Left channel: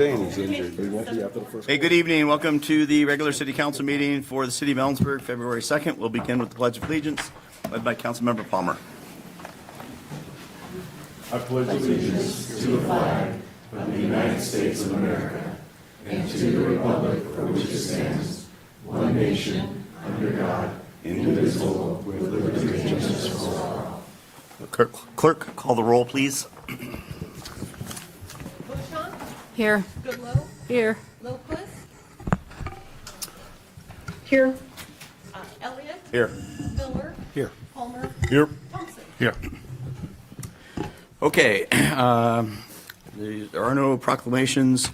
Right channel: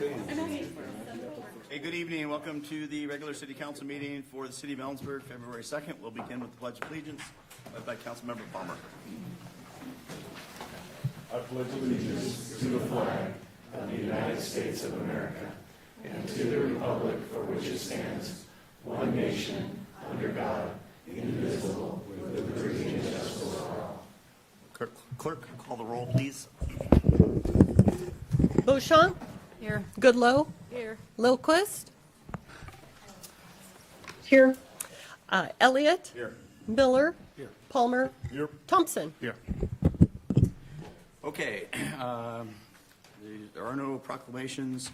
saying he's injured, but he won't be after the first. Hey, good evening. Welcome to the regular city council meeting for the city of Ellensburg, February 2nd. We'll begin with the Pledge of Allegiance, led by Councilmember Palmer. I pledge allegiance to the flag of the United States of America and to the republic for which it stands, one nation, under God, indivisible, with liberty and justice for all. Clerk, call the roll, please. Beauchamp? Here. Goodloe? Here. Lilquist? Here. Elliott? Here. Miller? Here. Palmer? Here. Thompson? Here. Okay. There are no proclamations,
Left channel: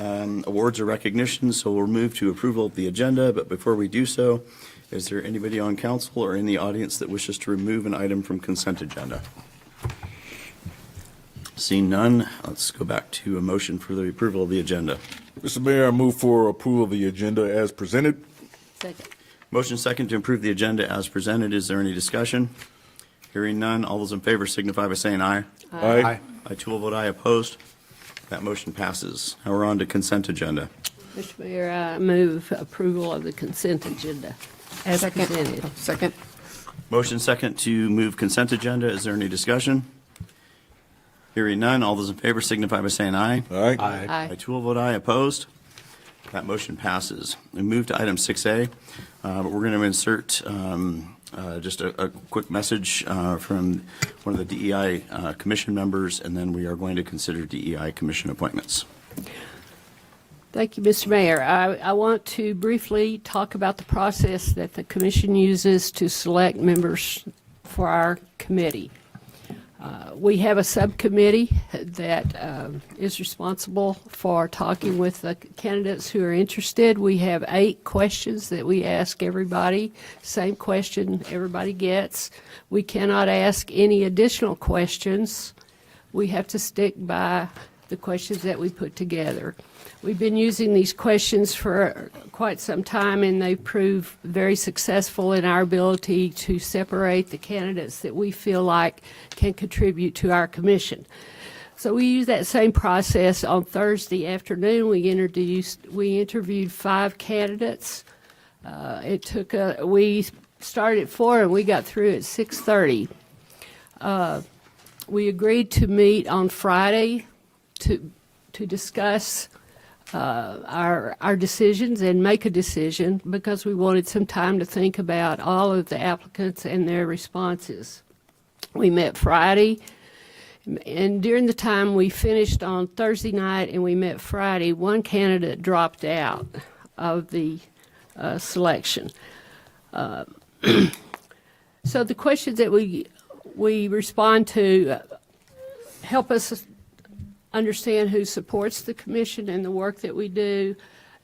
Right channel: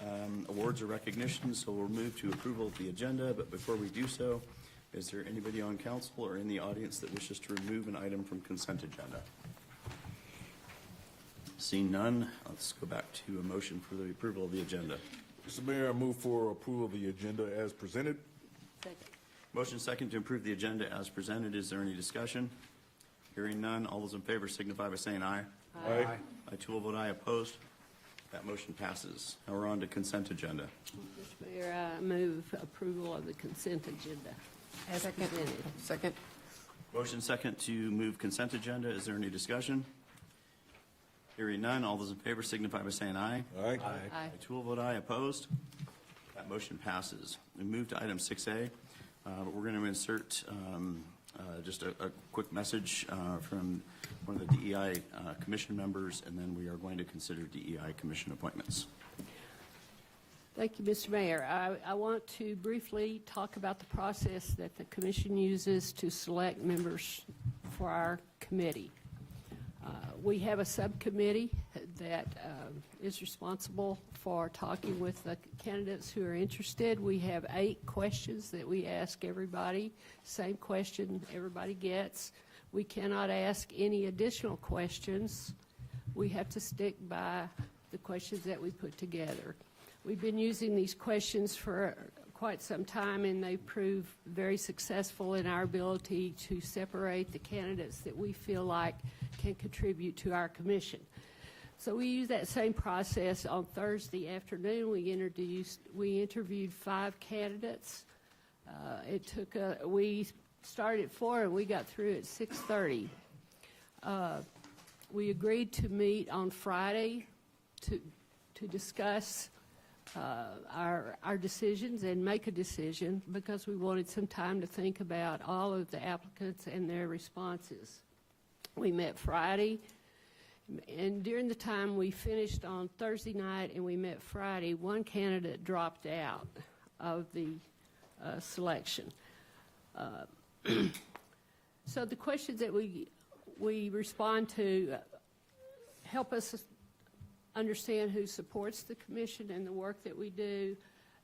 awards, or recognitions, so we'll move to approval of the agenda. But before we do so, is there anybody on council or in the audience that wishes to remove an item from consent agenda? Seeing none, let's go back to a motion for the approval of the agenda. Mr. Mayor, I move for approval of the agenda as presented. Second. Motion second to approve the agenda as presented. Is there any discussion? Hearing none, all those in favor signify by saying aye. Aye. I too will vote aye. Opposed? That motion passes. Now we're on to consent agenda. Mr. Mayor, I move approval of the consent agenda as presented. Second. Motion second to move consent agenda. Is there any discussion? Hearing none, all those in favor signify by saying aye. Aye. I Aye. too will vote aye. Opposed? That motion passes. We move to item 6A, but we're going to insert just a quick message from one of the DEI commission members, and then we are going to consider DEI commission appointments. Thank you, Mr. Mayor. I want to briefly talk about the process that the commission uses to select members for our committee. We have a subcommittee that is responsible for talking with the candidates who are interested. We have 8 questions that we ask everybody, same question everybody gets. We cannot ask any additional questions. We have to stick by the questions that we put together. We've been using these questions for quite some time, and they prove very successful in our ability to separate the candidates that we feel like can contribute to our commission. So we use that same process. On Thursday afternoon, we interviewed 5 candidates. We started at 4 and we got through at 6:30. We agreed to meet on Friday to discuss our decisions and make a decision, because we wanted some time to think about all of the applicants and their responses. We met Friday, and during the time we finished on Thursday night and we met Friday, one candidate dropped out of the selection. So the questions that we respond to help us understand who supports the commission and the work that we do,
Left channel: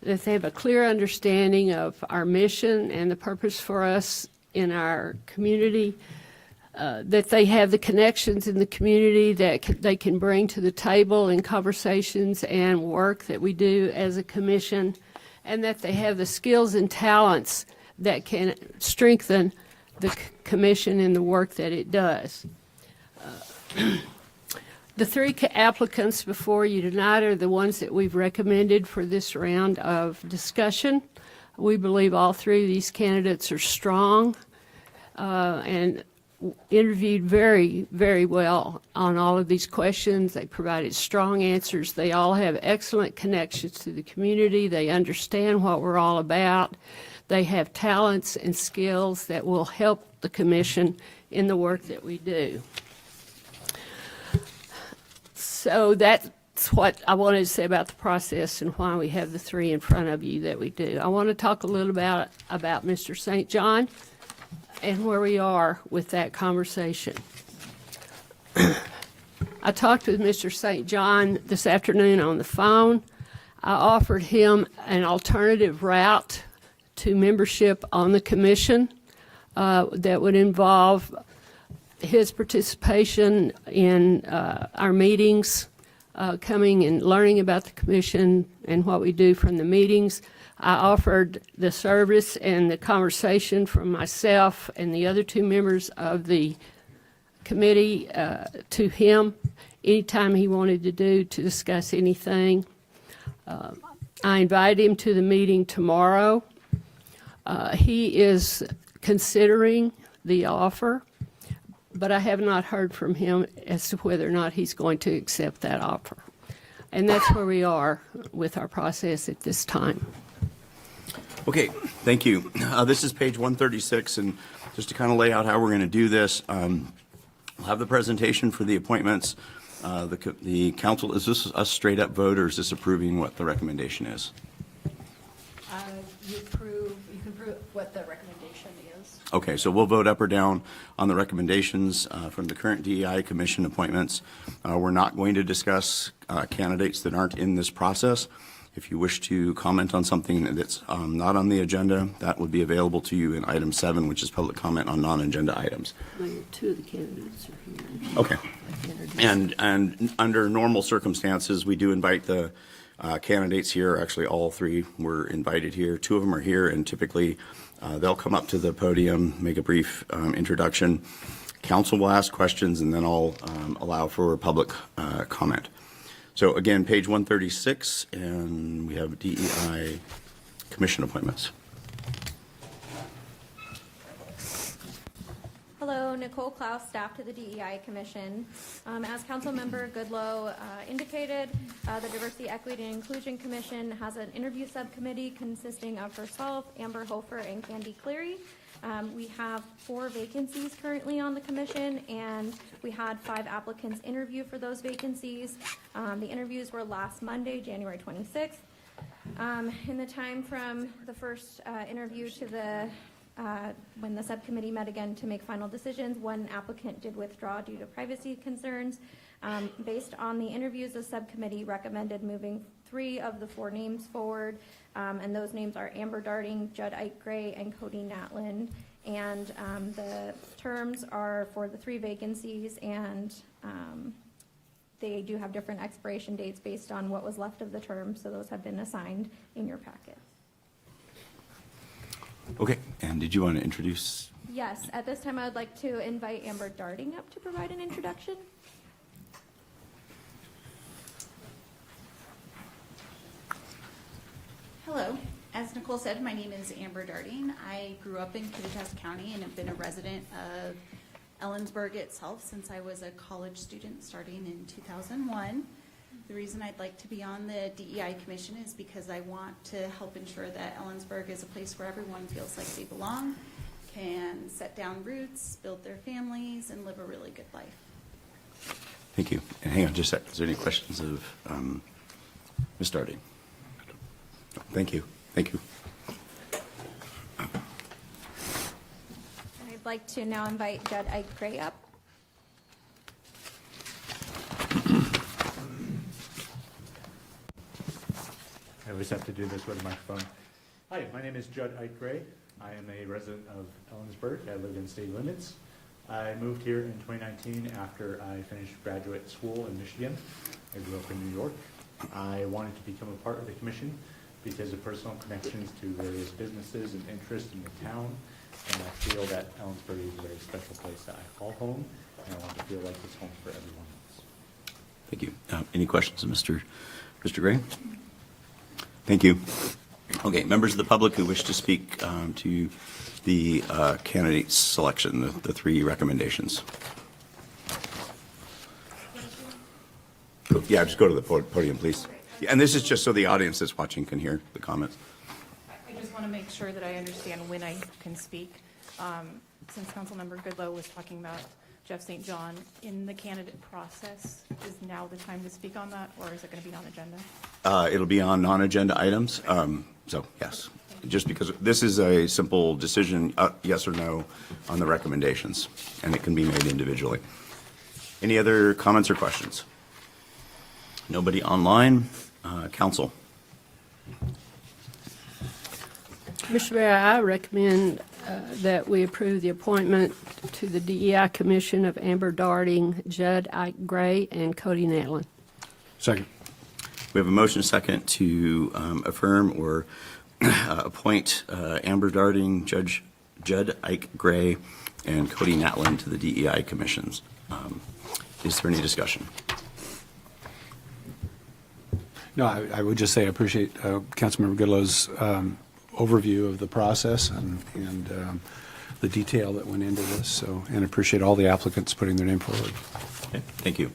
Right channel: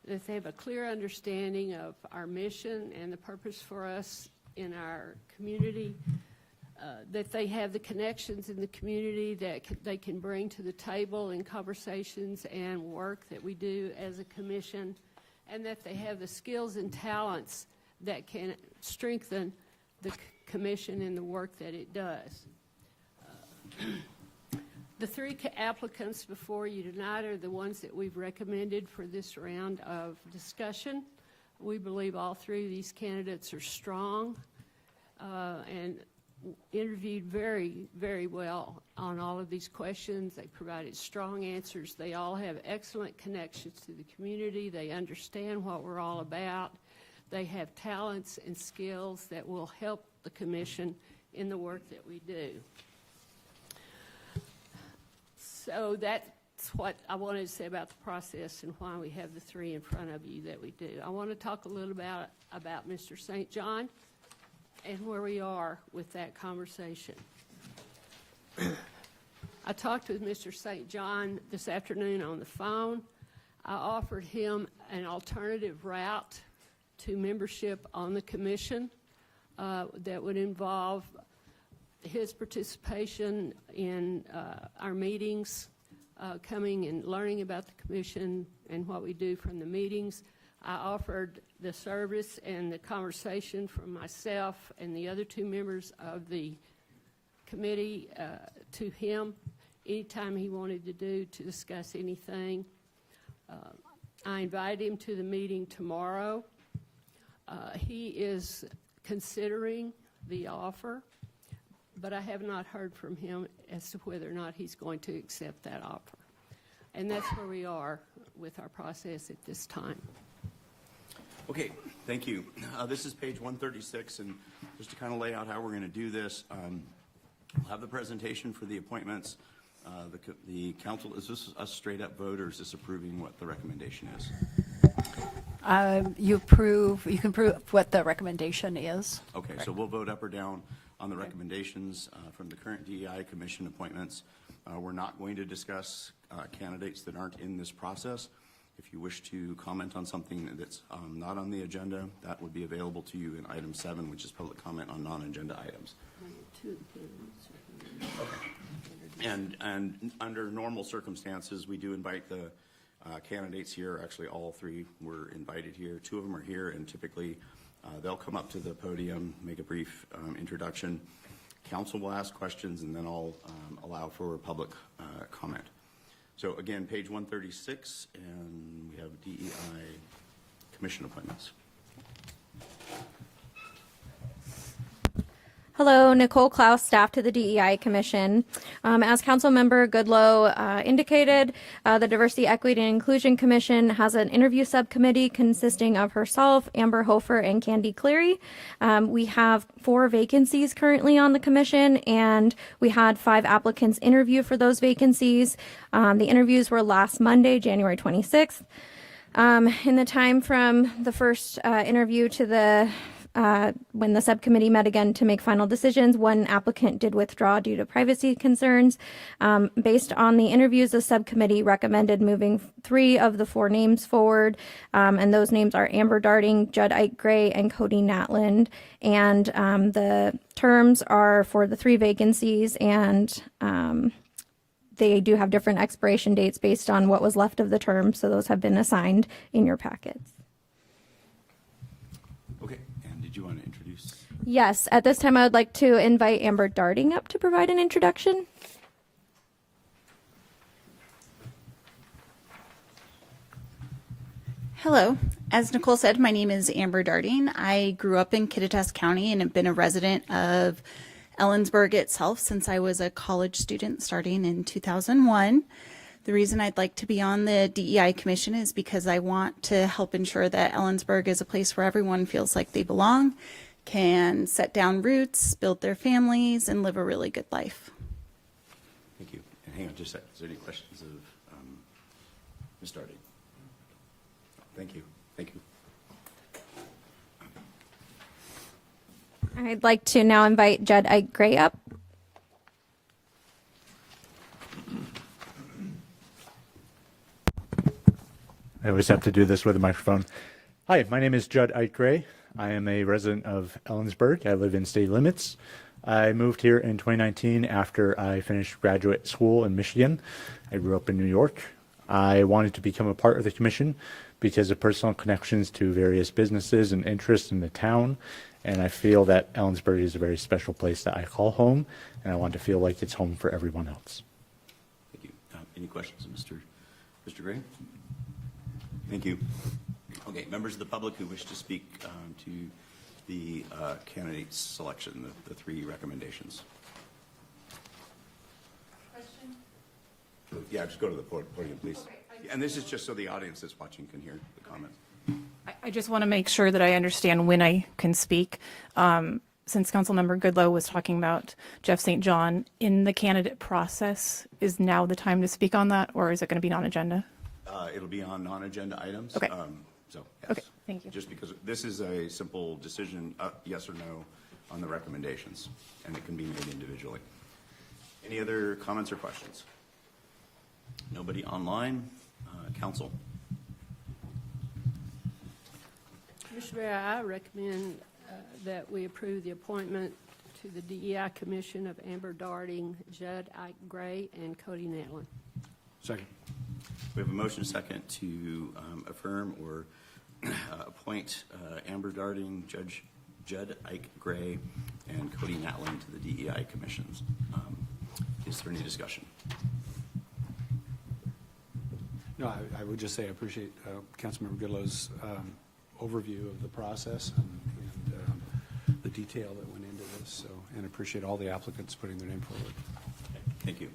that they have a clear understanding of our mission and the purpose for us in our community, that they have the connections in the community that they can bring to the table in conversations and work that we do as a commission, and that they have the skills and talents that can strengthen the commission and the work that it does. The 3 applicants before you tonight are the ones that we've recommended for this round of discussion. We believe all 3 of these candidates are strong and interviewed very, very well on all of these questions. They provided strong answers. They all have excellent connections to the community. They understand what we're all about. They have talents and skills that will help the commission in the work that we do. So that's what I wanted to say about the process and why we have the 3 in front of you that we do. I want to talk a little about Mr. St. John and where we are with that conversation. I talked with Mr. St. John this afternoon on the phone. I offered him an alternative route to membership on the commission that would involve his participation in our meetings, coming and learning about the commission and what we do from the meetings. I offered the service and the conversation from myself and the other 2 members of the committee to him anytime he wanted to discuss anything. I invited him to the meeting tomorrow. He is considering the offer, but I have not heard from him as to whether or not he's going to accept that offer. And that's where we are with our process at this time. Okay, thank you. This is page 136, and just to kind of lay out how we're going to do this, we'll have the presentation for the appointments. The council, is this a straight up vote, or is this approving what the recommendation is? You can prove what the recommendation is. Okay, so we'll vote up or down on the recommendations from the current DEI commission appointments. We're not going to discuss candidates that aren't in this process. If you wish to comment on something that's not on the agenda, that would be available to you in item 7, which is public comment on non-agenda items. Two of the candidates are here. Okay. And under normal circumstances, we do invite the candidates here. Actually, all 3 were invited here. 2 of them are here, and typically they'll come up to the podium, make a brief introduction. Council will ask questions, and then I'll allow for public comment. So again, page 136, and we have DEI commission appointments. Hello, Nicole Klaus, staff to the DEI Commission. As Councilmember Goodloe indicated, the Diversity, Equity, and Inclusion Commission has an interview subcommittee consisting of herself, Amber Hofer, and Candy Cleary. We have 4 vacancies currently on the commission, and we had 5 applicants interview for those vacancies. The interviews were last Monday, January 26th. In the time from the first interview to the when the subcommittee met again to make final decisions, 1 applicant did withdraw due to privacy concerns. Based on the interviews, the subcommittee recommended moving 3 of the 4 names forward, and those names are Amber Darting, Judd Ike Gray, and Cody Natland. And the terms are for the 3 vacancies, and they do have different expiration dates based on what was left of the term, so those have been assigned in your packets. Okay, and did you want to introduce? Yes, at this time I would like to invite Amber Darting up to provide an introduction. Hello. As Nicole said, my name is Amber Darting. I grew up in Kittitas County and have been a resident of Ellensburg itself since I was a college student starting in 2001. The reason I'd like to be on the DEI Commission is because I want to help ensure that Ellensburg is a place where everyone feels like they belong, can set down roots, build their families, and live a really good life. Thank you. And hang on just a sec. Is there any questions of Ms. Darting? Thank you. Thank you. I'd like to now invite Judd Ike Gray up. I always have to do this with a microphone. Hi, my name is Judd Ike Gray. I am a resident of Ellensburg. I live in city limits. I moved here in 2019 after I finished graduate school in Michigan. I grew up in New York. I wanted to become a part of the commission because of personal connections to various businesses and interests in the town. And I feel that Ellensburg is a very special place that I call home, and I want to feel like it's home for everyone else. Thank you. Any questions of Mr. Gray? Thank you. Okay, members of the public who wish to speak to the candidate selection, the 3 recommendations. Yeah, just go to the podium, please. Yeah, and this is just so the audience that's watching can hear the comments. I just want to make sure that I understand when I can speak. Since Councilmember Goodloe was talking about Jeff St. John, in the candidate process, is now the time to speak on that, or is it going to be non-agenda? It'll be on non-agenda items. Okay. So, yes. Okay, thank you. Just because this is a simple decision, yes or no, on the recommendations, and it can be made individually. Any other comments or questions? Nobody online? Council? Mr. Mayor, I recommend that we approve the appointment to the DEI Commission of Amber Darting, Judd Ike Gray, and Cody Natland. Second. We have a motion and a second to affirm or appoint Amber Darting, Judd Ike Gray, and Cody Natland to the DEI commissions. Is there any discussion? No, I would just say I appreciate Councilmember Goodlow's overview of the process and the detail that went into this. So, and appreciate all the applicants putting their name forward. Okay, thank you.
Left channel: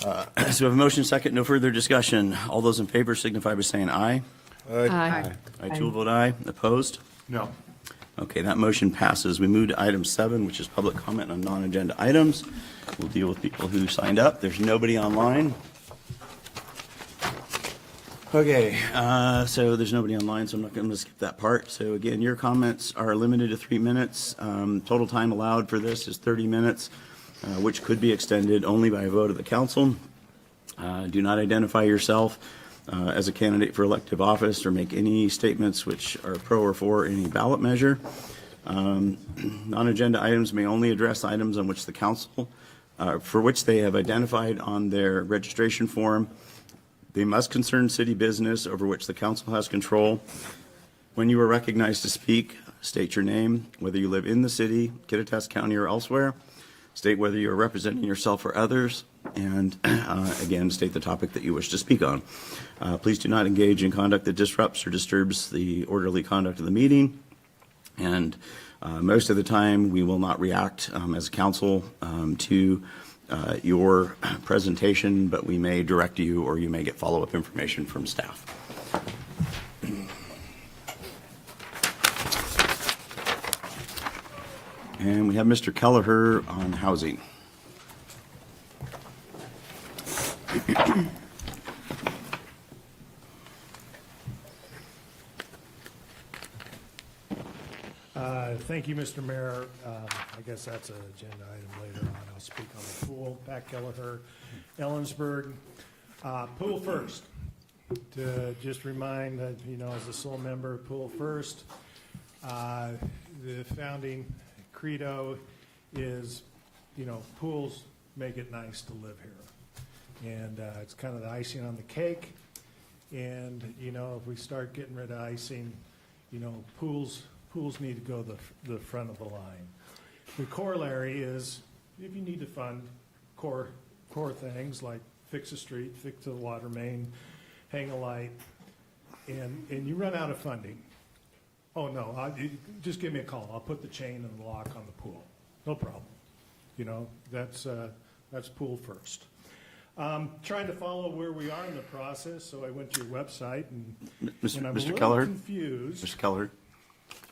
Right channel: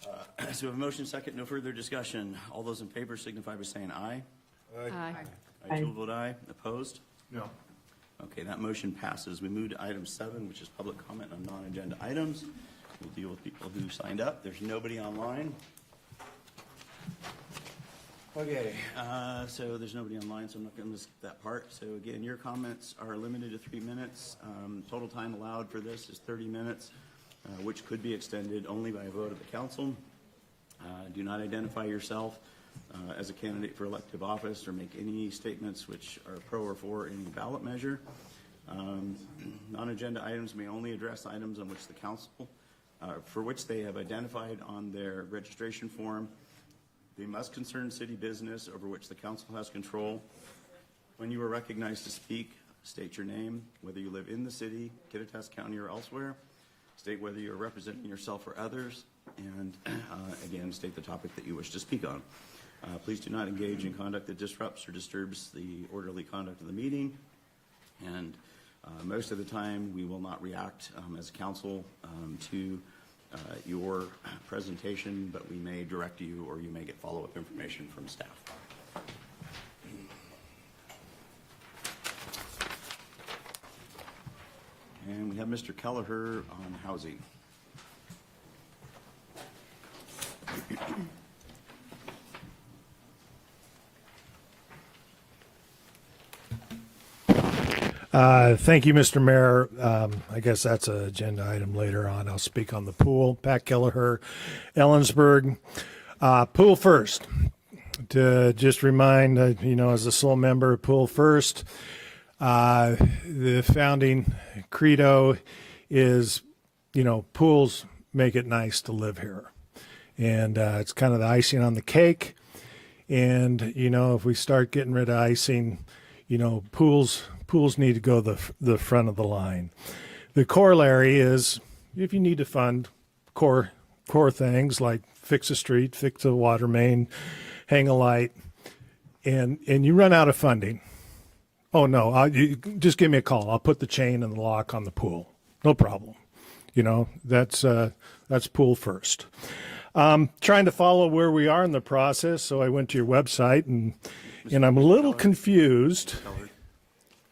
So we have a motion second, no further discussion. All those in favor signify by saying aye. Aye. I too will vote aye. Opposed? No. Okay, that motion passes. We move to item 7, which is public comment on non-agenda items. We'll deal with people who signed up. There's nobody online. Okay, so there's nobody online, so I'm not going to skip that part. So again, your comments are limited to 3 minutes. Total time allowed for this is 30 minutes, which could be extended only by a vote of the council. Do not identify yourself as a candidate for elective office or make any statements which are pro or for any ballot measure. Non-agenda items may only address items on which the council, for which they have identified on their registration form. They must concern city business over which the council has control. When you are recognized to speak, state your name, whether you live in the city, Kittitas County, or elsewhere. State whether you are representing yourself or others, and again, state the topic that you wish to speak on. Please do not engage in conduct that disrupts or disturbs the orderly conduct of the meeting. And most of the time, we will not react as a council to your presentation, but we may direct you or you may get follow-up information from staff. And we have Mr. Kelleher on housing. Thank you, Mr. Mayor. I guess that's an agenda item later on. I'll speak on the pool. Pat Kelleher, Ellensburg. Pool first. To just remind, as a sole member of Pool First, the founding credo is, pools make it nice to live here. And it's kind of the icing on the cake. And, if we start getting rid of icing, pools need to go the front of the line. The corollary is if you need to fund core things like fix a street, fix a water main, hang a light, and you run out of funding. Oh no, you just give me a call. I'll put the chain and the lock on the pool. No problem. That's Pool First. Trying to follow where we are in the process, so I went to your website and I'm a little confused. Mr. Keller,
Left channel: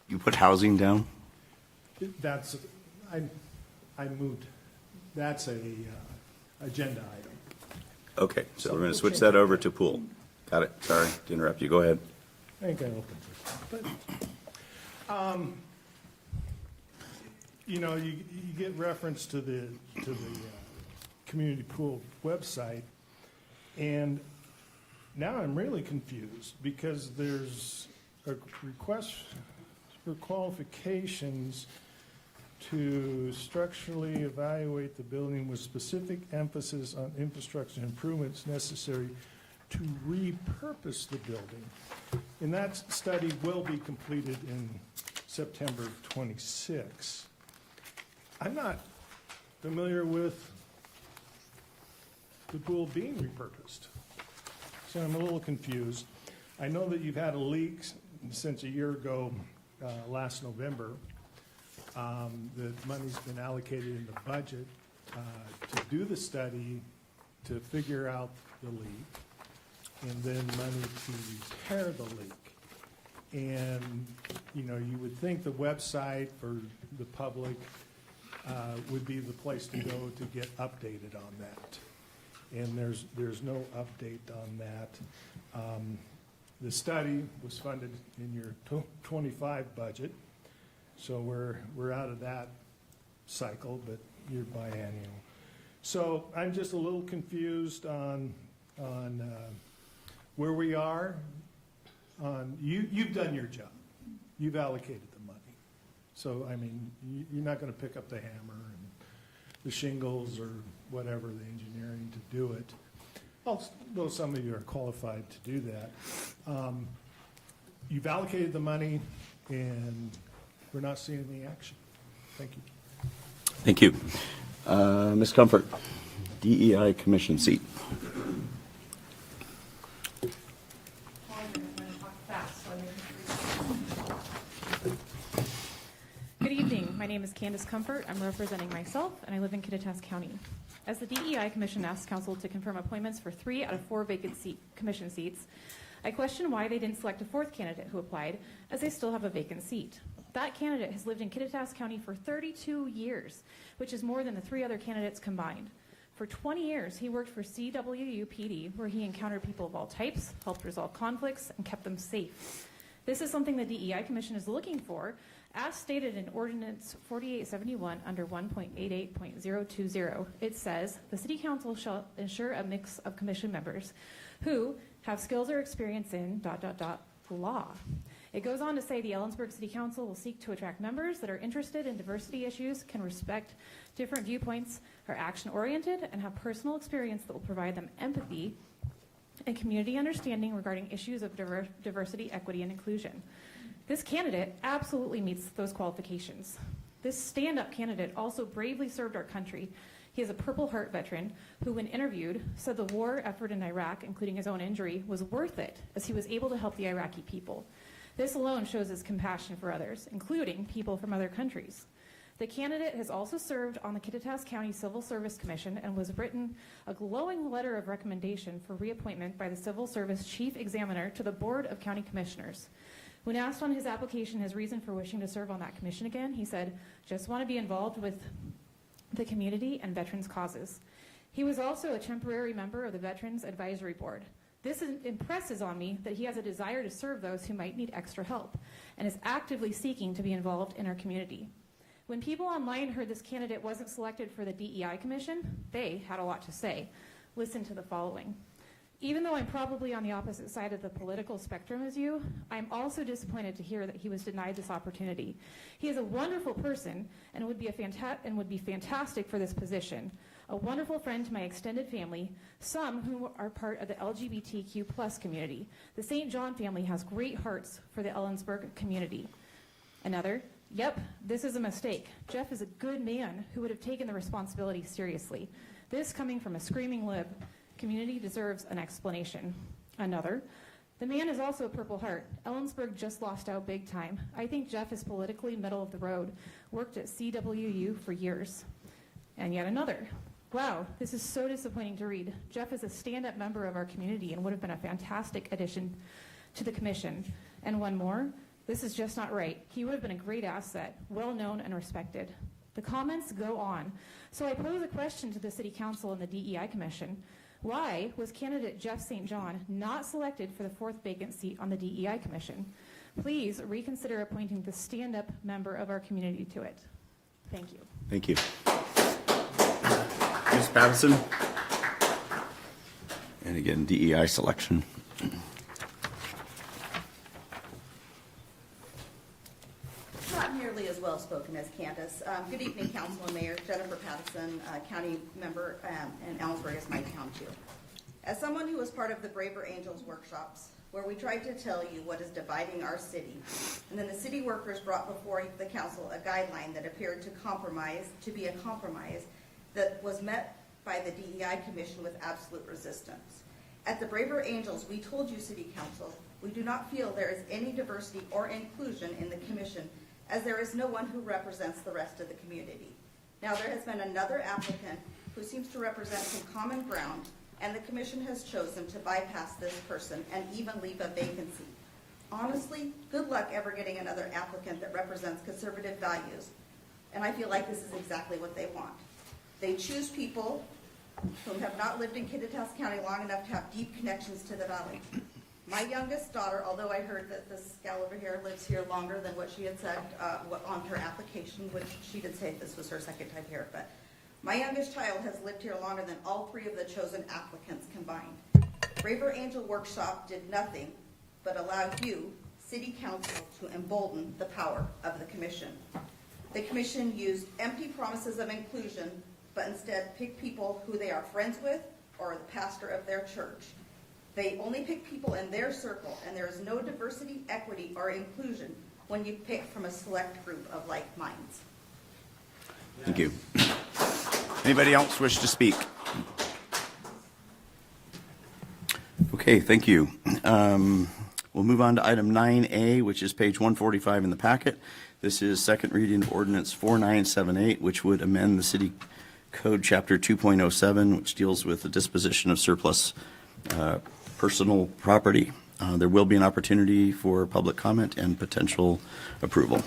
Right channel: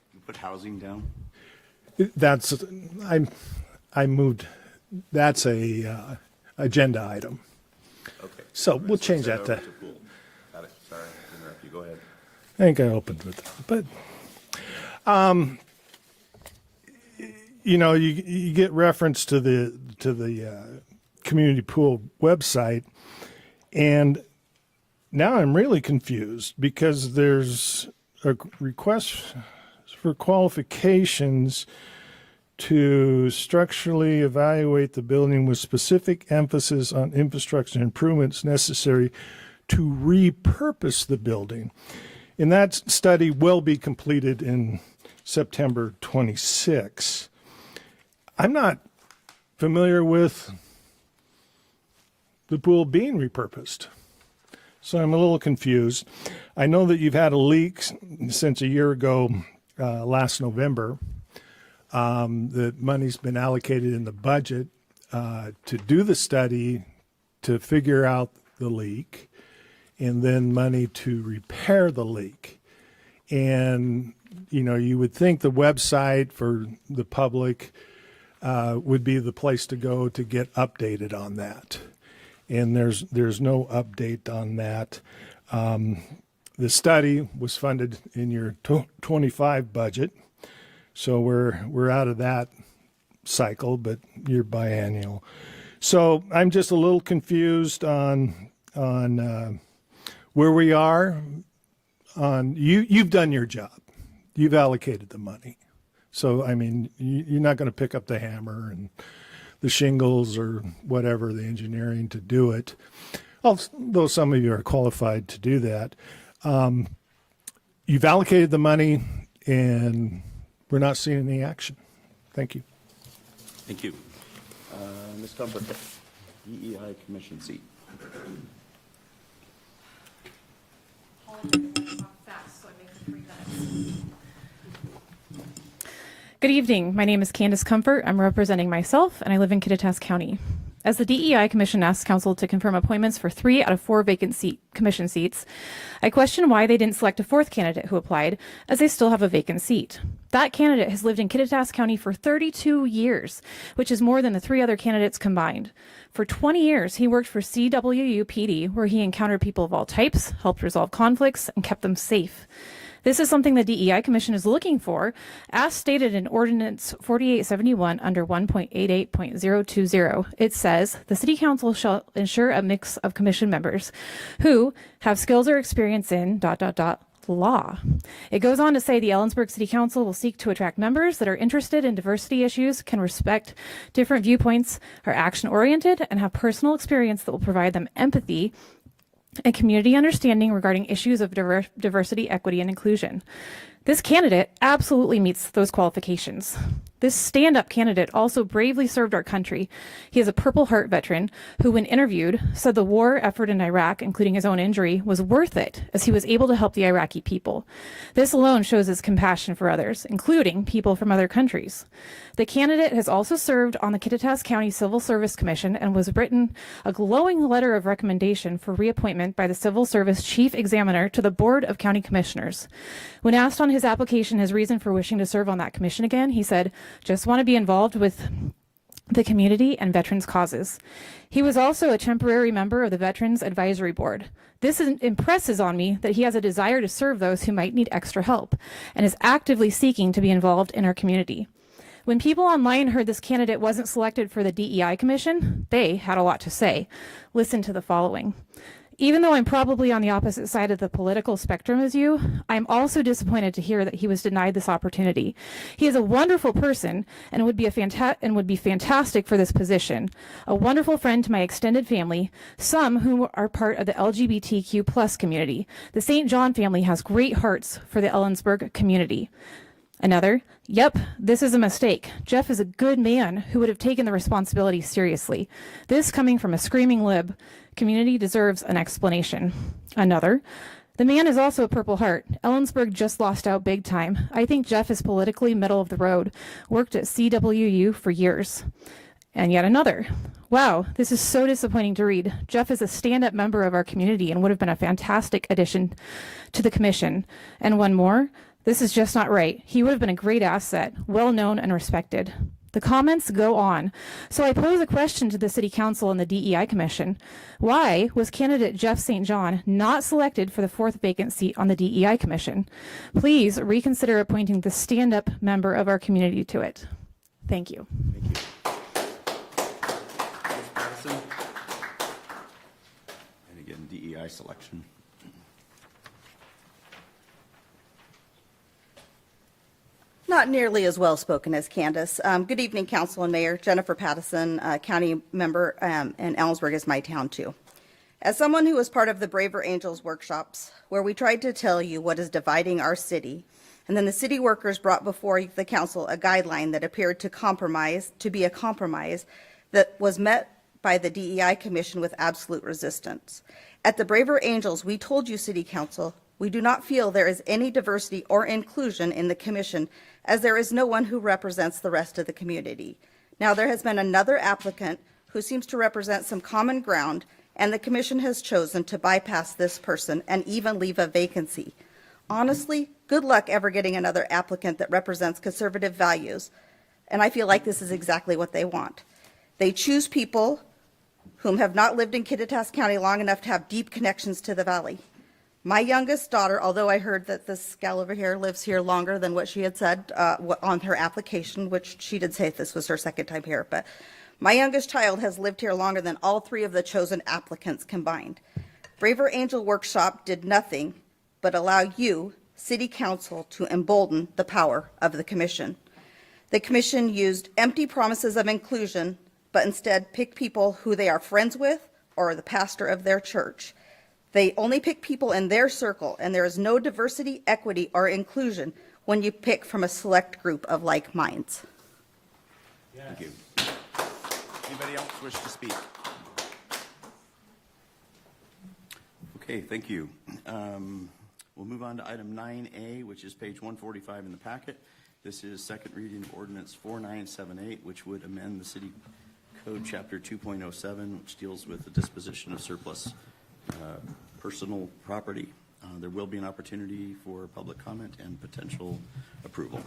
you put housing down? I moved. That's a agenda item. Okay, So we're going we'll to switch change that that over to- to pool. Got it. Sorry to interrupt you. Go ahead. I think I opened it, but you get reference to the community pool website, and now I'm really confused because there's a request for qualifications to structurally evaluate the building with specific emphasis on infrastructure improvements necessary to repurpose the building. And that study will be completed in September 26. I'm not familiar with the pool being repurposed, so I'm a little confused. I know that you've had a leak since a year ago, last November. The money's been allocated in the budget to do the study, to figure out the leak, and then money to repair the leak. And, you would think the website for the public would be the place to go to get updated on that. And there's no update on that. The study was funded in your 25 budget, so we're out of that cycle, but you're biannual. So I'm just a little confused on where we are. You've done your job. You've allocated the money. So, you're not going to pick up the hammer and the shingles or whatever, the engineering to do it, although some of you are qualified to do that. You've allocated the money, and we're not seeing any action. Thank you. Thank you. Ms. Comfort, DEI Commission seat. Good evening. My name is Candace Comfort. I'm representing myself, and I live in Kittitas County. As the DEI Commission asks Council to confirm appointments for 3 out of 4 vacant commission seats, I question why they didn't select a 4th candidate who applied, as they still have a vacant seat. That candidate has lived in Kittitas County for 32 years, which is more than the 3 other candidates combined. For 20 years, he worked for CWU PD, where he encountered people of all types, helped resolve conflicts, and kept them safe. This is something the DEI Commission is looking for, as stated in Ordinance 4871 under 1.88.020. It says, the City Council shall ensure a mix of commission members who have skills or experience in ... law. It goes on to say the Ellensburg City Council will seek to attract members that are interested in diversity issues, can respect different viewpoints, are action-oriented, and have personal experience that will provide them empathy and community understanding regarding issues of diversity, equity, and inclusion. This candidate absolutely meets those qualifications. This stand-up candidate also bravely served our country. He is a Purple Heart veteran who, when interviewed, said the war effort in Iraq, including his own injury, was worth it, as he was able to help the Iraqi people. This alone shows his compassion for others, including people from other countries. The candidate has also served on the Kittitas County Civil Service Commission and was written a glowing letter of recommendation for reappointment by the Civil Service Chief Examiner to the Board of County Commissioners. When asked on his application his reason for wishing to serve on that commission again, he said, "Just want to be involved with the community and veterans' causes." He was also a temporary member of the Veterans Advisory Board. This impresses on me that he has a desire to serve those who might need extra help and is actively seeking to be involved in our community. When people online heard this candidate wasn't selected for the DEI Commission, they had a lot to say. Listen to the following. Even though I'm probably on the opposite side of the political spectrum as you, I'm also disappointed to hear that he was denied this opportunity. He is a wonderful person and would be fantastic for this position. A wonderful friend to my extended family, some who are part of the LGBTQ+ community. The St. John family has great hearts for the Ellensburg community. Another, yep, this is a mistake. Jeff is a good man who would have taken the responsibility seriously. This coming from a screaming lib. Community deserves an explanation. Another, the man is also a Purple Heart. Ellensburg just lost out big time. I think Jeff is politically middle of the road. Worked at CWU for years. And yet another. Wow, this is so disappointing to read. Jeff is a stand-up member of our community and would have been a fantastic addition to the commission. And one more. This is just not right. He would have been a great asset, well known and respected. The comments go on. So I pose a question to the City Council and the DEI Commission. Why was candidate Jeff St. John not selected for the 4th vacant seat on the DEI Commission? Please reconsider appointing the stand-up member of our community to it. Thank you. Thank you. Ms. Patterson? And again, DEI selection. Not nearly as well spoken as Candace. Good evening, Council and Mayor. Jennifer Pattison, county member, and Ellensburg is my town too. As someone who was part of the Braver Angels workshops, where we tried to tell you what is dividing our city, and then the city workers brought before the council a guideline that appeared to be a compromise that was met by the DEI Commission with absolute resistance. At the Braver Angels, we told you, City Council, we do not feel there is any diversity or inclusion in the commission, as there is no one who represents the rest of the community. Now, there has been another applicant who seems to represent some common ground, and the commission has chosen to bypass this person and even leave a vacancy. Honestly, good luck ever getting another applicant that represents conservative values, and I feel like this is exactly what they want. They choose people whom have not lived in Kittitas County long enough to have deep connections to the valley. My youngest daughter, although I heard that this gal over here lives here longer than what she had said on her application, which she did say this was her 2nd time here, but my youngest child has lived here longer than all 3 of the chosen applicants combined. Braver Angel Workshop did nothing but allow you, City Council, to embolden the power of the commission. The commission used empty promises of inclusion, but instead picked people who they are friends with or the pastor of their church. They only pick people in their circle, and there is no diversity, equity, or inclusion when you pick from a select group of like minds. Thank you. Anybody else wish to speak? Okay, thank you. We'll move on to item 9A, which is page 145 in the packet. This is second reading of ordinance 4978, which would amend the city code chapter 2.07, which deals with the disposition of surplus personal property. There will be an opportunity for public comment and potential approval.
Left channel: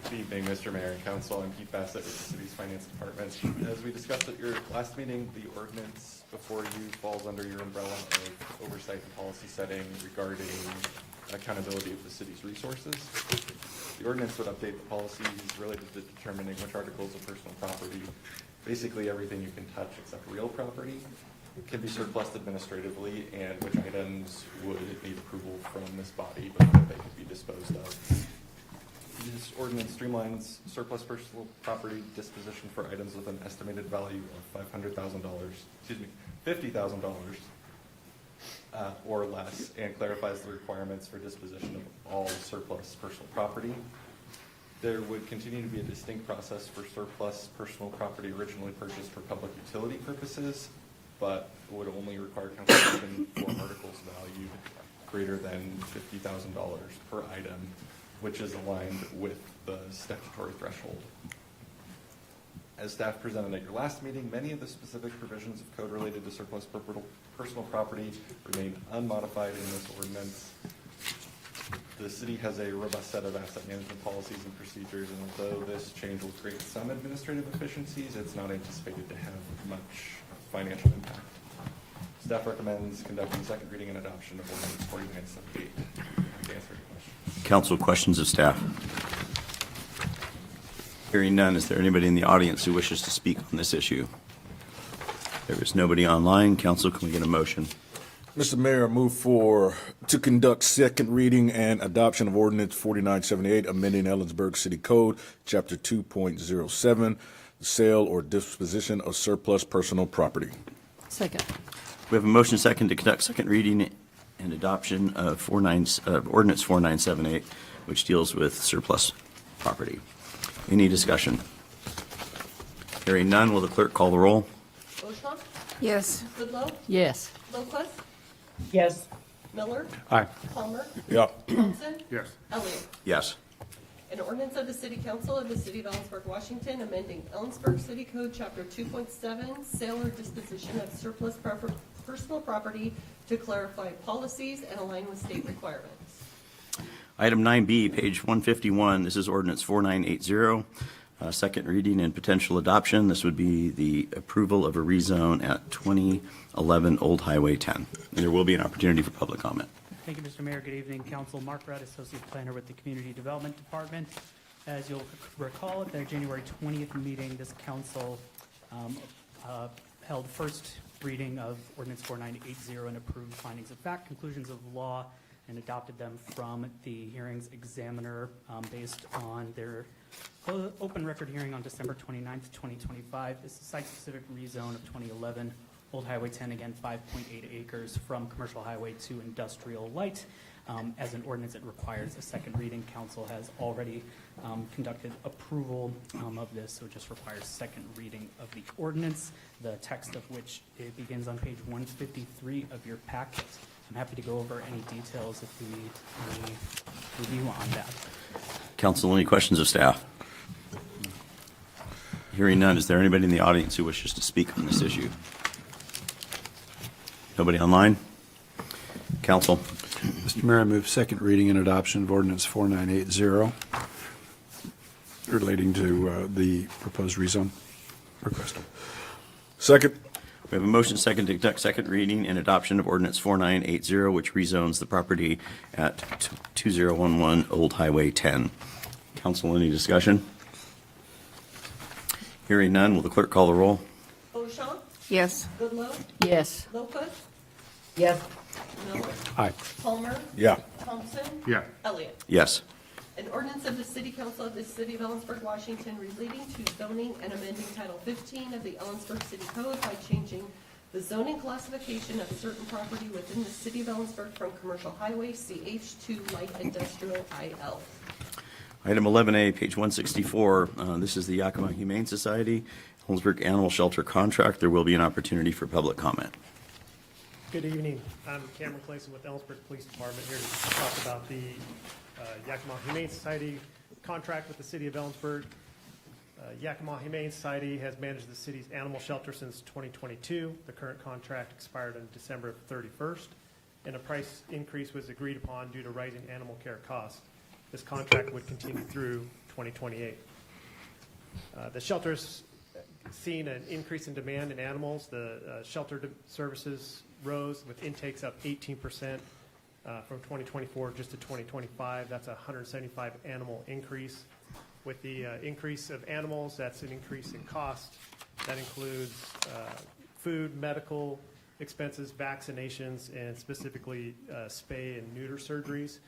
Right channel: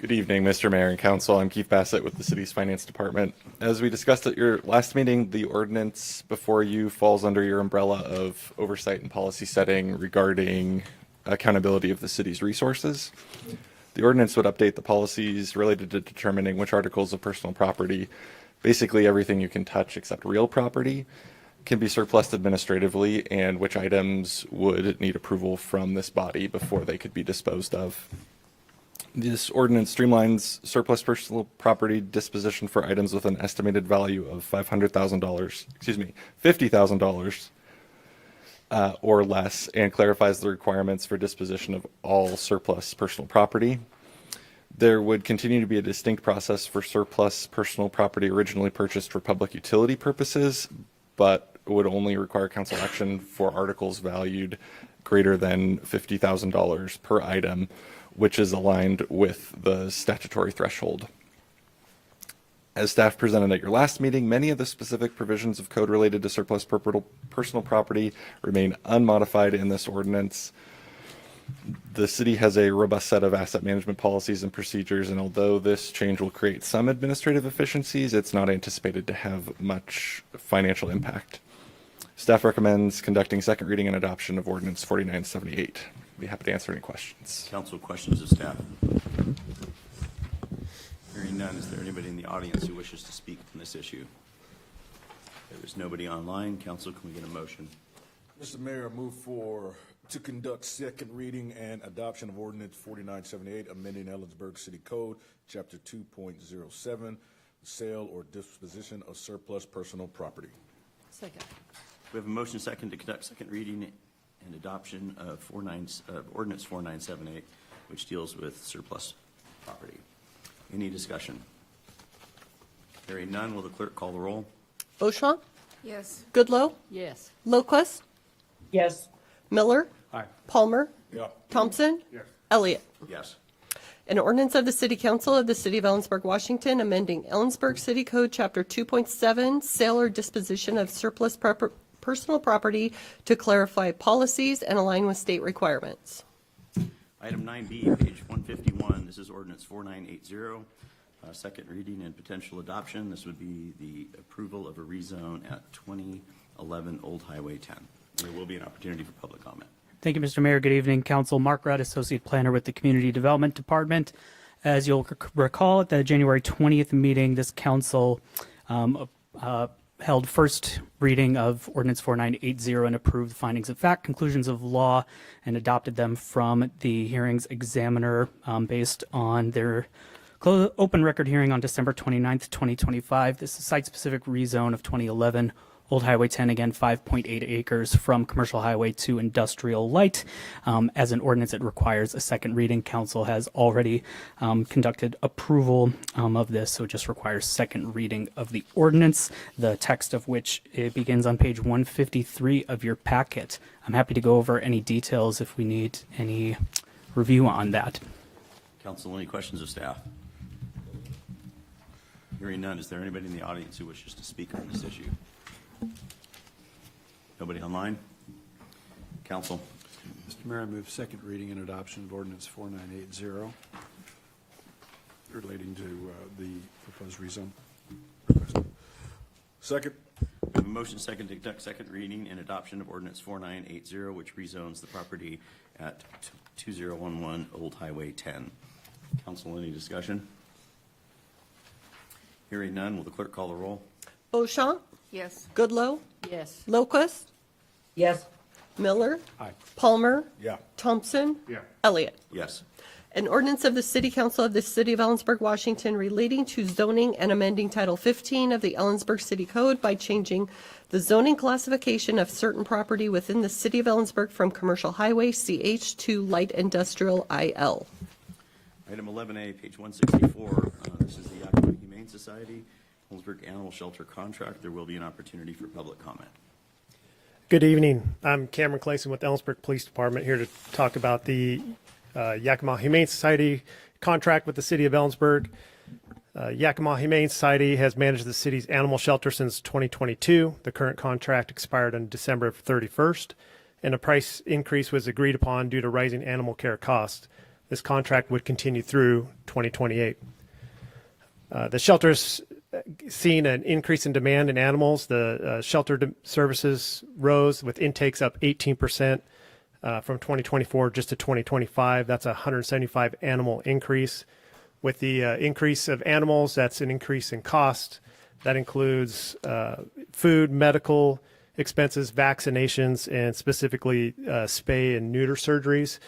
Good evening, Mr. Mayor and Council. I'm Keith Bassett with the city's finance department. As we discussed at your last meeting, the ordinance before you falls under your umbrella of oversight and policy setting regarding accountability of the city's resources. The ordinance would update the policies related to determining which articles of personal property, basically everything you can touch except real property, can be surplused administratively, and which items would need approval from this body before they could be disposed of. This ordinance streamlines surplus personal property disposition for items with an estimated value of $50,000 or less, and clarifies the requirements for disposition of all surplus personal property. There would continue to be a distinct process for surplus personal property originally purchased for public utility purposes, but would only require council action for articles valued greater than $50,000 per item, which is aligned with the statutory threshold. As staff presented at your last meeting, many of the specific provisions of code related to surplus personal property remain unmodified in this ordinance. The city has a robust set of asset management policies and procedures, and although this change will create some administrative efficiencies, it's not anticipated to have much financial impact. Staff recommends conducting second reading and adoption of ordinance 4978. I'd be happy to answer any questions. Council, questions of staff? Hearing none, is there anybody in the audience who wishes to speak on this issue? There is nobody online. Council, can we get a motion? Mr. Mayor, I move to conduct second reading and adoption of ordinance 4978, amending Ellensburg City Code, Chapter 2.07, the sale or disposition of surplus personal property. Second. We have a motion second to conduct second reading and adoption of ordinance 4978, which deals with surplus property. Any discussion? Hearing none, will the clerk call the roll? Beauchamp? Yes. Goodloe? Yes. Locust? Yes. Miller? Aye. Palmer? Yeah. Thompson? Yes. Elliott? Yes. An ordinance of the City Council of the City of Ellensburg, Washington, amending Ellensburg City Code, Chapter 2.7, sale or disposition of surplus personal property to clarify policies and align with state requirements. Item 9B, page 151, this is ordinance 4980, second reading and potential adoption. This would be the approval of a rezone at 2011 Old Highway 10. There will be an opportunity for public comment. Thank you, Mr. Mayor. Good evening, Council. Mark Rudd, Associate Planner with the Community Development Department. As you'll recall, at the January 20th meeting, this council held first reading of Ordinance 4980 and approved findings of fact, conclusions of law, and adopted them from the hearings examiner based on their open record hearing on December 29th, 2025. This is site-specific rezone of 2011 Old Highway 10, again, 5.8 acres from commercial highway to industrial light. As an ordinance, it requires a second reading. Council has already conducted approval of this, so it just requires second reading of the ordinance, the text of which it begins on page 153 of your packet. I'm happy to go over any details if we need any review on that. Council, any questions of staff? Hearing none, is there anybody in the audience who wishes to speak on this issue? Nobody online? Council? Mr. Mayor, I move second reading and adoption of ordinance 4980 relating to the proposed rezone request. Second. We have a motion second to conduct second reading and adoption of ordinance 4980, which rezones the property at 2011 Old Highway 10. Council, any discussion? Hearing none, will the clerk call the roll? Beauchamp? Yes. Goodloe? Yes. Locust? Yes. Miller? Aye. Palmer? Yeah. Thompson? Yeah. Elliott? Yes. An ordinance of the City Council of the City of Ellensburg, Washington, relating to zoning and amending Title 15 of the Ellensburg City Code by changing the zoning classification of certain property within the City of Ellensburg from commercial highway CH to light industrial IL. Item 11A, page 164. This is the Yakima Humane Society, Ellensburg Animal Shelter contract. There will be an opportunity for public comment. Good evening. I'm Cameron Clayson with Ellensburg Police Department, here to talk about the Yakima Humane Society contract with the city of Ellensburg. Yakima Humane Society has managed the city's animal shelter since 2022. The current contract expired on December 31st, and a price increase was agreed upon due to rising animal care costs. This contract would continue through 2028. The shelter's seen an increase in demand in animals. The shelter services rose with intakes up 18% from 2024 just to 2025. That's a 175 animal increase. With the increase of animals, that's an increase in cost. That includes food, medical expenses, vaccinations, and specifically spay and neuter surgeries.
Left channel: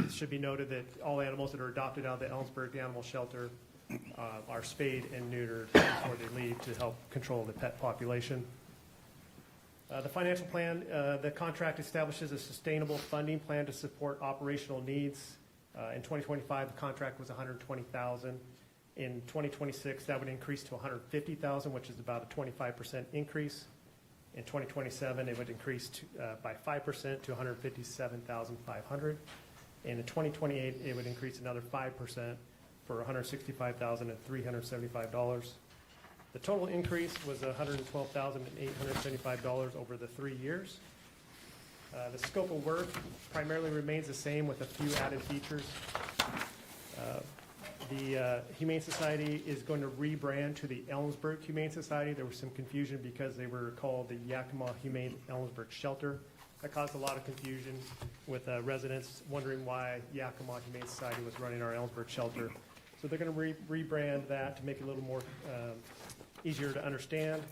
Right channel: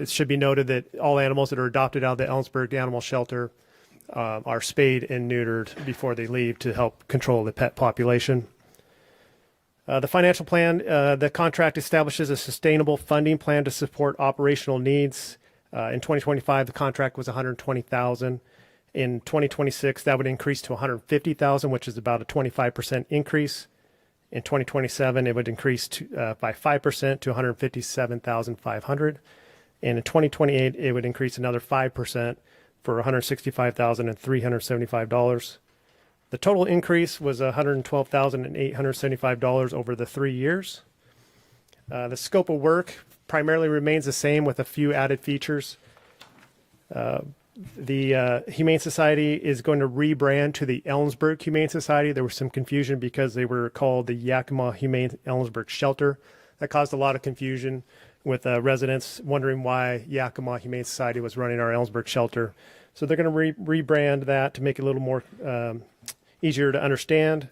It should be noted that all animals that are adopted out of the Ellensburg Animal Shelter are spayed and neutered before they leave to help control the pet population. The financial plan, the contract establishes a sustainable funding plan to support operational needs. In 2025, the contract was $120,000. In 2026, that would increase to $150,000, which is about a 25% increase. In 2027, it would increase by 5% to $157,500. And in 2028, it would increase another 5% for $165,375. The total increase was $112,875 over the 3 years. The scope of work primarily remains the same with a few added features. The Humane Society is going to rebrand to the Ellensburg Humane Society. There was some confusion because they were called the Yakima Humane Ellensburg Shelter. That caused a lot of confusion with residents wondering why Yakima Humane Society was running our Ellensburg shelter. So they're going to rebrand that to make it a little more easier to understand.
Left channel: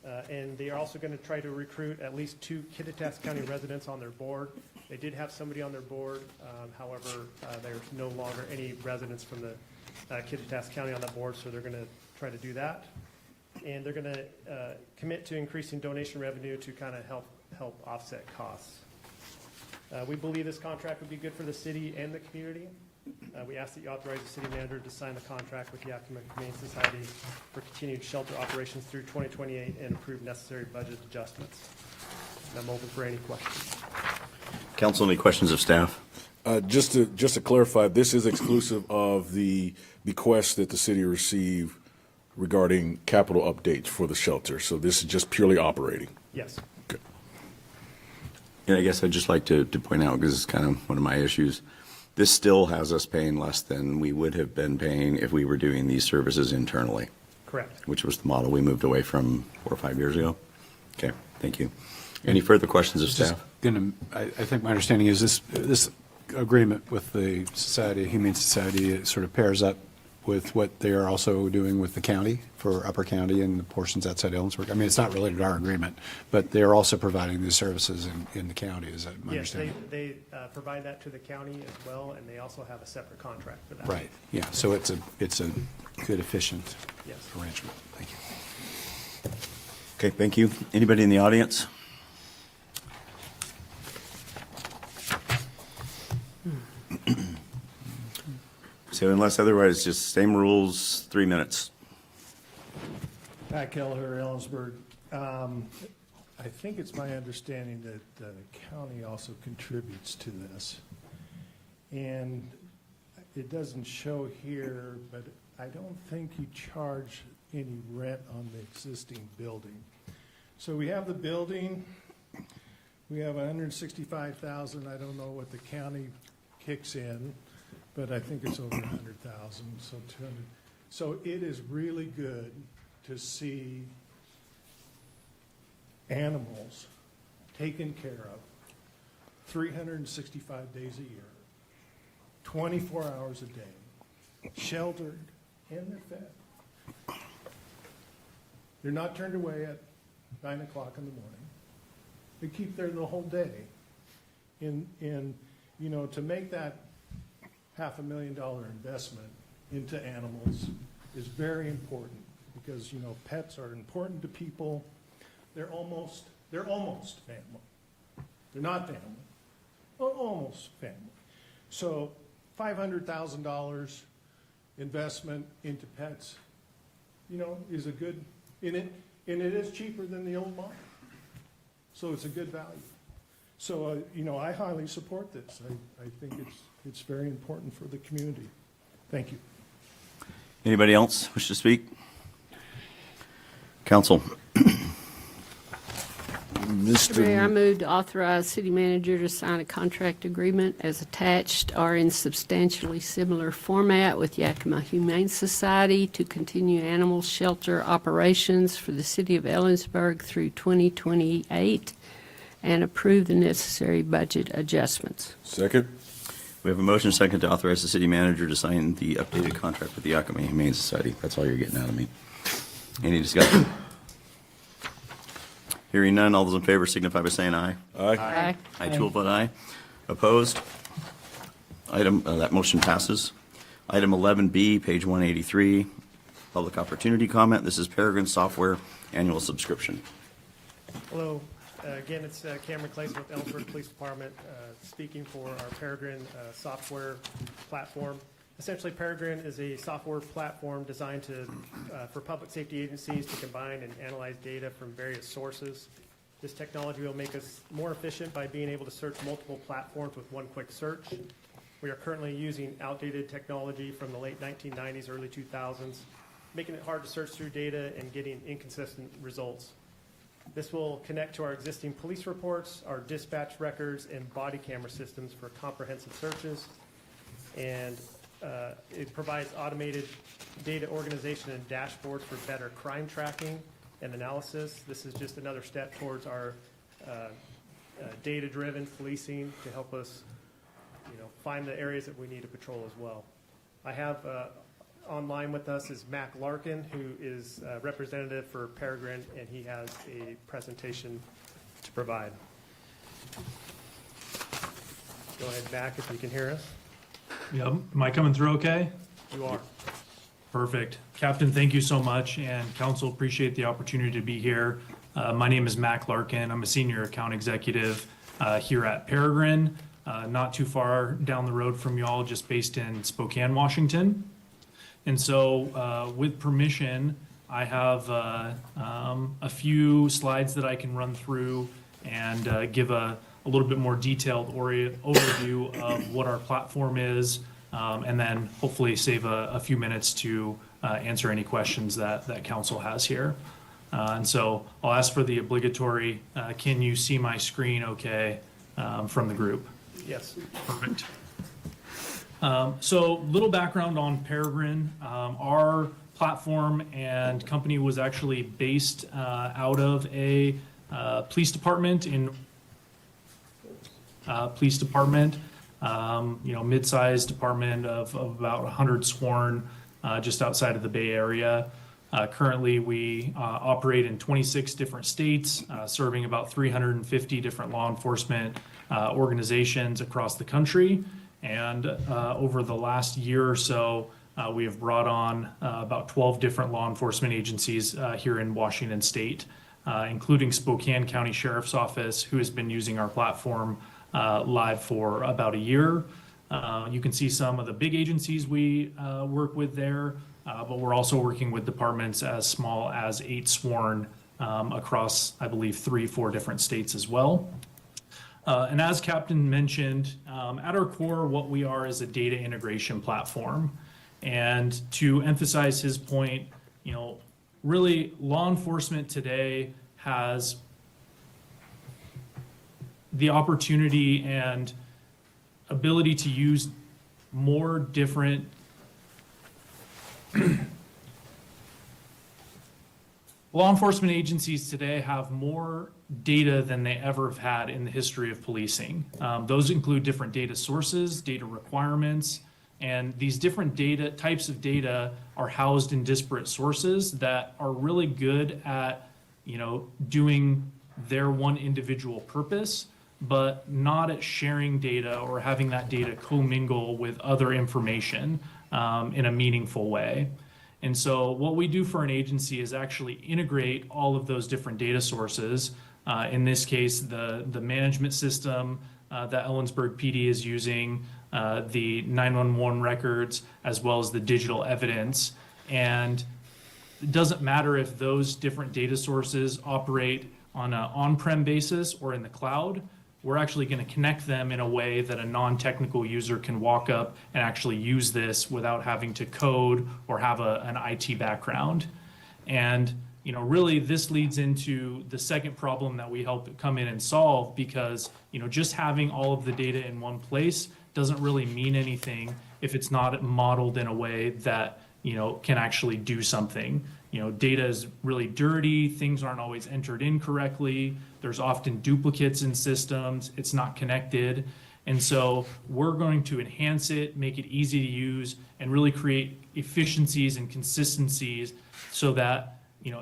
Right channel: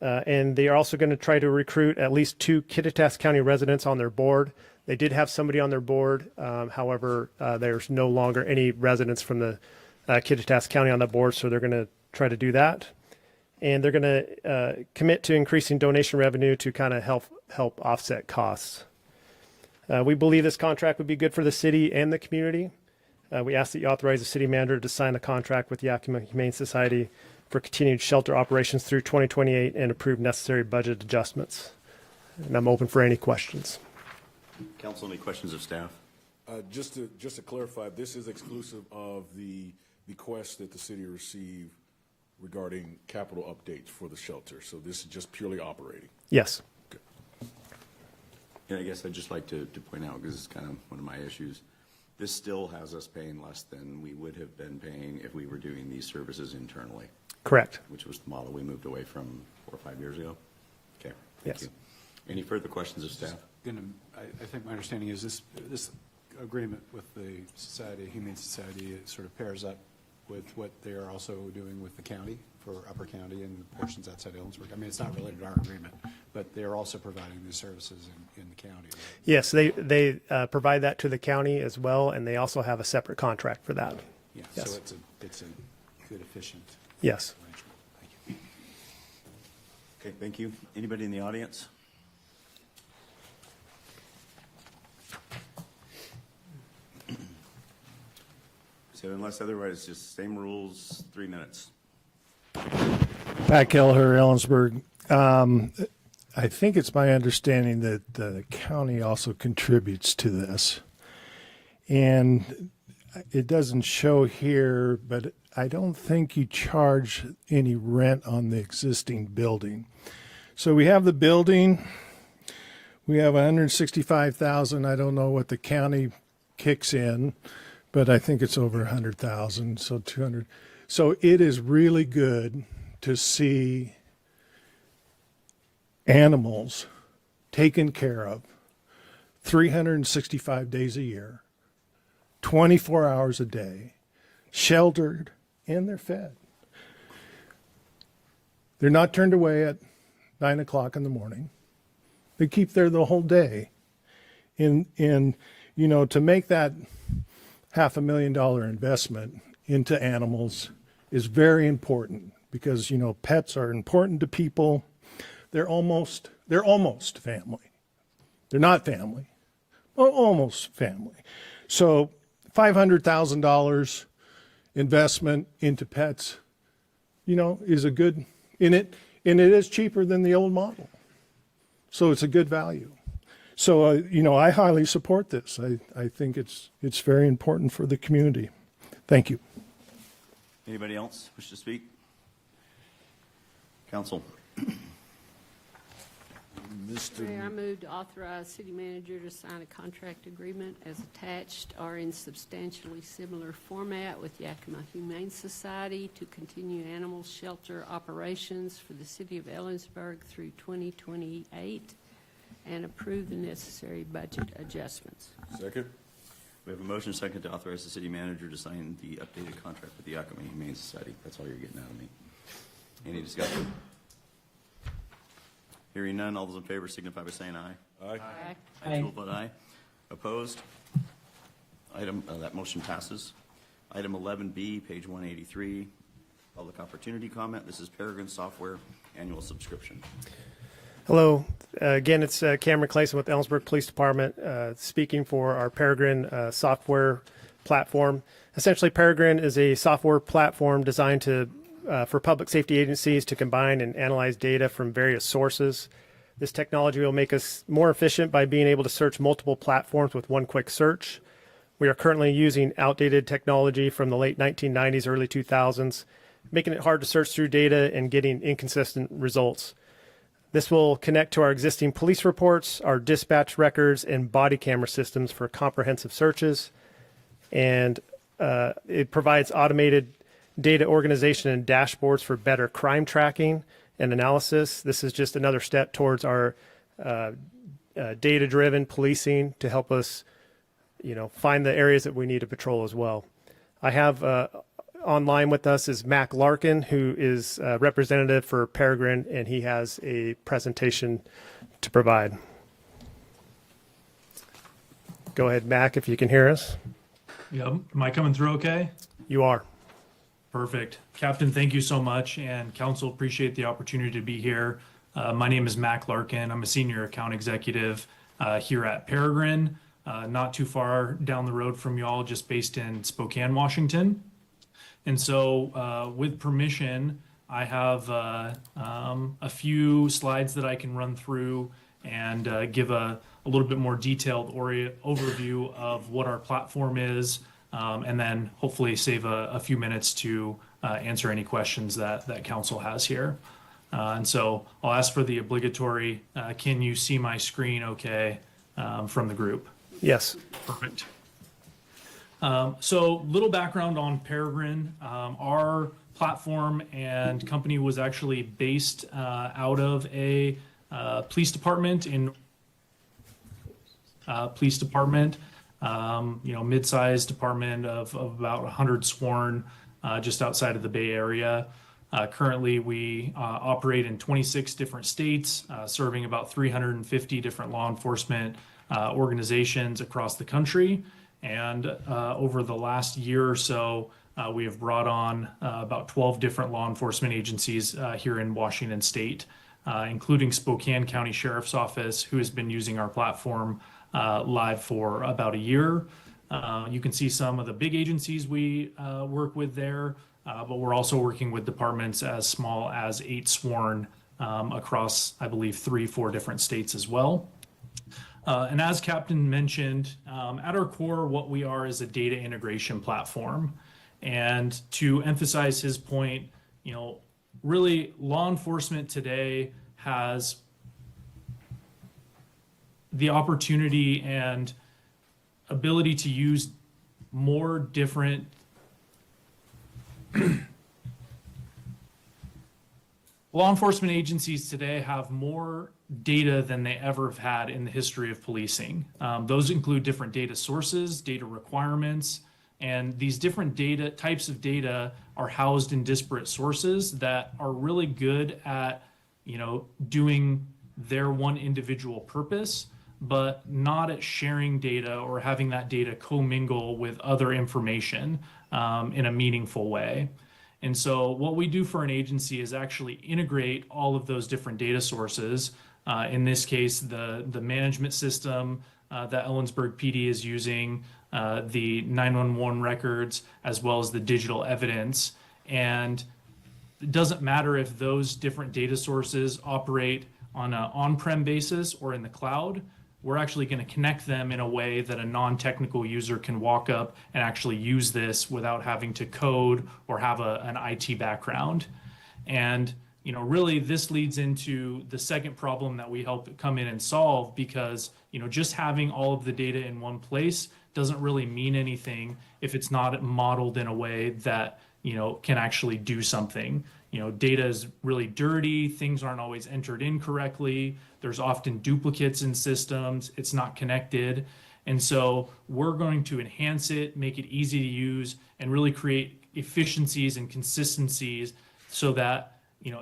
And they are also going to try to recruit at least 2 Kittitas County residents on their board. They did have somebody on their board. However, there's no longer any residents from the Kittitas County on the board, so they're going to try to do that. And they're going to commit to increasing donation revenue to kind of help offset costs. We believe this contract would be good for the city and the community. We ask that you authorize the city manager to sign a contract with Yakima Humane Society for continued shelter operations through 2028 and approve necessary budget adjustments. And I'm open for any questions. Council, any questions of staff? Just to clarify, this is exclusive of the bequest that the city received regarding capital updates for the shelter. So this is just purely operating. Yes. Okay. Yeah, I guess I'd just like to point out, because it's kind of one of my issues, this still has us paying less than we would have been paying if we were doing these services internally. Correct. Which was the model we moved away from 4 or 5 years ago. Okay, thank you. Any further questions of staff? I think my understanding is this agreement with the Humane Society, it sort of pairs up with what they are also doing with the county for Upper County and the portions outside Ellensburg. I mean, it's not related to our agreement, but they are also providing these services in the county. Is that Yes, they provide that to the county as well, and they also have a separate contract for that. right? Yeah. Yes. So it's a good, efficient Yes. arrangement. Thank you. Okay, thank you. Anybody in the audience? So unless otherwise, just same rules, 3 minutes. Pat Kelleher, Ellensburg. I think it's my understanding that the county also contributes to this. And it doesn't show here, but I don't think you charge any rent on the existing building. So we have the building. We have $165,000. I don't know what the county kicks in, but I think it's over 100,000, so 200. So it is really good to see animals taken care of 365 days a year, 24 hours a day, sheltered, and they're fed. They're not turned away at 9 o'clock in the morning. They keep there the whole day. And you know, to make that $500,000 investment into animals is very important because, you know, pets are important to people. They're almost family. They're not family, but almost family. So $500,000 investment into pets, you know, is a good, and it is cheaper than the old model. So it's a good value. So, I highly support this. I think it's very important for the community. Thank you. Anybody else wish to speak? Council. Mr. Mayor, I move to authorize city manager to sign a contract agreement as attached or in substantially similar format with Yakima Humane Society to continue animal shelter operations for the city of Ellensburg through 2028 and approve the necessary budget adjustments. Second. We have a motion second to authorize the city manager to sign the updated contract with the Yakima Humane Society. That's all you're getting out of me. Any discussion? Hearing none, all those in favor signify by saying aye. Aye. I too will vote aye. Opposed? That motion passes. Item 11B, page 183, public opportunity comment. This is Peregrine Software annual subscription. Hello. Again, it's Cameron Clayson with Ellensburg Police Department, speaking for our Peregrine software platform. Essentially, Peregrine is a software platform designed for public safety agencies to combine and analyze data from various sources. This technology will make us more efficient by being able to search multiple platforms with one quick search. We are currently using outdated technology from the late 1990s, early 2000s, making it hard to search through data and getting inconsistent results. This will connect to our existing police reports, our dispatch records, and body camera systems for comprehensive searches. And it provides automated data organization and dashboards for better crime tracking and analysis. This is just another step towards our data-driven policing to help us, find the areas that we need to patrol as well. I have online with us is Mac Larkin, who is a representative for Peregrine, and he has a presentation to provide. Go ahead, Mac, if you can hear us. Yep. Am I coming through okay? You are. Perfect. Captain, thank you so much, and council, appreciate the opportunity to be here. My name is Mac Larkin. I'm a senior account executive here at Peregrine, not too far down the road from y'all, just based in Spokane, Washington. And so with permission, I have a few slides that I can run through and give a little bit more detailed overview of what our platform is, and then hopefully save a few minutes to answer any questions that council has here. And so I'll ask for the obligatory, can you see my screen okay from the group? Yes. Perfect. So little background on Peregrine. Our platform and company was actually based out of a police department mid-sized department of about 100 sworn just outside of the Bay Area. Currently, we operate in 26 different states, serving about 350 different law enforcement organizations across the country. And over the last year or so, we have brought on about 12 different law enforcement agencies here in Washington State, including Spokane County Sheriff's Office, who has been using our platform live for about a year. You can see some of the big agencies we work with there, but we're also working with departments as small as 8 sworn across, I believe, 3-4 different states as well. And as Captain mentioned, at our core, what we are is a data integration platform. And to emphasize his point, really law enforcement today has the opportunity and ability to use more different law enforcement agencies today have more data than they ever have had in the history of policing. Those include different data sources, data requirements, and these different types of data are housed in disparate sources that are really good at, doing their one individual purpose, but not at sharing data or having that data commingle with other information in a meaningful way. And so what we do for an agency is actually integrate all of those different data sources. In this case, the management system that Ellensburg PD is using, the 911 records, as well as the digital evidence. And it doesn't matter if those different data sources operate on an on-prem basis or in the cloud, we're actually going to connect them in a way that a non-technical user can walk up and actually use this without having to code or have an IT background. And really this leads into the second problem that we help come in and solve, because just having all of the data in one place doesn't really mean anything if it's not modeled in a way that can actually do something. Data is really dirty, things aren't always entered in correctly, there's often duplicates in systems, it's not connected. And so we're going to enhance it, make it easy to use, and really create efficiencies and consistencies so that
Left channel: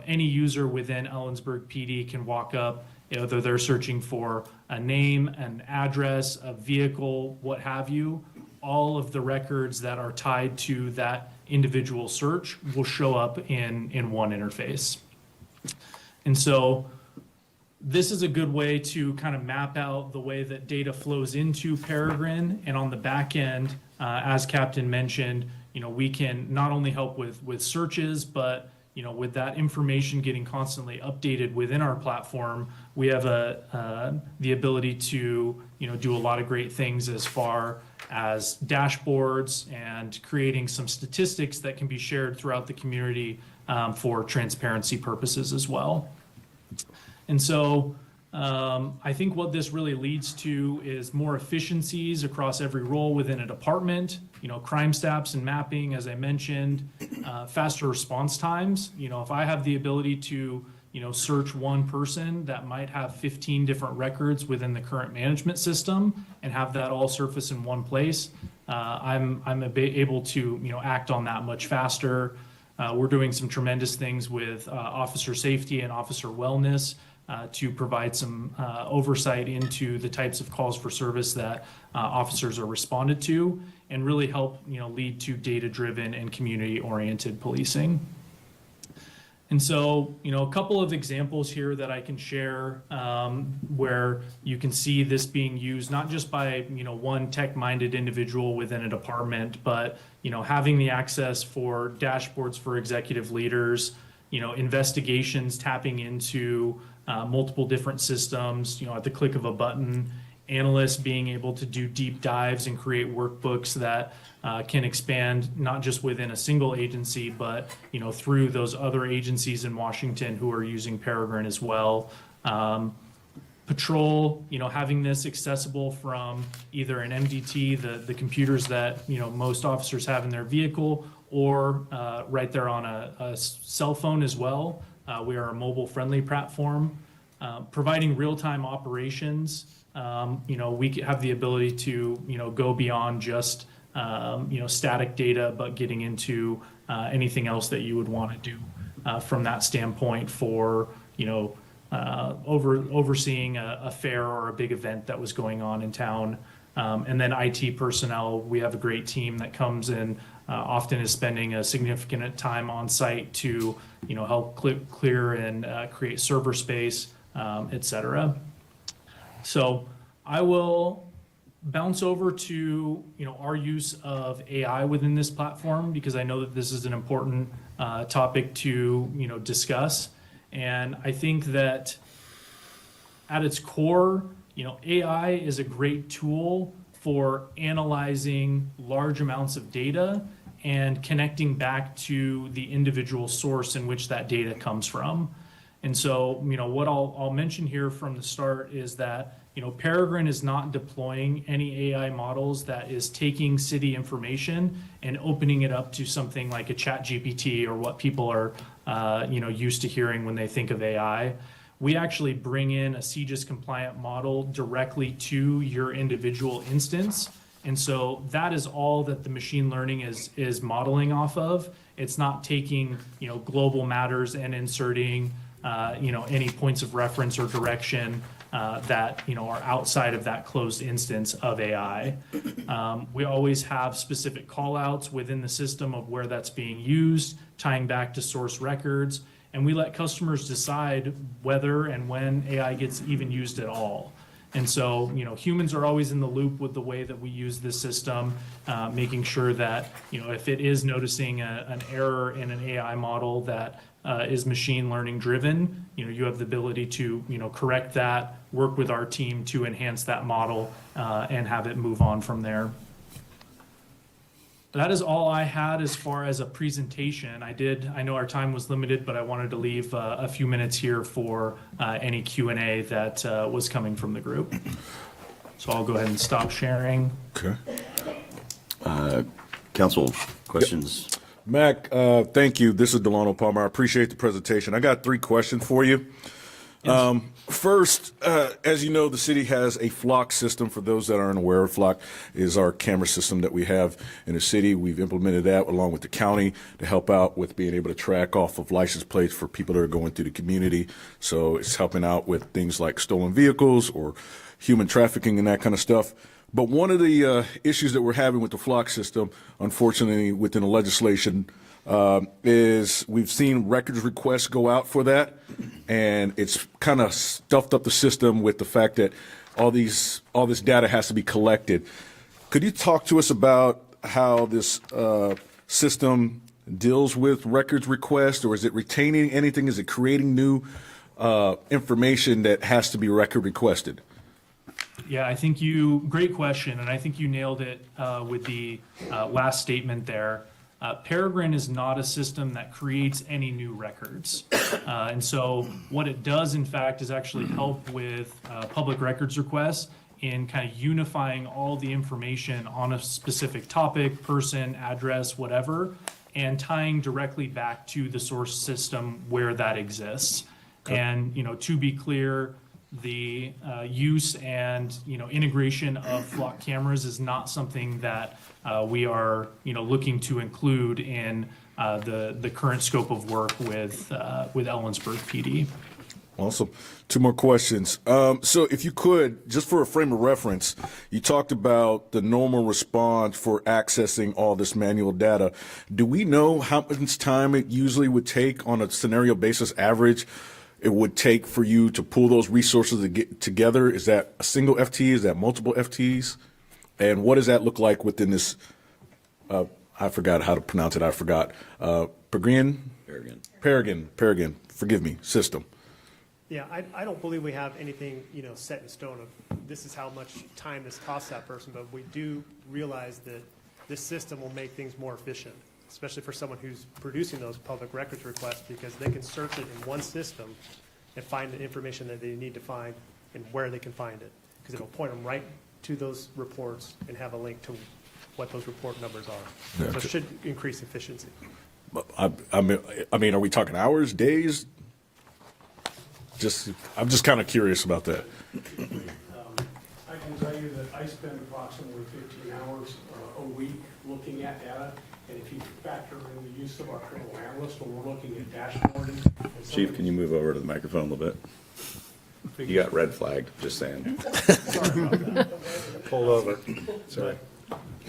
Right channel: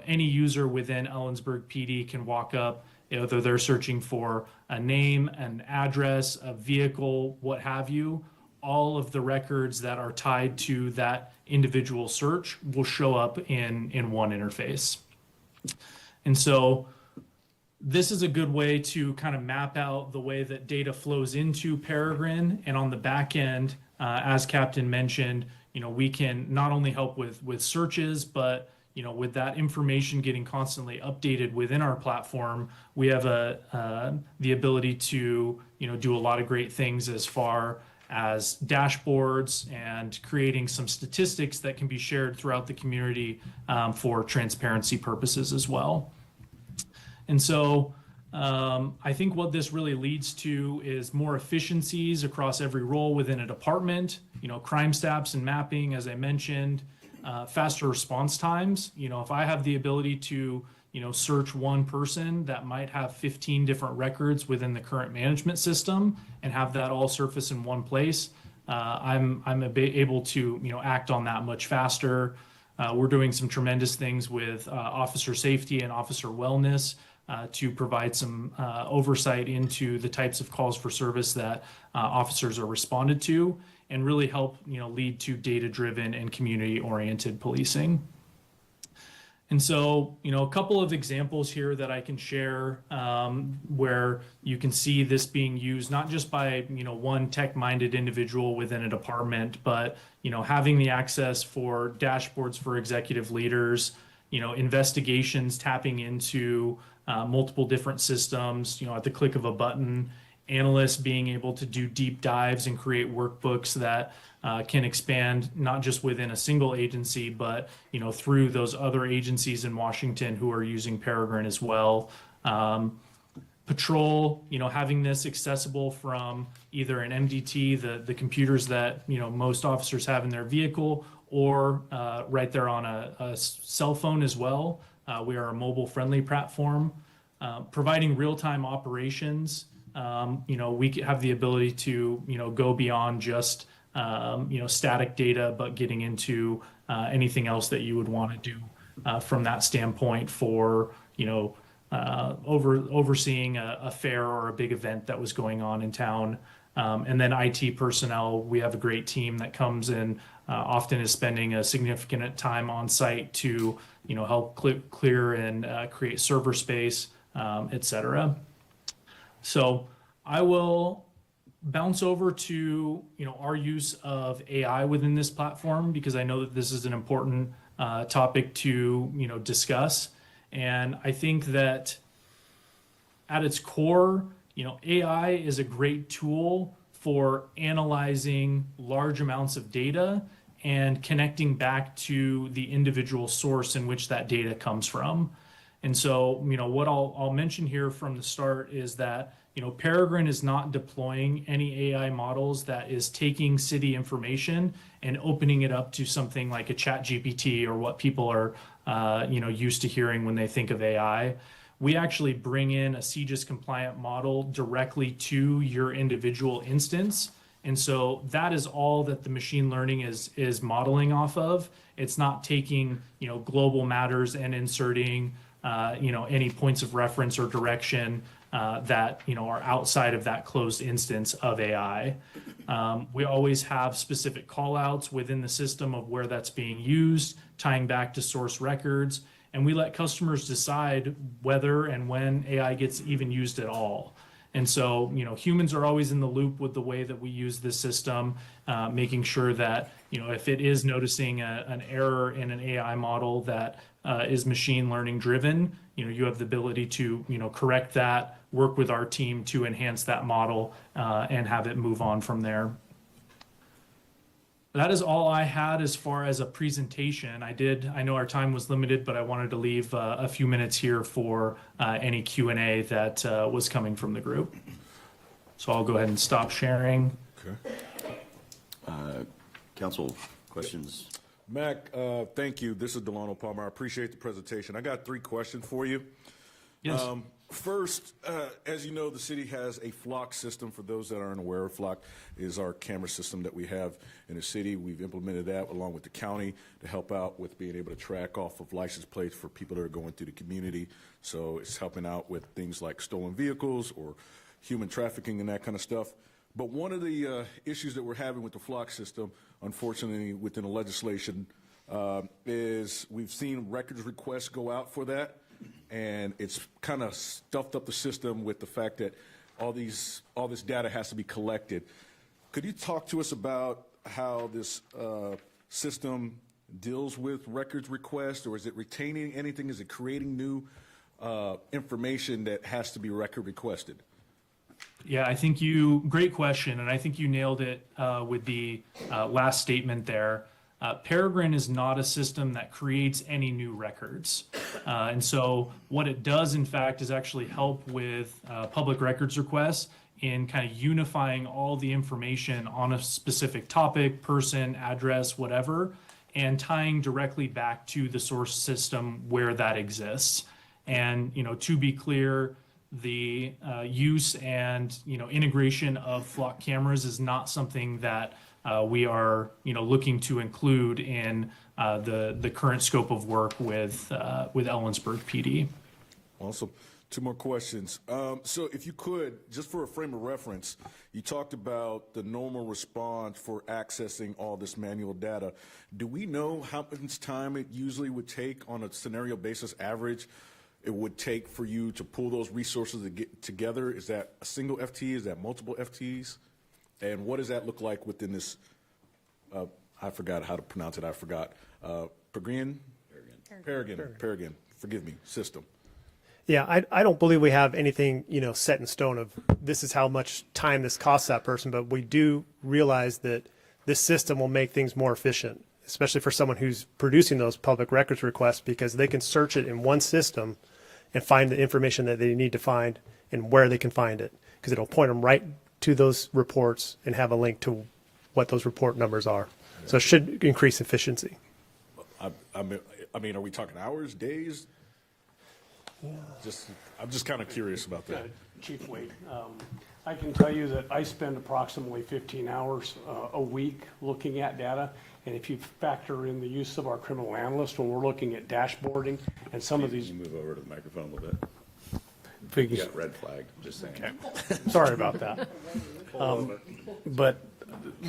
any user within Ellensburg PD can walk up, whether they're searching for a name, an address, a vehicle, what have you, all of the records that are tied to that individual search will show up in one interface. And so this is a good way to kind of map out the way that data flows into Peregrine. And on the back end, as Captain mentioned, we can not only help with searches, but with that information getting constantly updated within our platform, we have the ability to do a lot of great things as far as dashboards and creating some statistics that can be shared throughout the community for transparency purposes as well. And so I think what this really leads to is more efficiencies across every role within a department, crime stats and mapping, as I mentioned, faster response times. If I have the ability to search one person that might have 15 different records within the current management system and have that all surface in one place, I'm able to act on that much faster. We're doing some tremendous things with officer safety and officer wellness to provide some oversight into the types of calls for service that officers are responded to, and really help lead to data-driven and community-oriented policing. And so, a couple of examples here that I can share where you can see this being used not just by one tech-minded individual within a department, but having the access for dashboards for executive leaders, investigations tapping into multiple different systems, at the click of a button, analysts being able to do deep dives and create workbooks that can expand not just within a single agency, but through those other agencies in Washington who are using Peregrine as well. Patrol, having this accessible from either an MDT, the computers that most officers have in their vehicle, or right there on a cell phone as well. We are a mobile-friendly platform, providing real-time operations. We have the ability to go beyond just static data, but getting into anything else that you would want to do from that standpoint for overseeing a fair or a big event that was going on in town. And then IT personnel, we have a great team that comes in, often is spending a significant time on site to help clear and create server space, et cetera. So I will bounce over to our use of AI within this platform, because I know that this is an important topic to discuss. And I think that at its core, AI is a great tool for analyzing large amounts of data and connecting back to the individual source in which that data comes from. And so, what I'll mention here from the start is that Peregrine is not deploying any AI models that is taking city information and opening it up to something like a ChatGPT or what people are used to hearing when they think of AI. We actually bring in a CJIS compliant model directly to your individual instance. And so that is all that the machine learning is modeling off of. It's not taking global matters and inserting any points of reference or direction that are outside of that closed instance of AI. We always have specific callouts within the system of where that's being used, tying back to source records, and we let customers decide whether and when AI gets even used at all. And so, humans are always in the loop with the way that we use this system, making sure that, if it is noticing an error in an AI model, that is machine learning driven. You have the ability to, correct that, work with our team to enhance that model, and have it move on from there. That is all I had as far as a presentation. I know our time was limited, but I wanted to leave a few minutes here for any Q&A that was coming from the group. So I'll go ahead and stop sharing. Okay. Council questions? Mac, thank you. This is Delano Palmer. I appreciate the presentation. I got 3 questions for you. Yes. First, as you know, the city has a flock system. For those that aren't aware, flock is our camera system that we have in the city. We've implemented that along with the county to help out with being able to track off of license plates for people that are going through the community. So it's helping out with things like stolen vehicles or human trafficking and that kind of stuff. But one of the issues that we're having with the flock system, unfortunately, within the legislation, is we've seen records requests go out for that, and it's kind of stuffed up the system with the fact that all this data has to be collected. Could you talk to us about how this system deals with records requests, or is it retaining anything? Is it creating new information that has to be record requested? Yeah, great question, and I think you nailed it with the last statement there. Peregrine is not a system that creates any new records. And so what it does, in fact, is actually help with public records requests in kind of unifying all the information on a specific topic, person, address, whatever, and tying directly back to the source system where that exists. And, to be clear, the use and integration of flock cameras is not something that we are looking to include in the current scope of work with Ellensburg PD. Awesome. 2 more questions. So if you could, just for a frame of reference, you talked about the normal response for accessing all this manual data. Do we know how much time it usually would take on a scenario basis average it would take for you to pull those resources to get together? Is that a single FTE? Is that multiple FTEs? And what does that look like within this, I forgot how to pronounce it, Peregrine, forgive me, system? Yeah, I don't believe we have anything, set in stone of this is how much time this costs that person, but we do realize that this system will make things more efficient, especially for someone who's producing those public records requests, because they can search it in one system and find the information that they need to find and where they can find it, because it'll point them right to those reports and have a link to what those report numbers are. Yeah. So it should increase efficiency. I mean, are we talking hours, days? I'm just kind of curious about that. I can tell you that I spend approximately 15 hours a week looking at data. And if you factor in the use of our criminal analyst when we're looking at dashboarding and some Chief, of these. Can you move over to the microphone a little bit? Figures. You got red flagged, just saying. Okay. Sorry about that. Pull over. But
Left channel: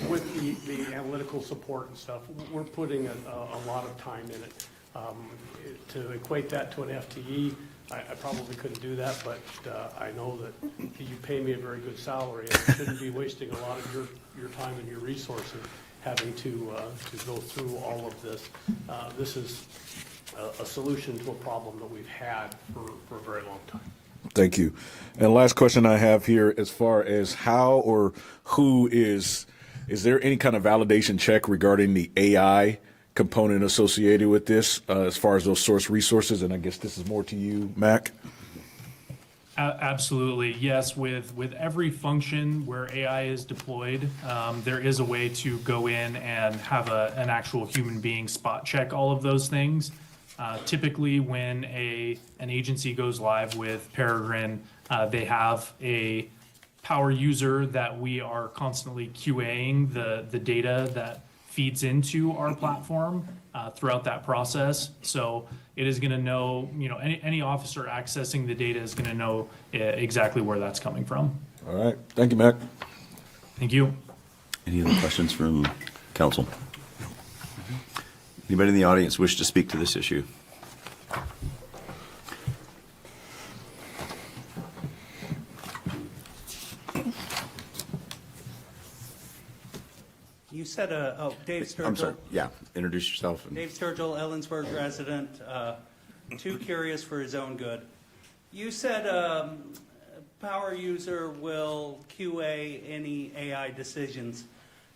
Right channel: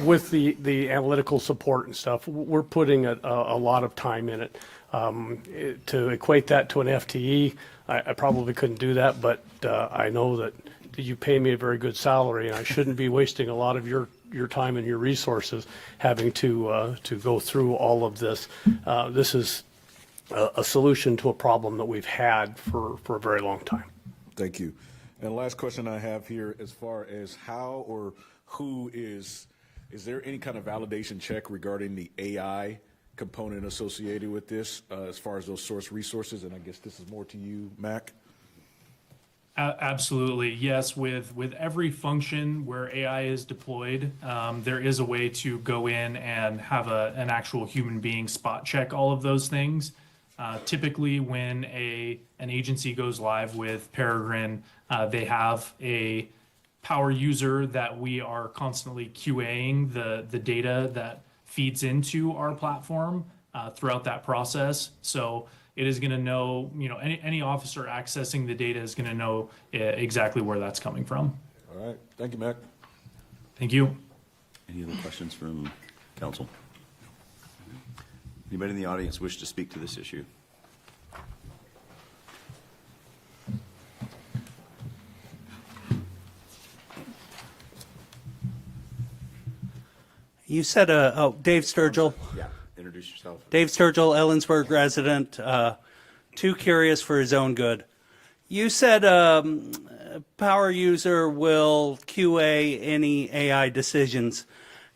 with the analytical support and stuff, we're putting a lot of time in it. To equate that to an FTE, I probably couldn't do that, but I know that you pay me a very good salary, and I shouldn't be wasting a lot of your time and your resources having to go through all of this. This is a solution to a problem that we've had for a very long time. Thank you. And last question I have here, as far as how or who is there any kind of validation check regarding the AI component associated with this, as far as those source resources? And I guess this is more to you, Mac. Absolutely, yes. With every function where AI is deployed, there is a way to go in and have an actual human being spot check all of those things. Typically, when an agency goes live with Peregrine, they have a power user that we are constantly QAing the data that feeds into our platform throughout that process. So it is going to know, any officer accessing the data is going to know exactly where that's coming from. All right. Thank you, Mac. Thank you. Any other questions from council? Anybody in the audience wish to speak to this issue? You said, Dave Sturgill. Yeah, introduce yourself. Dave Sturgill, Ellensburg resident. too curious for his own good. You said power user will QA any AI decisions.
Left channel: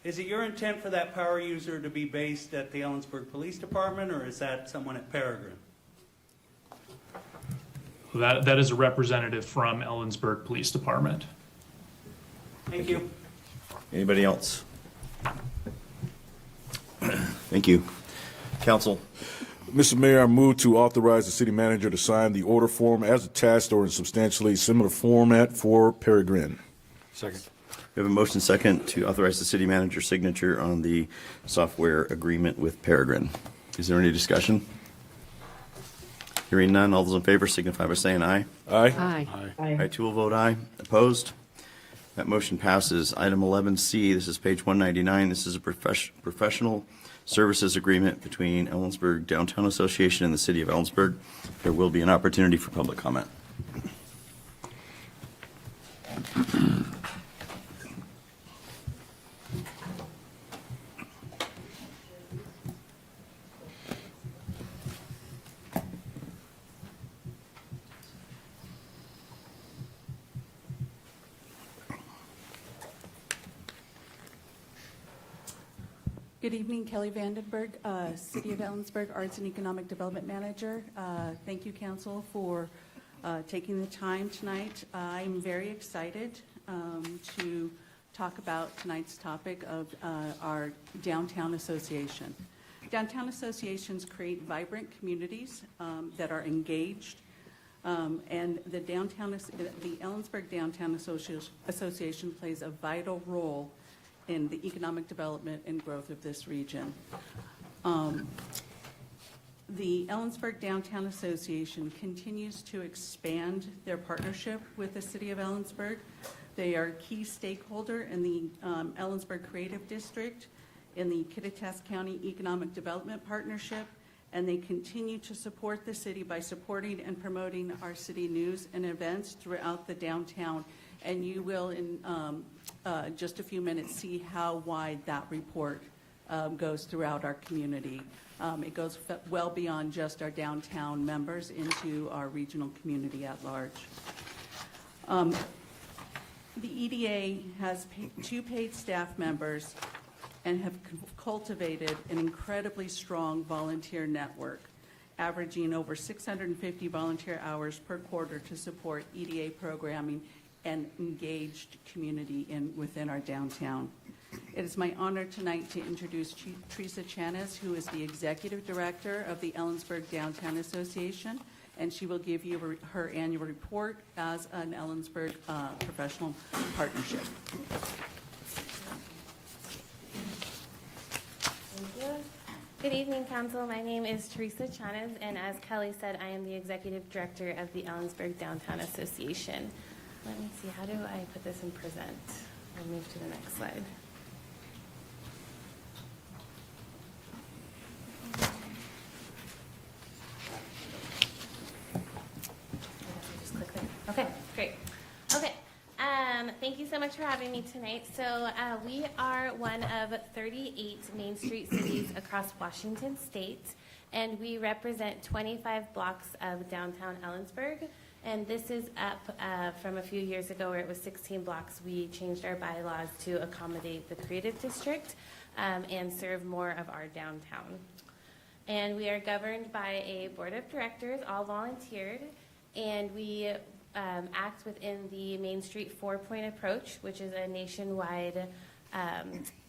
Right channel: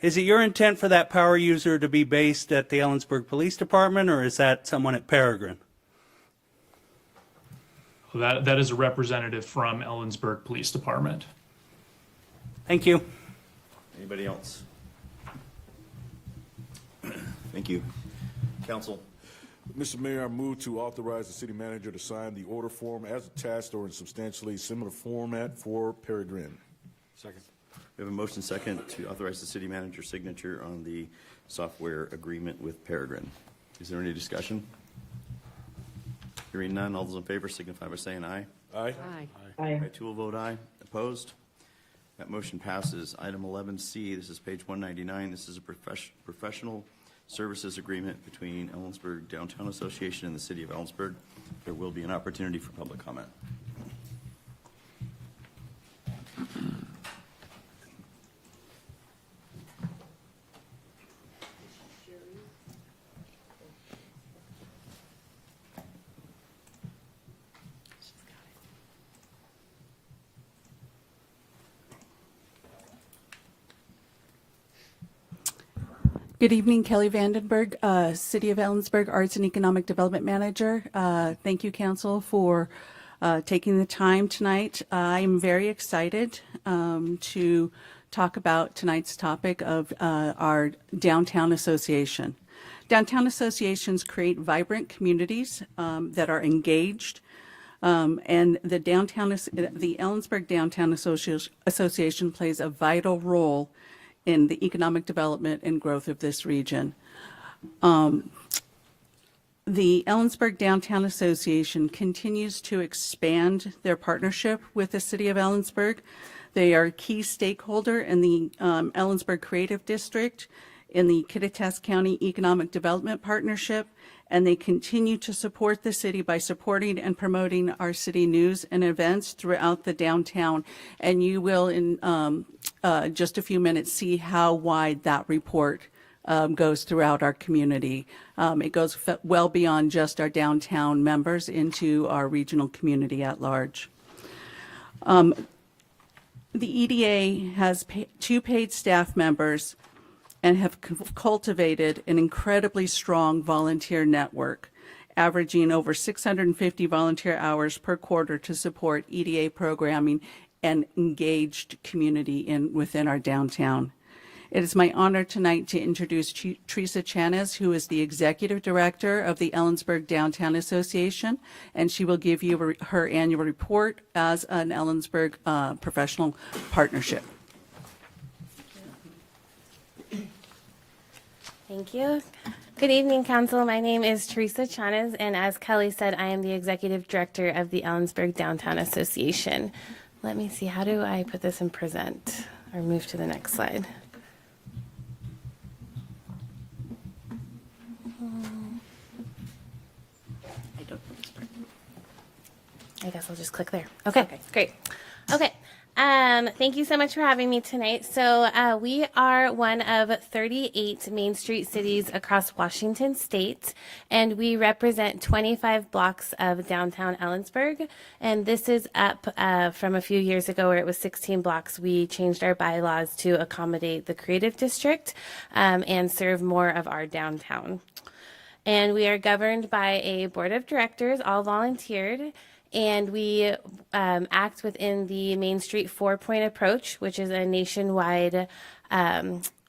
Is it your intent for that power user to be based at the Ellensburg Police Department, or is that someone at Peregrine? That is a representative from Ellensburg Police Department. Thank you. Anybody else? Thank you. Council. Mr. Mayor, I move to authorize the city manager to sign the order form as attached or in substantially similar format for Peregrine. Second. We have a motion second to authorize the city manager's signature on the software agreement with Peregrine. Is there any discussion? Hearing none, all those in favor signify by saying aye. Aye. Aye. I too will vote aye. Opposed? That motion passes. Item 11C, this is page 199. This is a professional services agreement between Ellensburg Downtown Association and the City of Ellensburg. There will be an opportunity for public comment. Good evening, Kelly Vandenberg, City of Ellensburg Arts and Economic Development Manager. Thank you, Council, for taking the time tonight. I'm very excited to talk about tonight's topic of our downtown association. Downtown associations create vibrant communities that are engaged, and the Ellensburg Downtown Association plays a vital role in the economic development and growth of this region. The Ellensburg Downtown Association continues to expand their partnership with the City of Ellensburg. They are a key stakeholder in the Ellensburg Creative District, in the Kittitas County Economic Development Partnership, and they continue to support the city by supporting and promoting our city news and events throughout the downtown. And you will, in just a few minutes, see how wide that report goes throughout our community. It goes well beyond just our downtown members into our regional community at large. The EDA has two paid staff members and have cultivated an incredibly strong volunteer network, averaging over 650 volunteer hours per quarter to support EDA programming and engaged community within our downtown. It is my honor tonight to introduce Teresa Chanes, who is the Executive Director of the Ellensburg Downtown Association, and she will give you her annual report as an Ellensburg professional partnership. Thank you. Good evening, Council. My name is Teresa Chanes, and as Kelly said, I am the Executive Director of the Ellensburg Downtown Association. Let me see, how do I put this in present or move to the next slide? I guess I'll just click there. Okay, great. Okay. Thank you so much for having me tonight. So we are one of 38 Main Street cities across Washington State, and we represent 25 blocks of downtown Ellensburg. And this is up from a few years ago where it was 16 blocks. We changed our bylaws to accommodate the creative district and serve more of our downtown. And we are governed by a board of directors, all volunteered. And we act within the Main Street 4-point approach, which is a nationwide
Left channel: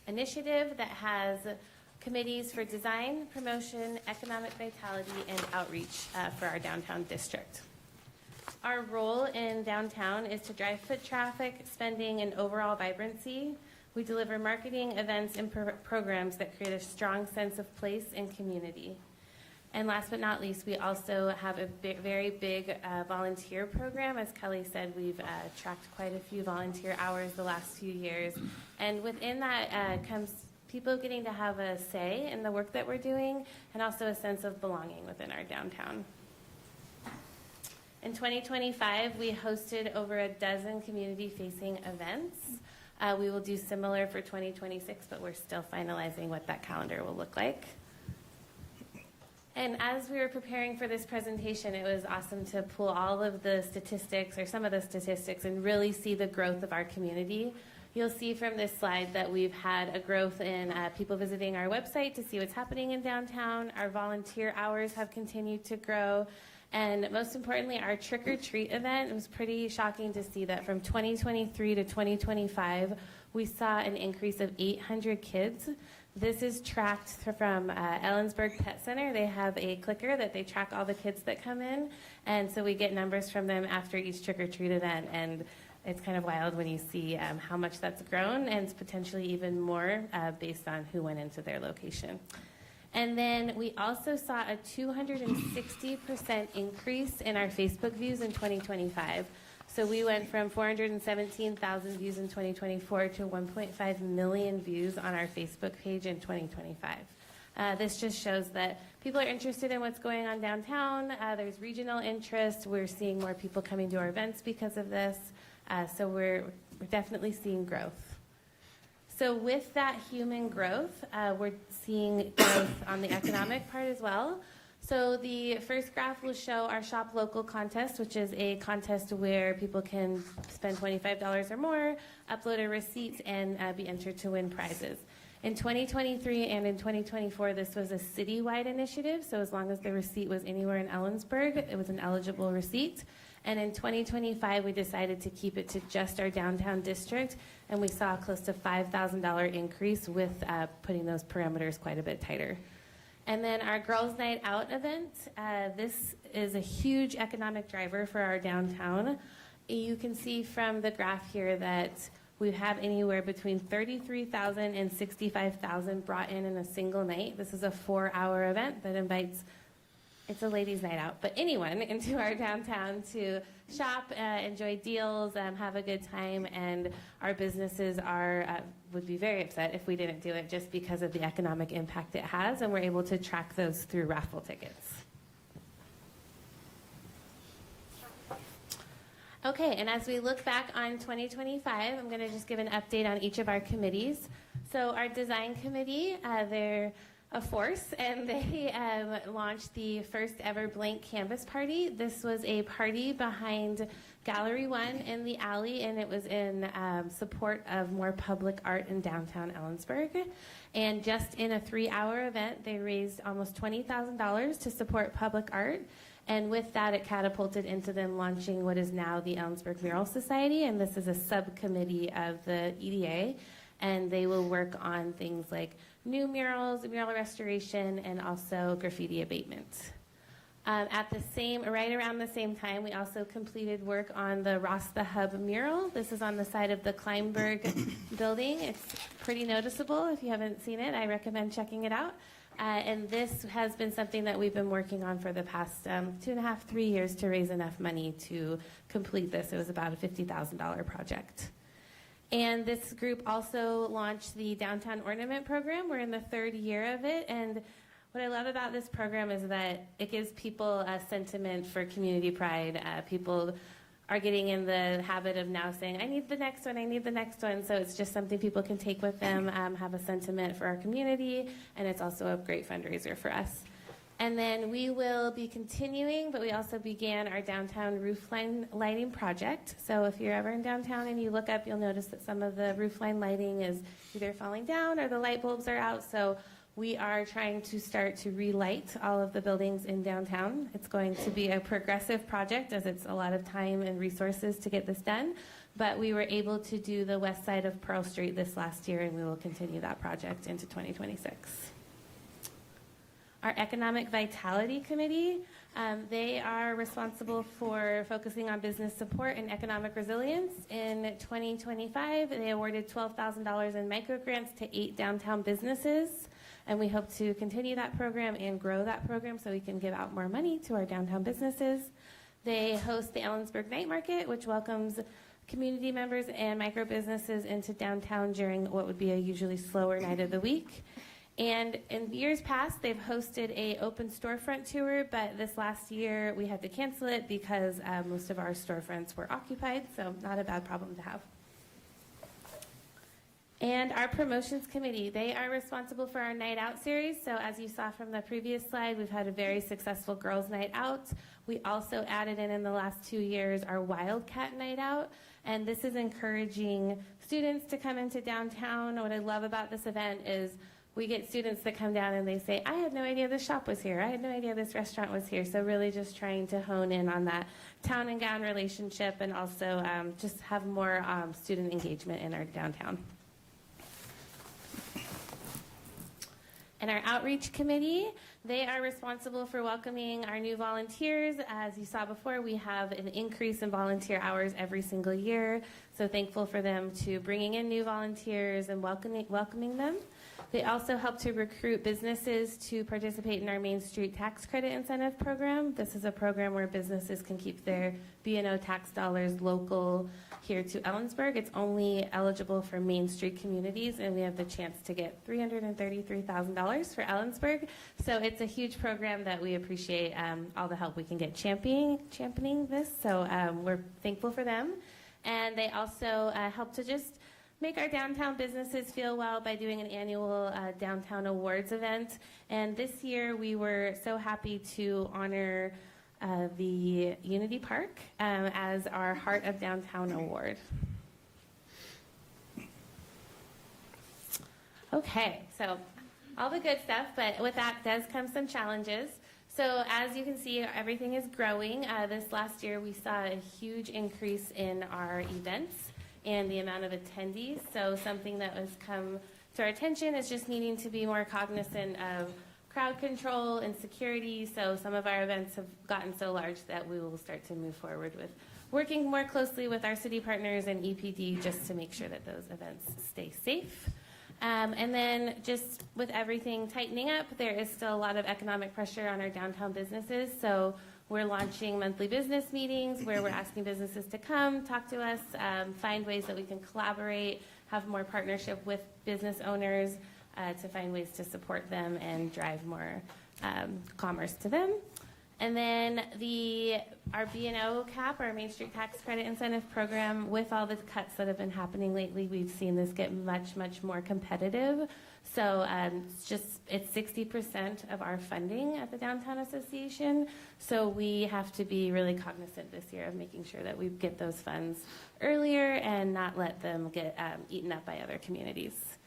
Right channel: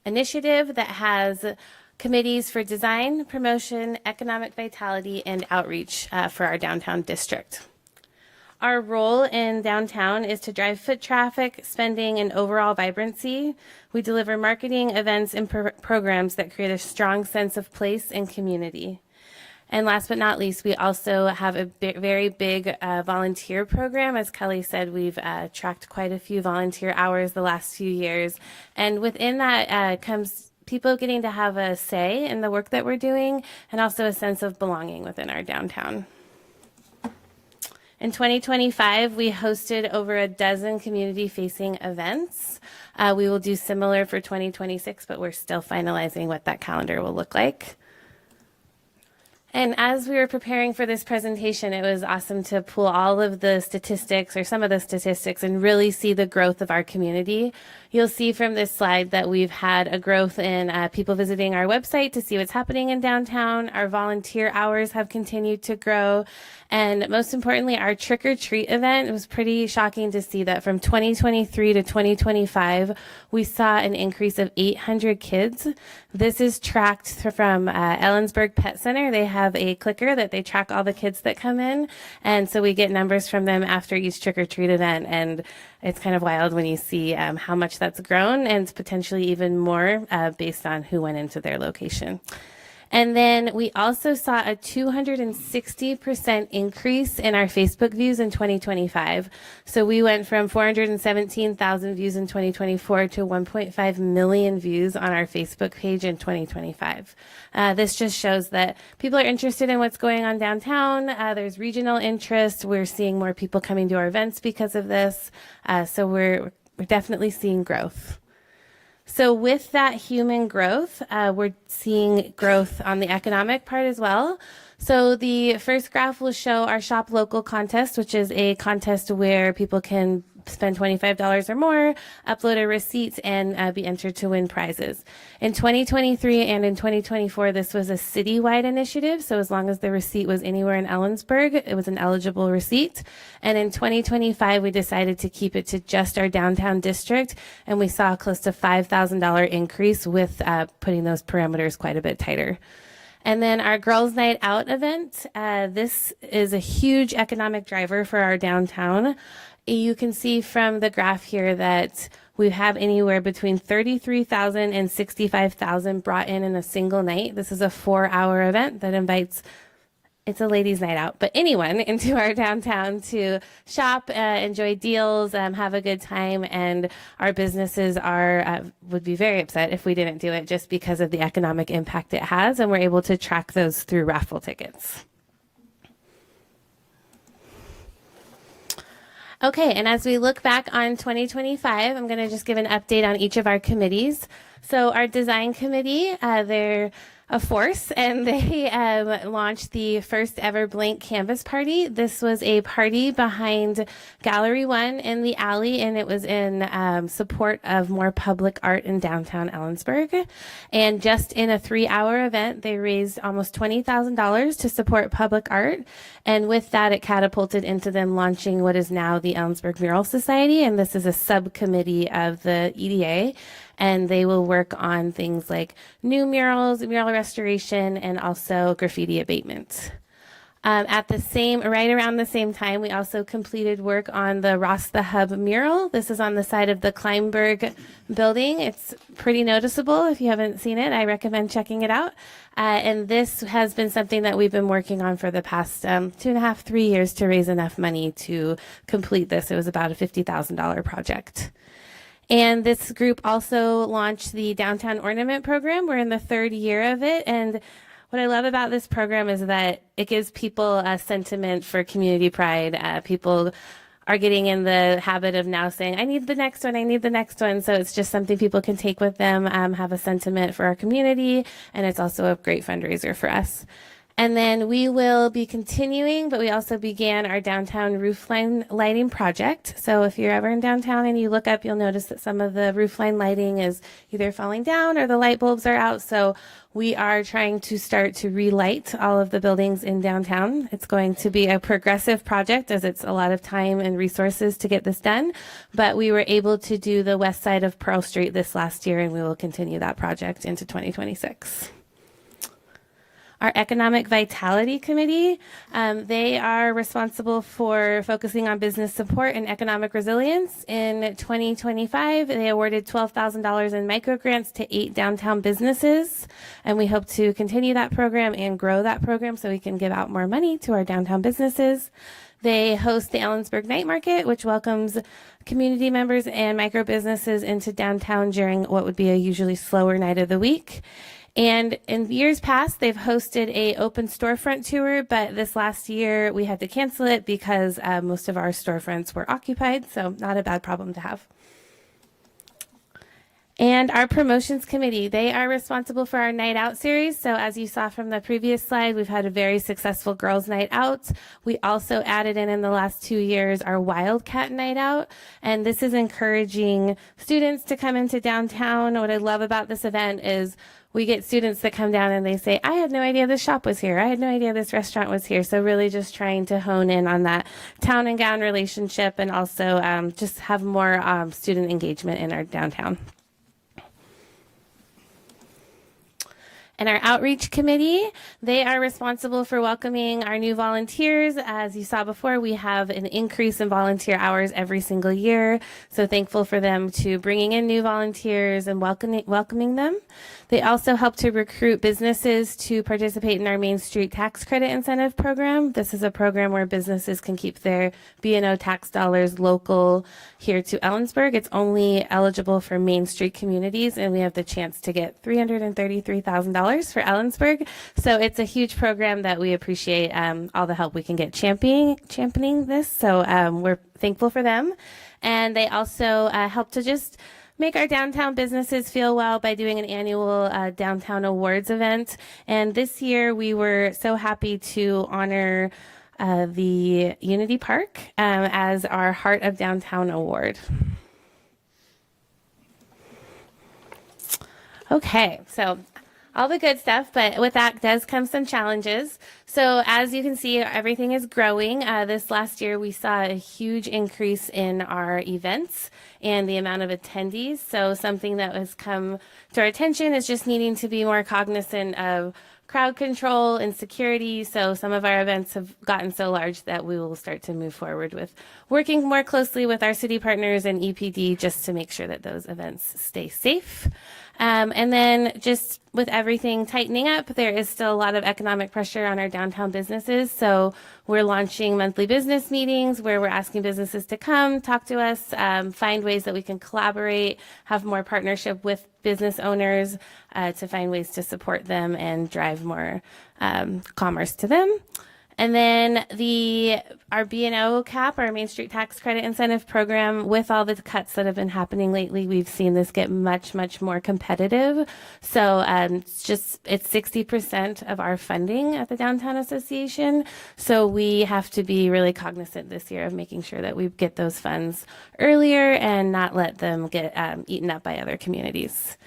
initiative that has committees for design, promotion, economic vitality, and outreach for our downtown district. Our role in downtown is to drive foot traffic, spending, and overall vibrancy. We deliver marketing, events, and programs that create a strong sense of place and community. And last but not least, we also have a very big volunteer program. As Kelly said, we've tracked quite a few volunteer hours the last few years. And within that comes people getting to have a say in the work that we're doing and also a sense of belonging within our downtown. In 2025, we hosted over a dozen community-facing events. We will do similar for 2026, but we're still finalizing what that calendar will look like. And as we were preparing for this presentation, it was awesome to pull all of the statistics or some of the statistics and really see the growth of our community. You'll see from this slide that we've had a growth in people visiting our website to see what's happening in downtown. Our volunteer hours have continued to grow. And most importantly, our trick or treat event, it was pretty shocking to see that from 2023 to 2025, we saw an increase of 800 kids. This is tracked from Ellensburg Pet Center. They have a clicker that they track all the kids that come in. And so we get numbers from them after each trick or treat event. And it's kind of wild when you see how much that's grown, and potentially even more based on who went into their location. And then we also saw a 260% increase in our Facebook views in 2025. So we went from 417,000 views in 2024 to 1.5 million views on our Facebook page in 2025. This just shows that people are interested in what's going on downtown. There's regional interest. We're seeing more people coming to our events because of this. So we're definitely seeing growth. So with that human growth, we're seeing growth on the economic part as well. So the first graph will show our Shop Local contest, which is a contest where people can spend $25 or more, upload a receipt, and be entered to win prizes. In 2023 and in 2024, this was a citywide initiative. So as long as the receipt was anywhere in Ellensburg, it was an eligible receipt. And in 2025, we decided to keep it to just our downtown district. And we saw close to $5,000 increase with putting those parameters quite a bit tighter. And then our Girls Night Out event, this is a huge economic driver for our downtown. You can see from the graph here that we have anywhere between 33,000 and 65,000 brought in a single night. This is a 4-hour event that invites, it's a ladies' night out, but anyone into our downtown to shop, enjoy deals, have a good time, and our businesses would be very upset if we didn't do it just because of the economic impact it has, and we're able to track those through raffle tickets. Okay, and as we look back on 2025, I'm going to just give an update on each of our committees. So our design committee, they're a force, and they launched the first ever blank canvas party. This was a party behind Gallery 1 in the alley, and it was in support of more public art in downtown Ellensburg. And just in a 3-hour event, they raised almost $20,000 to support public art. And with that, it catapulted into them launching what is now the Ellensburg Mural Society, and this is a subcommittee of the EDA. And they will work on things like new murals, mural restoration, and also graffiti abatement. Right around the same time, we also completed work on the Ross the Hub mural. This is on the side of the Kleinberg building. It's pretty noticeable. If you haven't seen it, I recommend checking it out. And this has been something that we've been working on for the past 2.5, 3 years to raise enough money to complete this. It was about a $50,000 project. And this group also launched the Downtown Ornament Program. We're in the 3rd year of it. And what I love about this program is that it gives people a sentiment for community pride. People are getting in the habit of now saying, I need the next one, I need the next one. So it's just something people can take with them, have a sentiment for our community. And it's also a great fundraiser for us. And then we will be continuing, but we also began our downtown roofline lighting project. So if you're ever in downtown and you look up, you'll notice that some of the roofline lighting is either falling down or the light bulbs are out. So we are trying to start to relight all of the buildings in downtown. It's going to be a progressive project as it's a lot of time and resources to get this done. But we were able to do the west side of Pearl Street this last year, and we will continue that project into 2026. Our Economic Vitality Committee, they are responsible for focusing on business support and economic resilience. In 2025, they awarded $12,000 in microgrants to 8 downtown businesses, and we hope to continue that program and grow that program so we can give out more money to our downtown businesses. They host the Ellensburg Night Market, which welcomes community members and micro businesses into downtown during what would be a usually slower night of the week. And in years past, they've hosted a open storefront tour, but this last year we had to cancel it because most of our storefronts were occupied, so not a bad problem to have. And our promotions committee, they are responsible for our night out series. So as you saw from the previous slide, we've had a very successful girls' night out. We also added in the last 2 years our Wildcat night out. And this is encouraging students to come into downtown. What I love about this event is we get students that come down and they say, I had no idea this shop was here. I had no idea this restaurant was here. So really just trying to hone in on that town and gown relationship and also just have more student engagement in our downtown. And our outreach committee, they are responsible for welcoming our new volunteers. As you saw before, we have an increase in volunteer hours every single year. So thankful for them to bringing in new volunteers and welcoming them. They also help to recruit businesses to participate in our Main Street Tax Credit Incentive Program. This is a program where businesses can keep their B&O tax dollars local here to Ellensburg. It's only eligible for Main Street communities, and we have the chance to get $333,000 for Ellensburg. So it's a huge program that we appreciate all the help we can get championing this. So we're thankful for them. And they also help to just make our downtown businesses feel well by doing an annual downtown awards event. And this year we were so happy to honor the Unity Park as our Heart of Downtown Award. Okay, so all the good stuff, but with that does come some challenges. So as you can see, everything is growing. This last year we saw a huge increase in our events and the amount of attendees. So something that has come to our attention is just needing to be more cognizant of crowd control and security. So some of our events have gotten so large that we will start to move forward with working more closely with our city partners and EPD just to make sure that those events stay safe. And then just with everything tightening up, there is still a lot of economic pressure on our downtown businesses. So we're launching monthly business meetings where we're asking businesses to come, talk to us, find ways that we can collaborate, have more partnership with business owners to find ways to support them and drive more commerce to them. And then our B&O cap, our Main Street Tax Credit Incentive Program, with all the cuts that have been happening lately, we've seen this get much, much more competitive. So it's 60% of our funding at the Downtown Association. So we have to be really cognizant this year of making sure that we get those funds earlier and not let them get eaten up by other communities.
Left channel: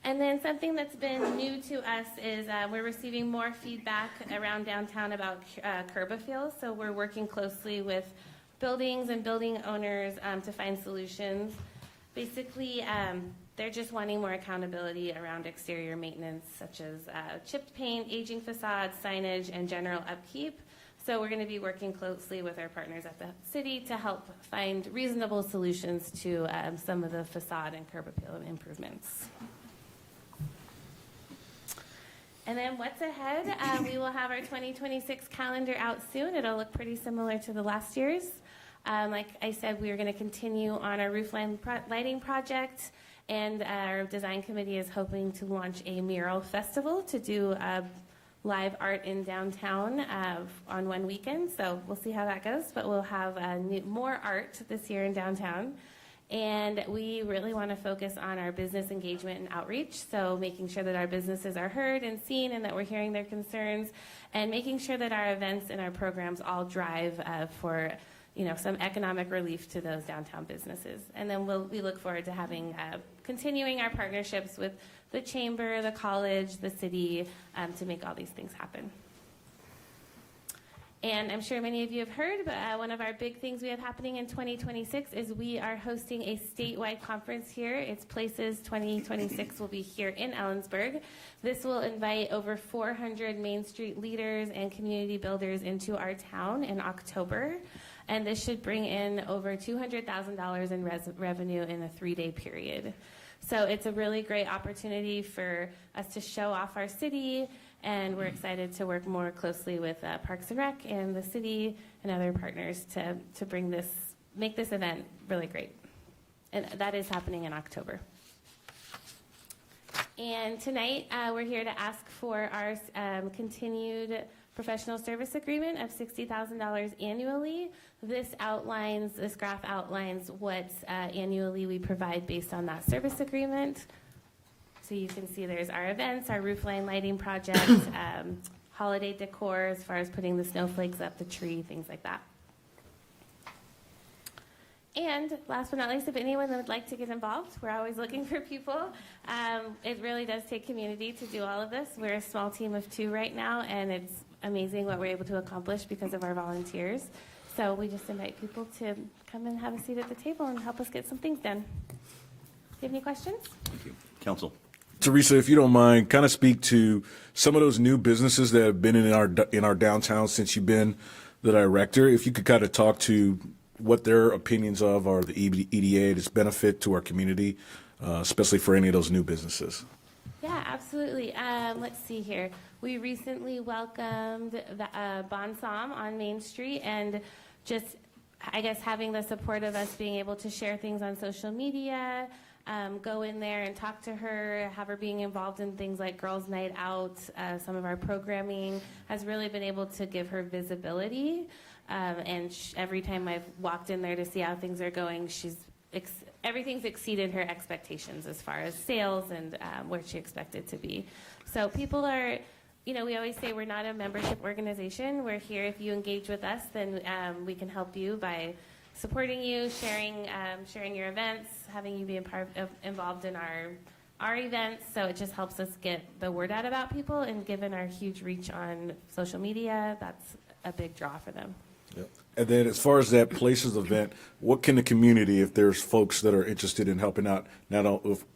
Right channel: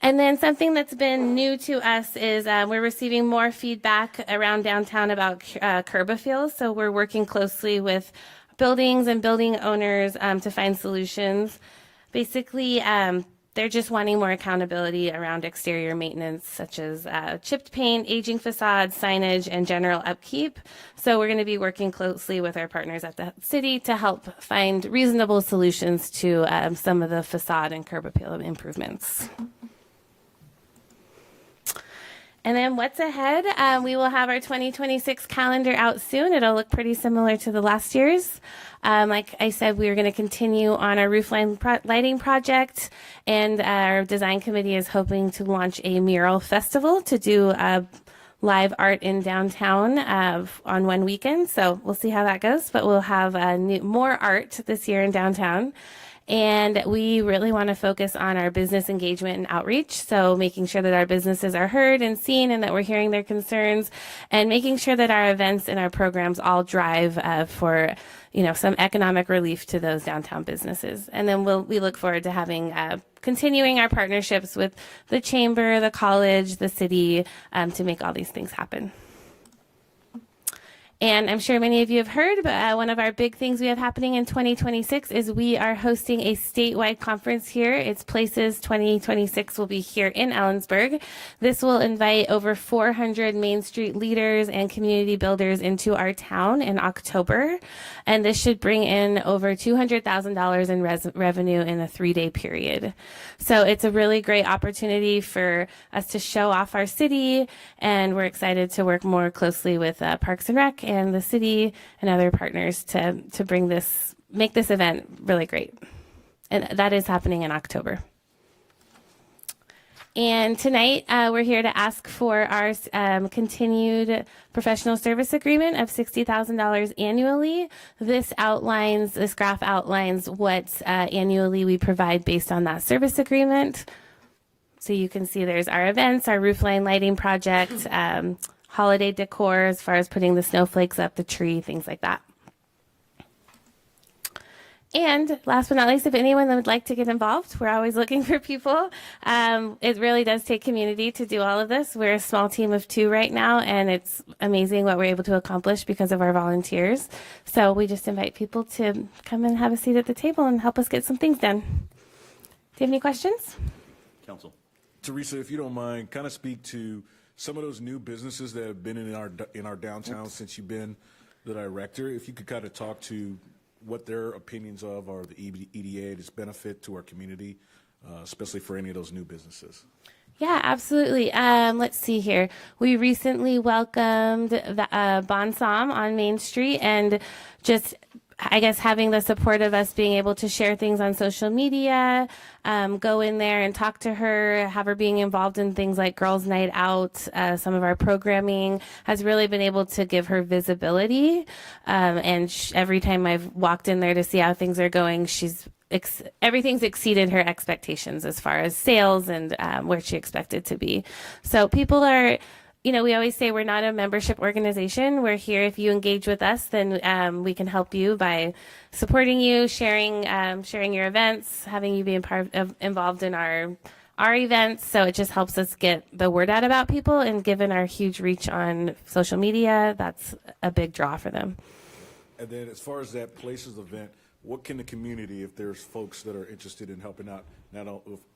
And then something that's been new to us is we're receiving more feedback around downtown about curb appeals. So we're working closely with buildings and building owners to find solutions. Basically, they're just wanting more accountability around exterior maintenance, such as chipped paint, aging facades, signage, and general upkeep. So we're going to be working closely with our partners at the city to help find reasonable solutions to some of the facade and curb appeal improvements. And then what's ahead? We will have our 2026 calendar out soon. It'll look pretty similar to the last year's. Like I said, we are going to continue on our roof lighting project, and our design committee is hoping to launch a mural festival to do live art in downtown on one weekend. So we'll see how that goes, but we'll have more art this year in downtown. And we really want to focus on our business engagement and outreach. So making sure that our businesses are heard and seen and that we're hearing their concerns, and making sure that our events and our programs all drive for some economic relief to those downtown businesses. And then we look forward to having continuing our partnerships with the chamber, the college, the city to make all these things happen. And I'm sure many of you have heard, but one of our big things we have happening in 2026 is we are hosting a statewide conference here. It's Places 2026 will be here in Ellensburg. This will invite over 400 Main Street leaders and community builders into our town in October. And this should bring in over $200,000 in revenue in a 3-day period. So it's a really great opportunity for us to show off our city, and we're excited to work more closely with Parks and Rec and the city and other partners to make this event really great. And that is happening in October. And tonight, we're here to ask for our continued professional service agreement of $60,000 annually. This graph outlines what annually we provide based on that service agreement. So you can see there's our events, our roof line lighting project, holiday decor as far as putting the snowflakes up the tree, things like that. And last but not least, if anyone would like to get involved, we're always looking for people. It really does take community to do all of this. We're a small team of 2 right now, and it's amazing what we're able to accomplish because of our volunteers. So we just invite people to come and have a seat at the table and help us get some things done. Do you have any questions? Council. Teresa, if you don't mind, kind of speak to some of those new businesses that have been in our downtown since you've been the director. If you could kind of talk to what their opinions of are the EDA, its benefit to our community, especially for any of those new businesses. Yeah, absolutely. Let's see here. We recently welcomed Bonsam on Main Street, and just, I guess, having the support of us being able to share things on social media, go in there and talk to her, have her being involved in things like Girls Night Out, some of our programming has really been able to give her visibility. And every time I've walked in there to see how things are going, everything's exceeded her expectations as far as sales and where she expected to be. So people are, we always say we're not a membership organization. We're here. If you engage with us, then we can help you by supporting you, sharing your events, having you be involved in our events. So it just helps us get the word out about people, and given our huge reach on social media, that's a big draw for them. And then as far as that Places event, what can the community, if there's folks that are interested in helping out,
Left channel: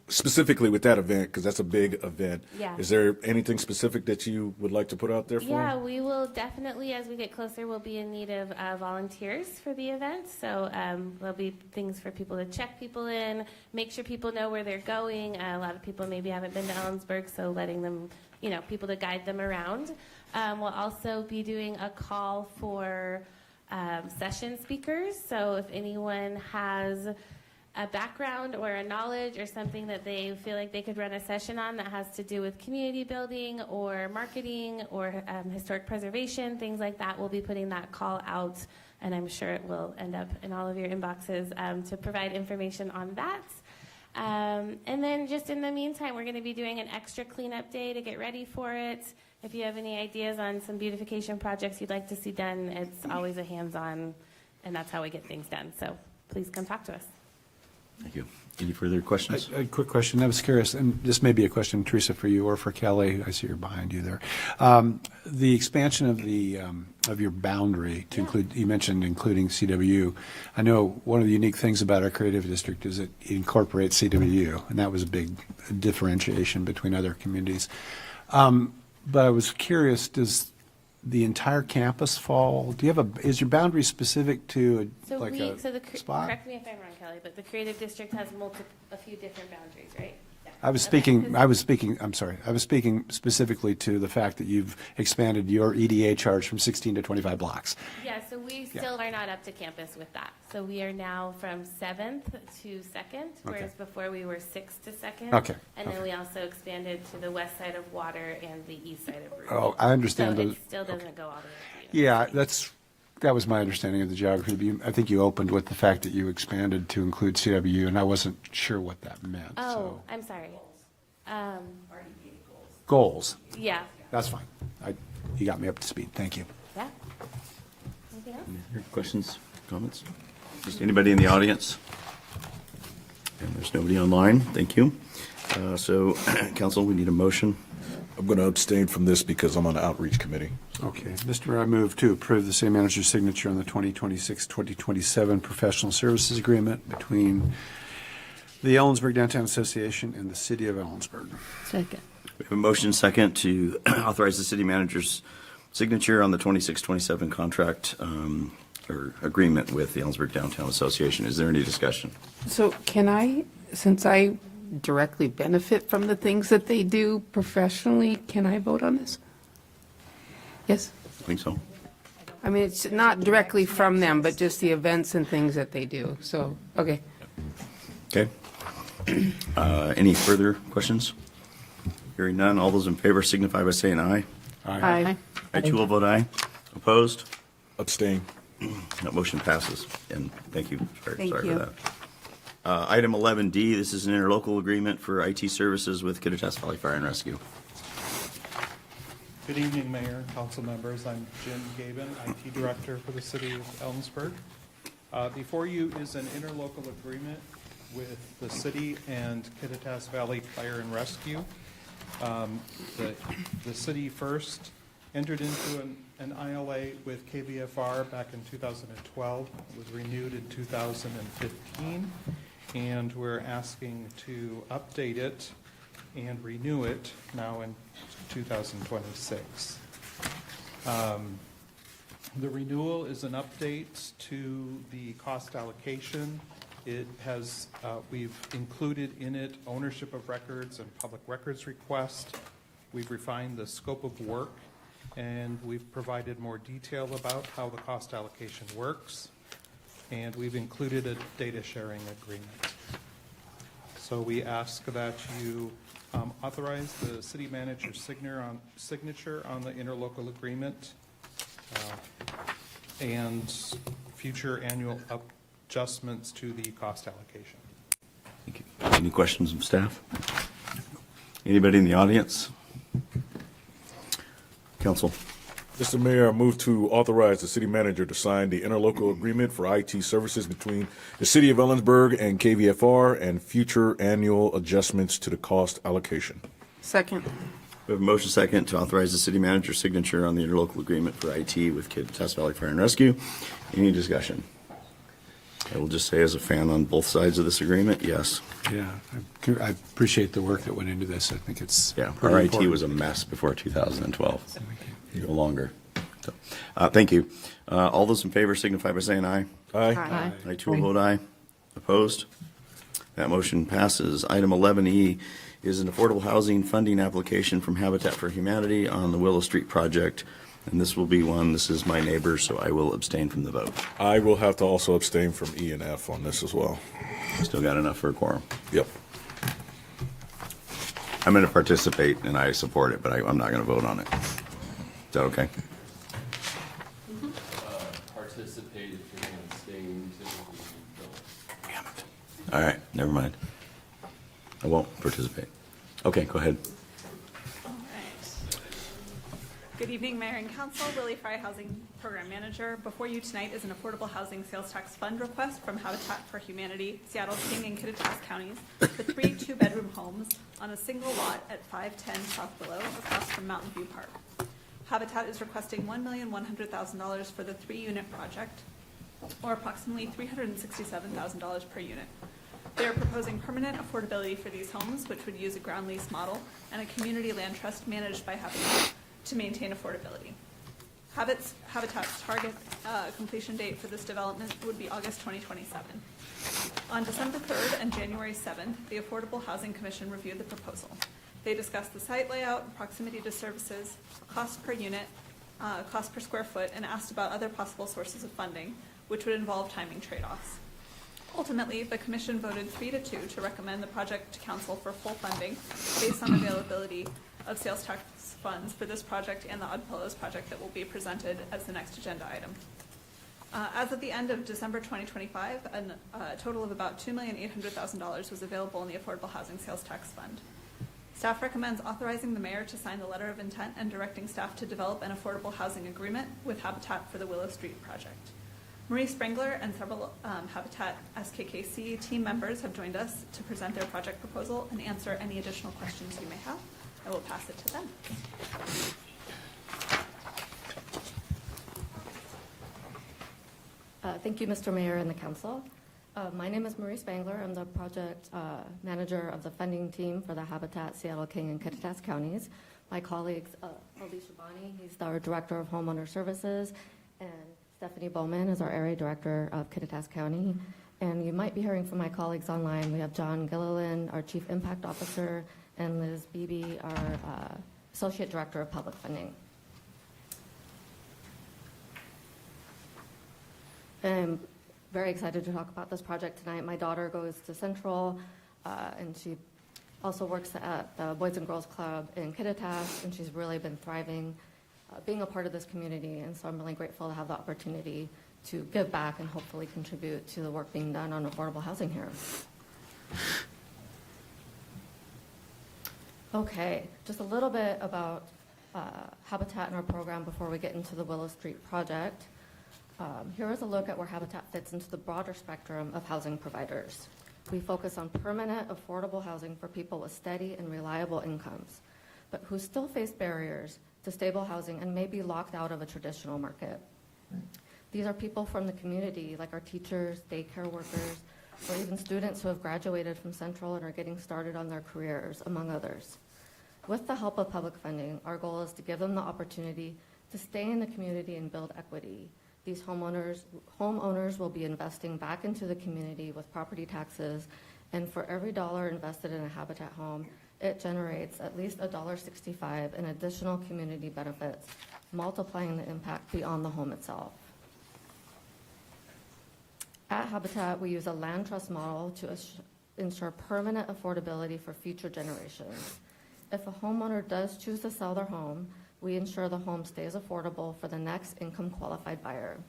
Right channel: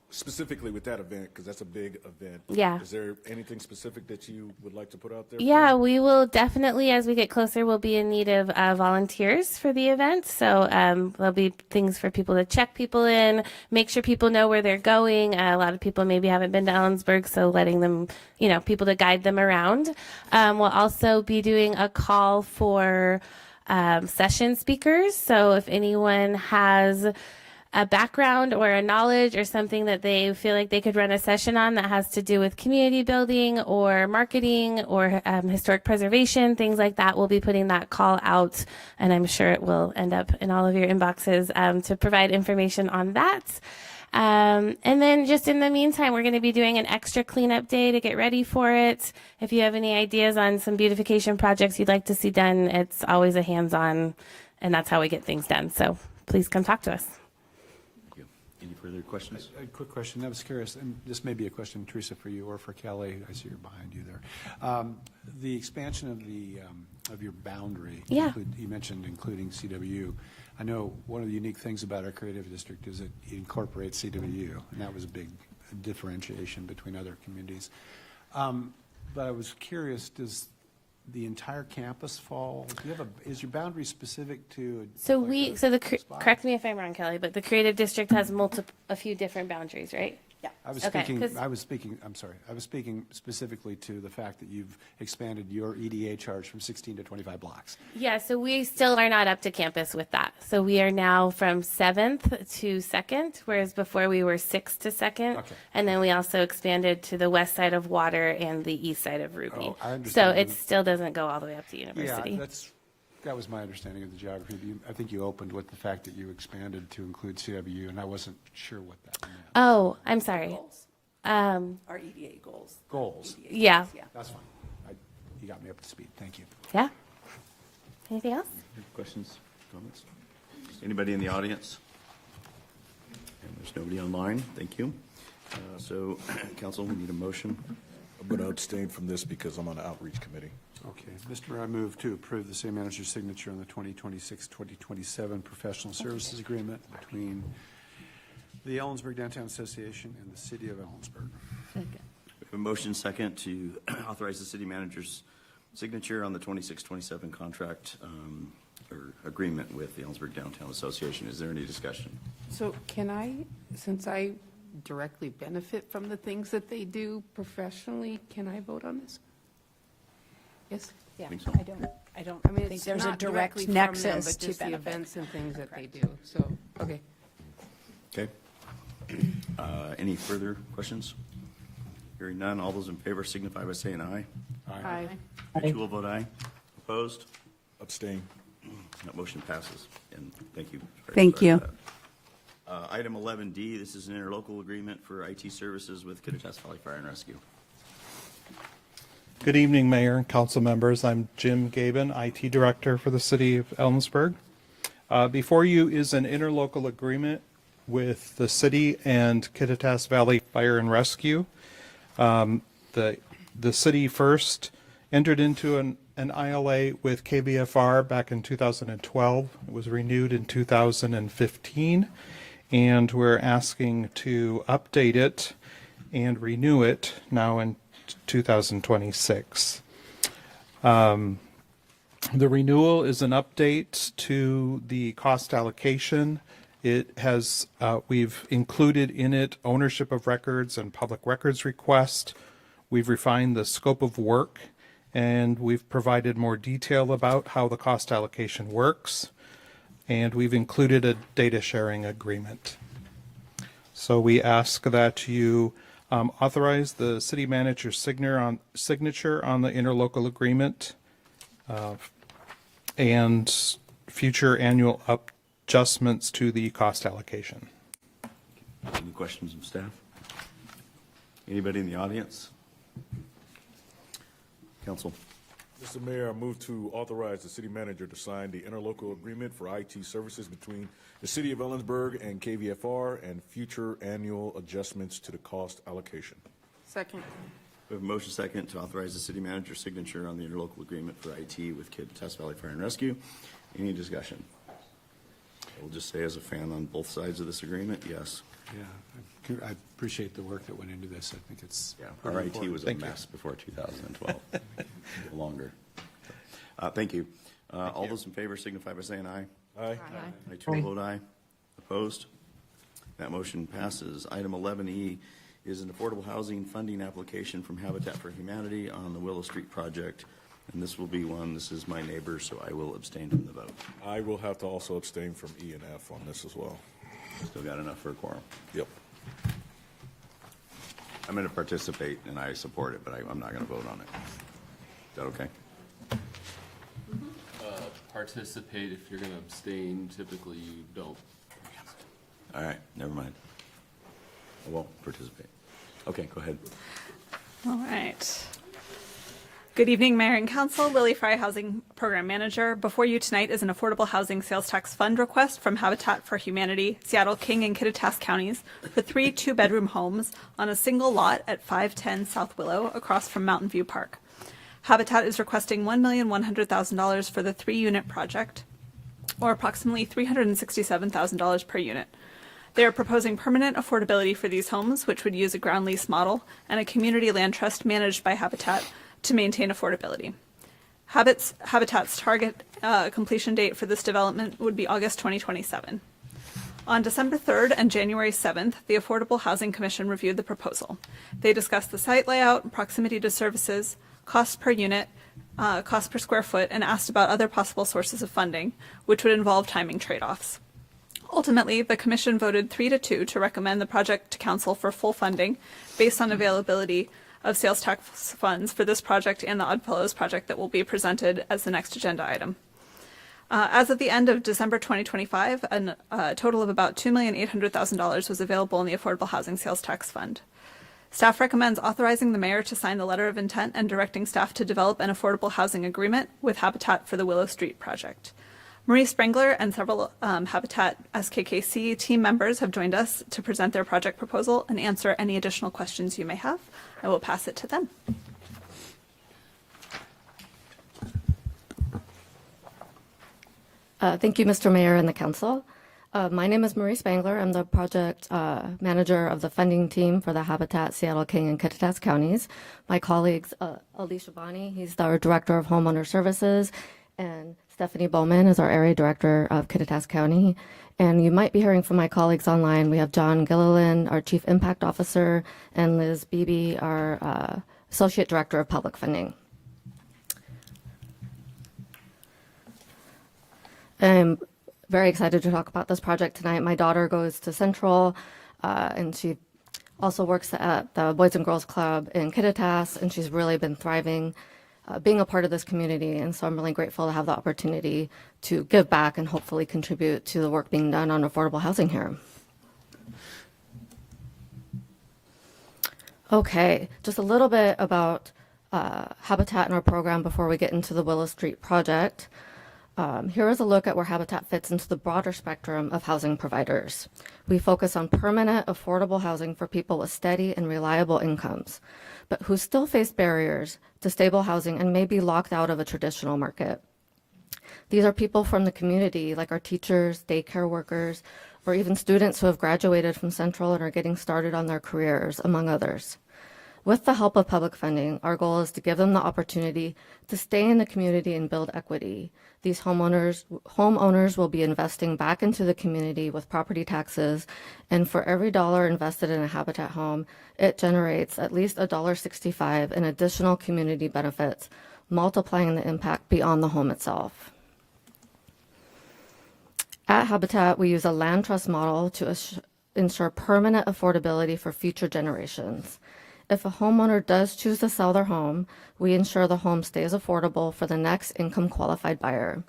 specifically with that event, because that's a big event. Yeah. Is there anything specific that you would like to put out there? Yeah, we will definitely, as we get closer, we'll be in need of volunteers for the event. So there'll be things for people to check people in, make sure people know where they're going. A lot of people maybe haven't been to Ellensburg, so letting them, people to guide them around. We'll also be doing a call for session speakers. So if anyone has a background or a knowledge or something that they feel like they could run a session on that has to do with community building or marketing or historic preservation, things like that, we'll be putting that call out, and I'm sure it will end up in all of your inboxes to provide information on that. And then just in the meantime, we're going to be doing an extra cleanup day to get ready for it. If you have any ideas on some beautification projects you'd like to see done, it's always a hands-on, and that's how we get things done. So please come talk to us. Thank you. Any further questions? A quick question. I was curious, and this may be a question, Teresa, for you or for Kelly. I see you're behind you there. The expansion of your boundary, to include, you mentioned including CWU. I know one of the unique things about our creative district is it incorporates CWU, and that was a big differentiation between other communities. But I was curious, does the entire campus fall? Do you have is your boundary specific to correct me if I'm wrong, Kelly, but the creative district has a few different boundaries, right? Yeah. I was speaking specifically to the fact that you've expanded your EDA charge from 16 to 25 blocks. Yeah, so we still are not up to campus with that. So we are now from 7th to 2nd, whereas before we were 6th to 2nd. Okay. And then we also expanded to the west side of Water and the east side of Ruby. Oh, I understand. So it still doesn't go all the way up to University. Yeah, that was my understanding of the geography. I think you opened with the fact that you expanded to include CWU, and I wasn't sure what that meant. Oh, I'm sorry. Our EDA goals. Goals. Yeah. That's fine. You got me up to speed. Thank you. Yeah. Anything else? Questions, comments? Just anybody in the audience? And there's nobody online. Thank you. So, council, we need a motion. I'm going to abstain from this because I'm on the outreach committee. Okay, Mr. Mayor, I move to approve the city manager's signature on the 2026-2027 professional services agreement between the Ellensburg Downtown Association and the city of Ellensburg. Second. We have a motion second to authorize the city manager's signature on the 26-27 contract or agreement with the Ellensburg Downtown Association. Is there any discussion? So can I, since I directly benefit from the things that they do professionally, can I vote on this? Yes? I think so. I mean, it's not directly from them, but just the events and things that they do. So, okay. Okay. Any further questions? Hearing none, all those in favor signify by saying aye. Aye. I too will vote aye. Opposed? Abstain. That motion passes, and thank you. Thank Sorry you. for that. Item 11D, this is an interlocal agreement for IT services with Kittitas Valley Fire and Rescue. Good evening, Mayor and council members. I'm Jim Gaben, IT Director for the City of Ellensburg. Before you is an interlocal agreement with the city and Kittitas Valley Fire and Rescue. The city first entered into an ILA with KBFR back in 2012. It was renewed in 2015, and we're asking to update it and renew it now in 2026. The renewal is an update to the cost allocation. It has, we've included in it ownership of records and public records request. We've refined the scope of work, and we've provided more detail about how the cost allocation works. And we've included a data sharing agreement. So we ask that you authorize the city manager's signature on the interlocal agreement and future annual adjustments to the cost allocation. Thank you. Any questions from staff? Anybody in the audience? Council. Mr. Mayor, I move to authorize the city manager to sign the interlocal agreement for IT services between the city of Ellensburg and KVFR and future annual adjustments to the cost allocation. Second. We have a motion second to authorize the city manager's signature on the interlocal agreement for IT with Kittitas Valley Fire and Rescue. Any discussion? I will just say, as a fan on both sides of this agreement, yes. Yeah, I appreciate the work that went into this. I think it's Yeah, pretty our IT important. was a Thank you. mess before 2012. No longer. So, thank you. All those in favor signify by saying aye. Aye. Aye. I too will vote aye. Opposed? That motion passes. Item 11E is an affordable housing funding application from Habitat for Humanity on the Willow Street project. And this will be one, this is my neighbor, so I will abstain from the vote. I will have to also abstain from E and F on this as well. Still got enough for a quorum. Yep. I'm going to participate and I support it, but I'm not going to vote on it. Is that okay? Participate if you're going to abstain. Typically, you don't. All right, never mind. I won't participate. Okay, go ahead. All right. Good evening, Mayor and Council. Lily Fry, Housing Program Manager. Before you tonight is an affordable housing sales tax fund request from Habitat for Humanity, Seattle, King, and Kittitas counties for 3 two-bedroom homes on a single lot at 510 South Willow across from Mountain View Park. Habitat is requesting $1,100,000 for the 3-unit project, or approximately $367,000 per unit. They are proposing permanent affordability for these homes, which would use a ground lease model and a community land trust managed by Habitat to maintain affordability. Habitat's target completion date for this development would be August 2027. On December 3rd and January 7th, the Affordable Housing Commission reviewed the proposal. They discussed the site layout, proximity to services, cost per unit, cost per square foot, and asked about other possible sources of funding, which would involve timing trade-offs. Ultimately, the commission voted 3-2 to recommend the project to council for full funding based on availability of sales tax funds for this project and the Oddfellows project that will be presented as the next agenda item. As of the end of December 2025, a total of about $2,800,000 was available in the Affordable Housing Sales Tax Fund. Staff recommends authorizing the mayor to sign the letter of intent and directing staff to develop an affordable housing agreement with Habitat for the Willow Street project. Marie Sprengler and several Habitat SKKC team members have joined us to present their project proposal and answer any additional questions you may have. I will pass it to them. Thank you, Mr. Mayor and the council. My name is Marie Spangler. I'm the project manager of the funding team for the Habitat Seattle, King, and Kittitas counties. My colleagues, Alicia Bonney, he's our director of homeowner services, and Stephanie Bowman is our area director of Kittitas County. And you might be hearing from my colleagues online. We have John Gilliland, our chief impact officer, and Liz Beebe, our associate director of public funding. I'm very excited to talk about this project tonight. My daughter goes to Central, and she also works at the Boys and Girls Club in Kittitas, and she's really been thriving being a part of this community. And so I'm really grateful to have the opportunity to give back and hopefully contribute to the work being done on affordable housing here. Okay, just a little bit about Habitat and our program before we get into the Willow Street project. Here is a look at where Habitat fits into the broader spectrum of housing providers. We focus on permanent, affordable housing for people with steady and reliable incomes, but who still face barriers to stable housing and may be locked out of a traditional market. These are people from the community, like our teachers, daycare workers, or even students who have graduated from Central and are getting started on their careers, among others. With the help of public funding, our goal is to give them the opportunity to stay in the community and build equity. These homeowners will be investing back into the community with property taxes, and for every dollar invested in a Habitat home, it generates at least $1.65 in additional community benefits, multiplying the impact beyond the home itself. At Habitat, we use a land trust model to ensure permanent affordability for future generations. If a homeowner does choose to sell their home, we ensure the home stays affordable for the next income qualified buyer.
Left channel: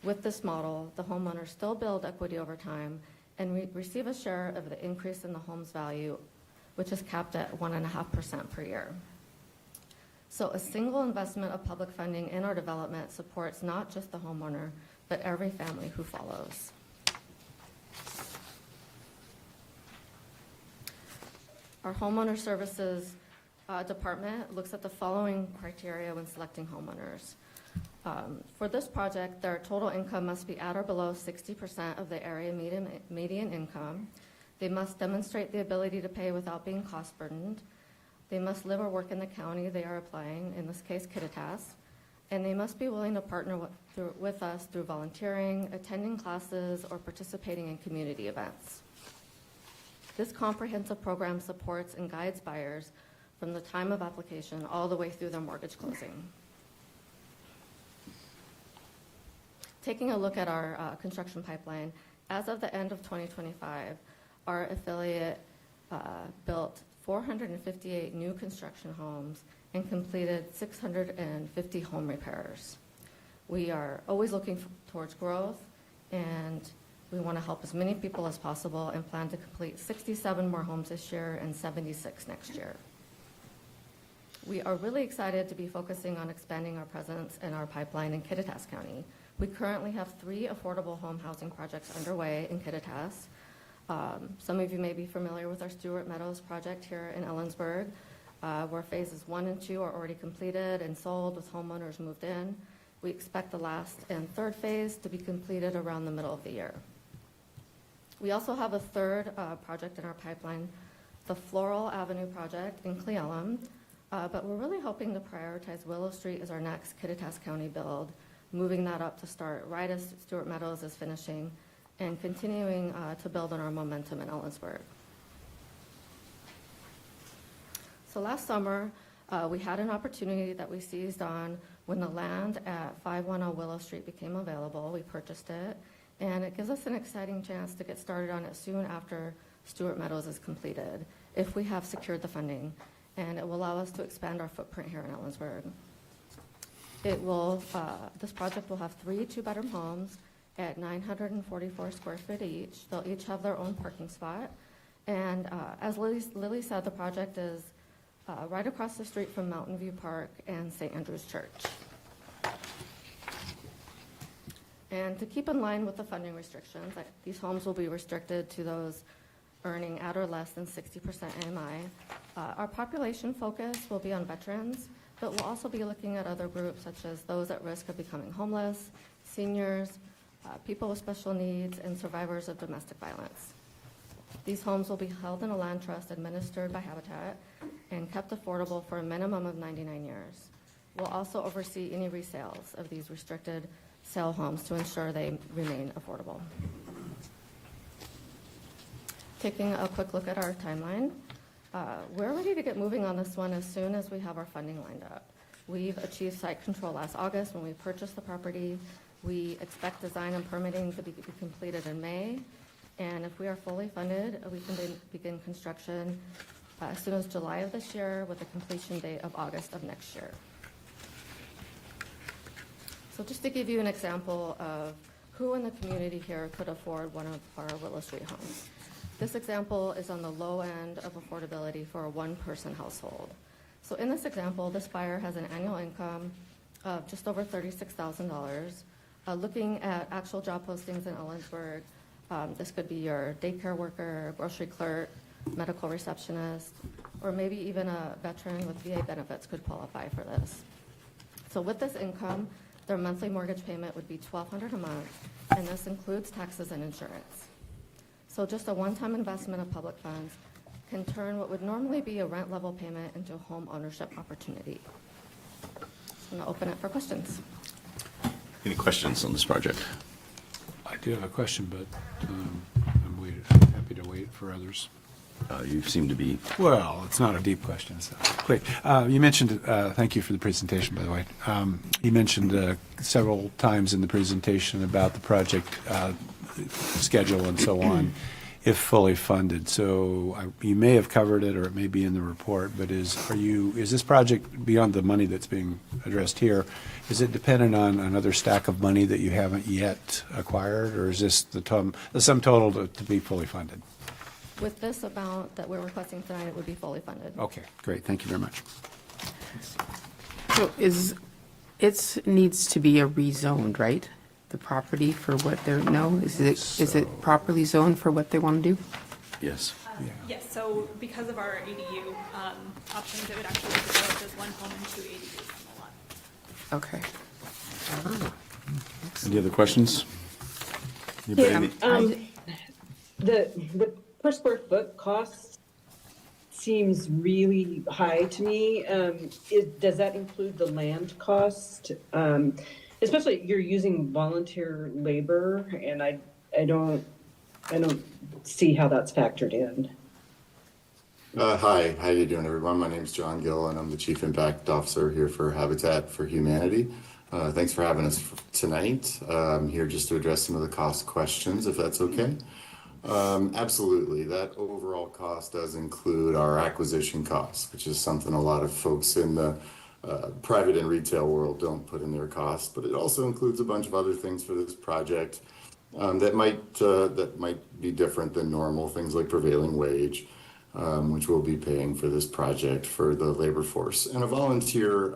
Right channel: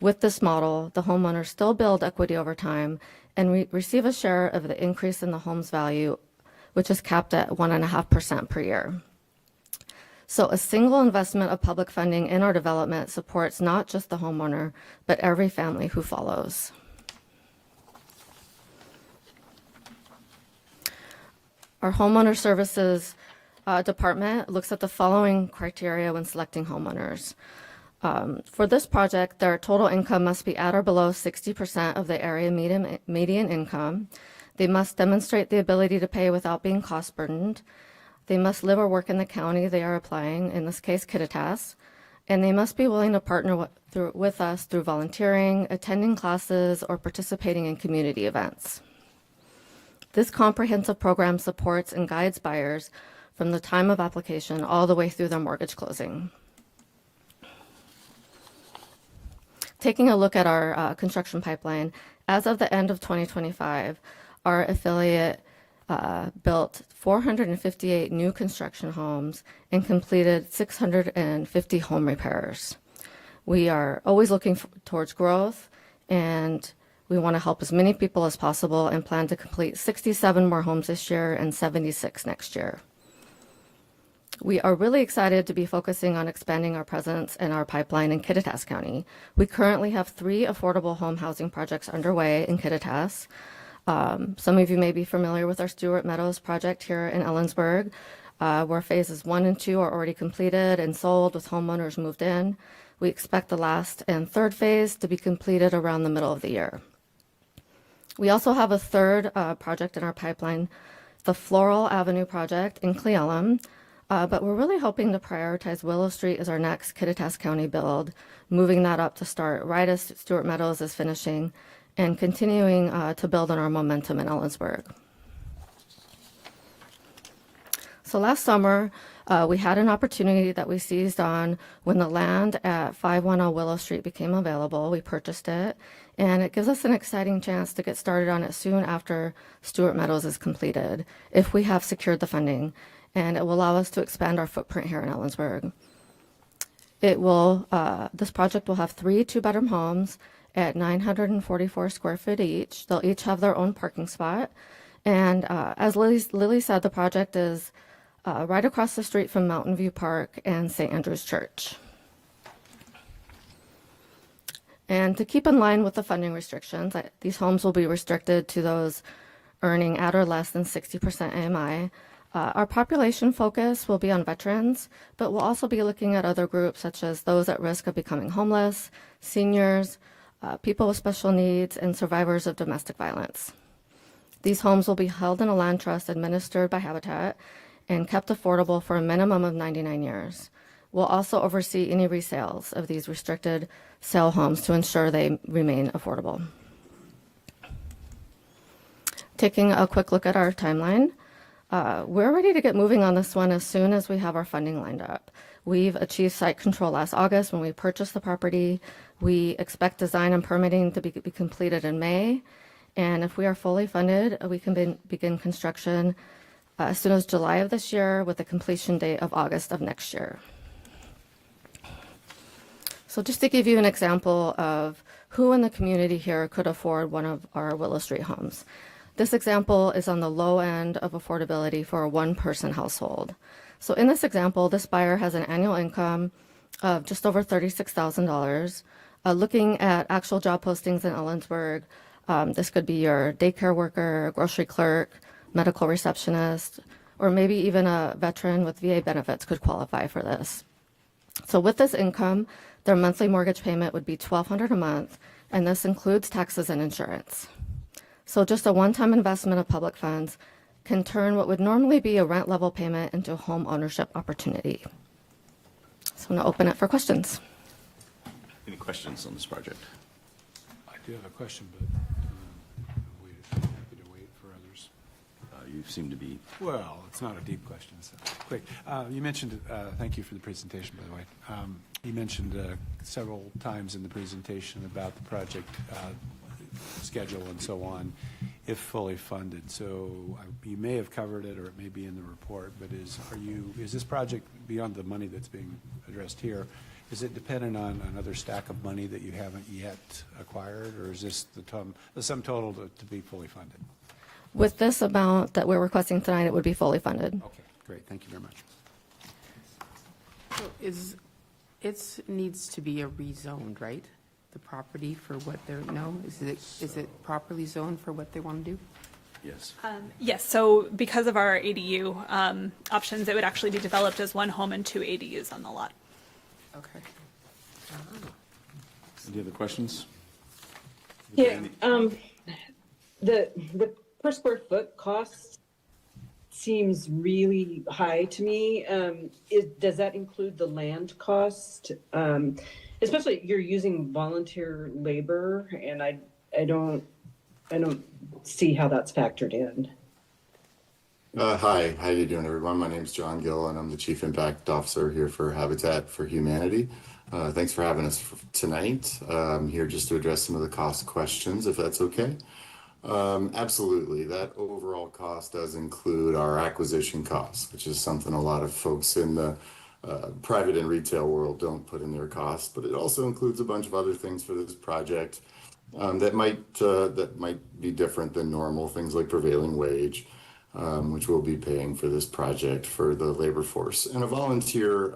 With this model, the homeowners still build equity over time and receive a share of the increase in the home's value, which is capped at 1.5% per year. So a single investment of public funding in our development supports not just the homeowner, but every family who follows. Our homeowner services department looks at the following criteria when selecting homeowners. For this project, their total income must be at or below 60% of the area median income. They must demonstrate the ability to pay without being cost burdened. They must live or work in the county they are applying, in this case Kittitas, and they must be willing to partner with us through volunteering, attending classes, or participating in community events. This comprehensive program supports and guides buyers from the time of application all the way through their mortgage closing. Taking a look at our construction pipeline, as of the end of 2025, our affiliate built 458 new construction homes and completed 650 home repairs. We are always looking towards growth, and we want to help as many people as possible and plan to complete 67 more homes this year and 76 next year. We are really excited to be focusing on expanding our presence and our pipeline in Kittitas County. We currently have 3 affordable home housing projects underway in Kittitas. Some of you may be familiar with our Stewart Meadows project here in Ellensburg, where phases 1 and 2 are already completed and sold with homeowners moved in. We expect the last and third phase to be completed around the middle of the year. We also have a third project in our pipeline, the Floral Avenue project in Cle Elum, but we're really hoping to prioritize Willow Street as our next Kittitas County build, moving that up to start right as Stewart Meadows is finishing, and continuing to build on our momentum in Ellensburg. So last summer, we had an opportunity that we seized on when the land at 510 Willow Street became available. We purchased it, and it gives us an exciting chance to get started on it soon after Stewart Meadows is completed, if we have secured the funding, and it will allow us to expand our footprint here in Ellensburg. This project will have 3 two-bedroom homes at 944 square feet each. They'll each have their own parking spot, and as Lily said, the project is right across the street from Mountain View Park and St. Andrew's Church. And to keep in line with the funding restrictions, these homes will be restricted to those earning at or less than 60% AMI. Our population focus will be on veterans, but we'll also be looking at other groups such as those at risk of becoming homeless, seniors, people with special needs, and survivors of domestic violence. These homes will be held in a land trust administered by Habitat and kept affordable for a minimum of 99 years. We'll also oversee any resales of these restricted sale homes to ensure they remain affordable. Taking a quick look at our timeline, we're ready to get moving on this one as soon as we have our funding lined up. We've achieved site control last August when we purchased the property. We expect design and permitting to be completed in May, and if we are fully funded, we can begin construction as soon as July of this year with a completion date of August of next year. So just to give you an example of who in the community here could afford one of our Willow Street homes. This example is on the low end of affordability for a one-person household. So in this example, this buyer has an annual income of just over $36,000. Looking at actual job postings in Ellensburg, this could be your daycare worker, grocery clerk, medical receptionist, or maybe even a veteran with VA benefits could qualify for this. So with this income, their monthly mortgage payment would be $1,200 a month, and this includes taxes and insurance. So just a one-time investment of public funds can turn what would normally be a rent level payment into a home ownership opportunity. So I'm gonna open it for questions. Any questions on this project? I do have a question, but I'm happy to wait for others. You seem to be. Well, it's not a deep question. So quick. You mentioned, thank you for the presentation, by the way. You mentioned several times in the presentation about the project schedule and so on, if fully funded. So you may have covered it, or it may be in the report. But is this project, beyond the money that's being addressed here, is it dependent on another stack of money that you haven't yet acquired, or is this the sum total to be fully funded? With this amount that we're requesting tonight, it would be fully funded. Okay, great. Thank you very much. So it needs to be a rezoned, right? The property for what they're, no? Is it properly zoned for what they want to do? Yes. Yes, so because of our ADU options, it would actually be developed as one home and 2 ADUs on the lot. Okay. Any other questions? Yeah, the per square foot cost seems really high to me. Does that include the land cost? Especially you're using volunteer labor, and I don't see how that's factored in. Hi, how you doing, everyone? My name's John Gill, and I'm the Chief Impact Officer here for Habitat for Humanity. Thanks for having us tonight. I'm here just to address some of the cost questions, if that's okay. Absolutely. That overall cost does include our acquisition costs, which is something a lot of folks in the private and retail world don't put in their costs, but it also includes a bunch of other things for this project that might be different than normal, things like prevailing wage, which we'll be paying for this project for the labor force. And a volunteer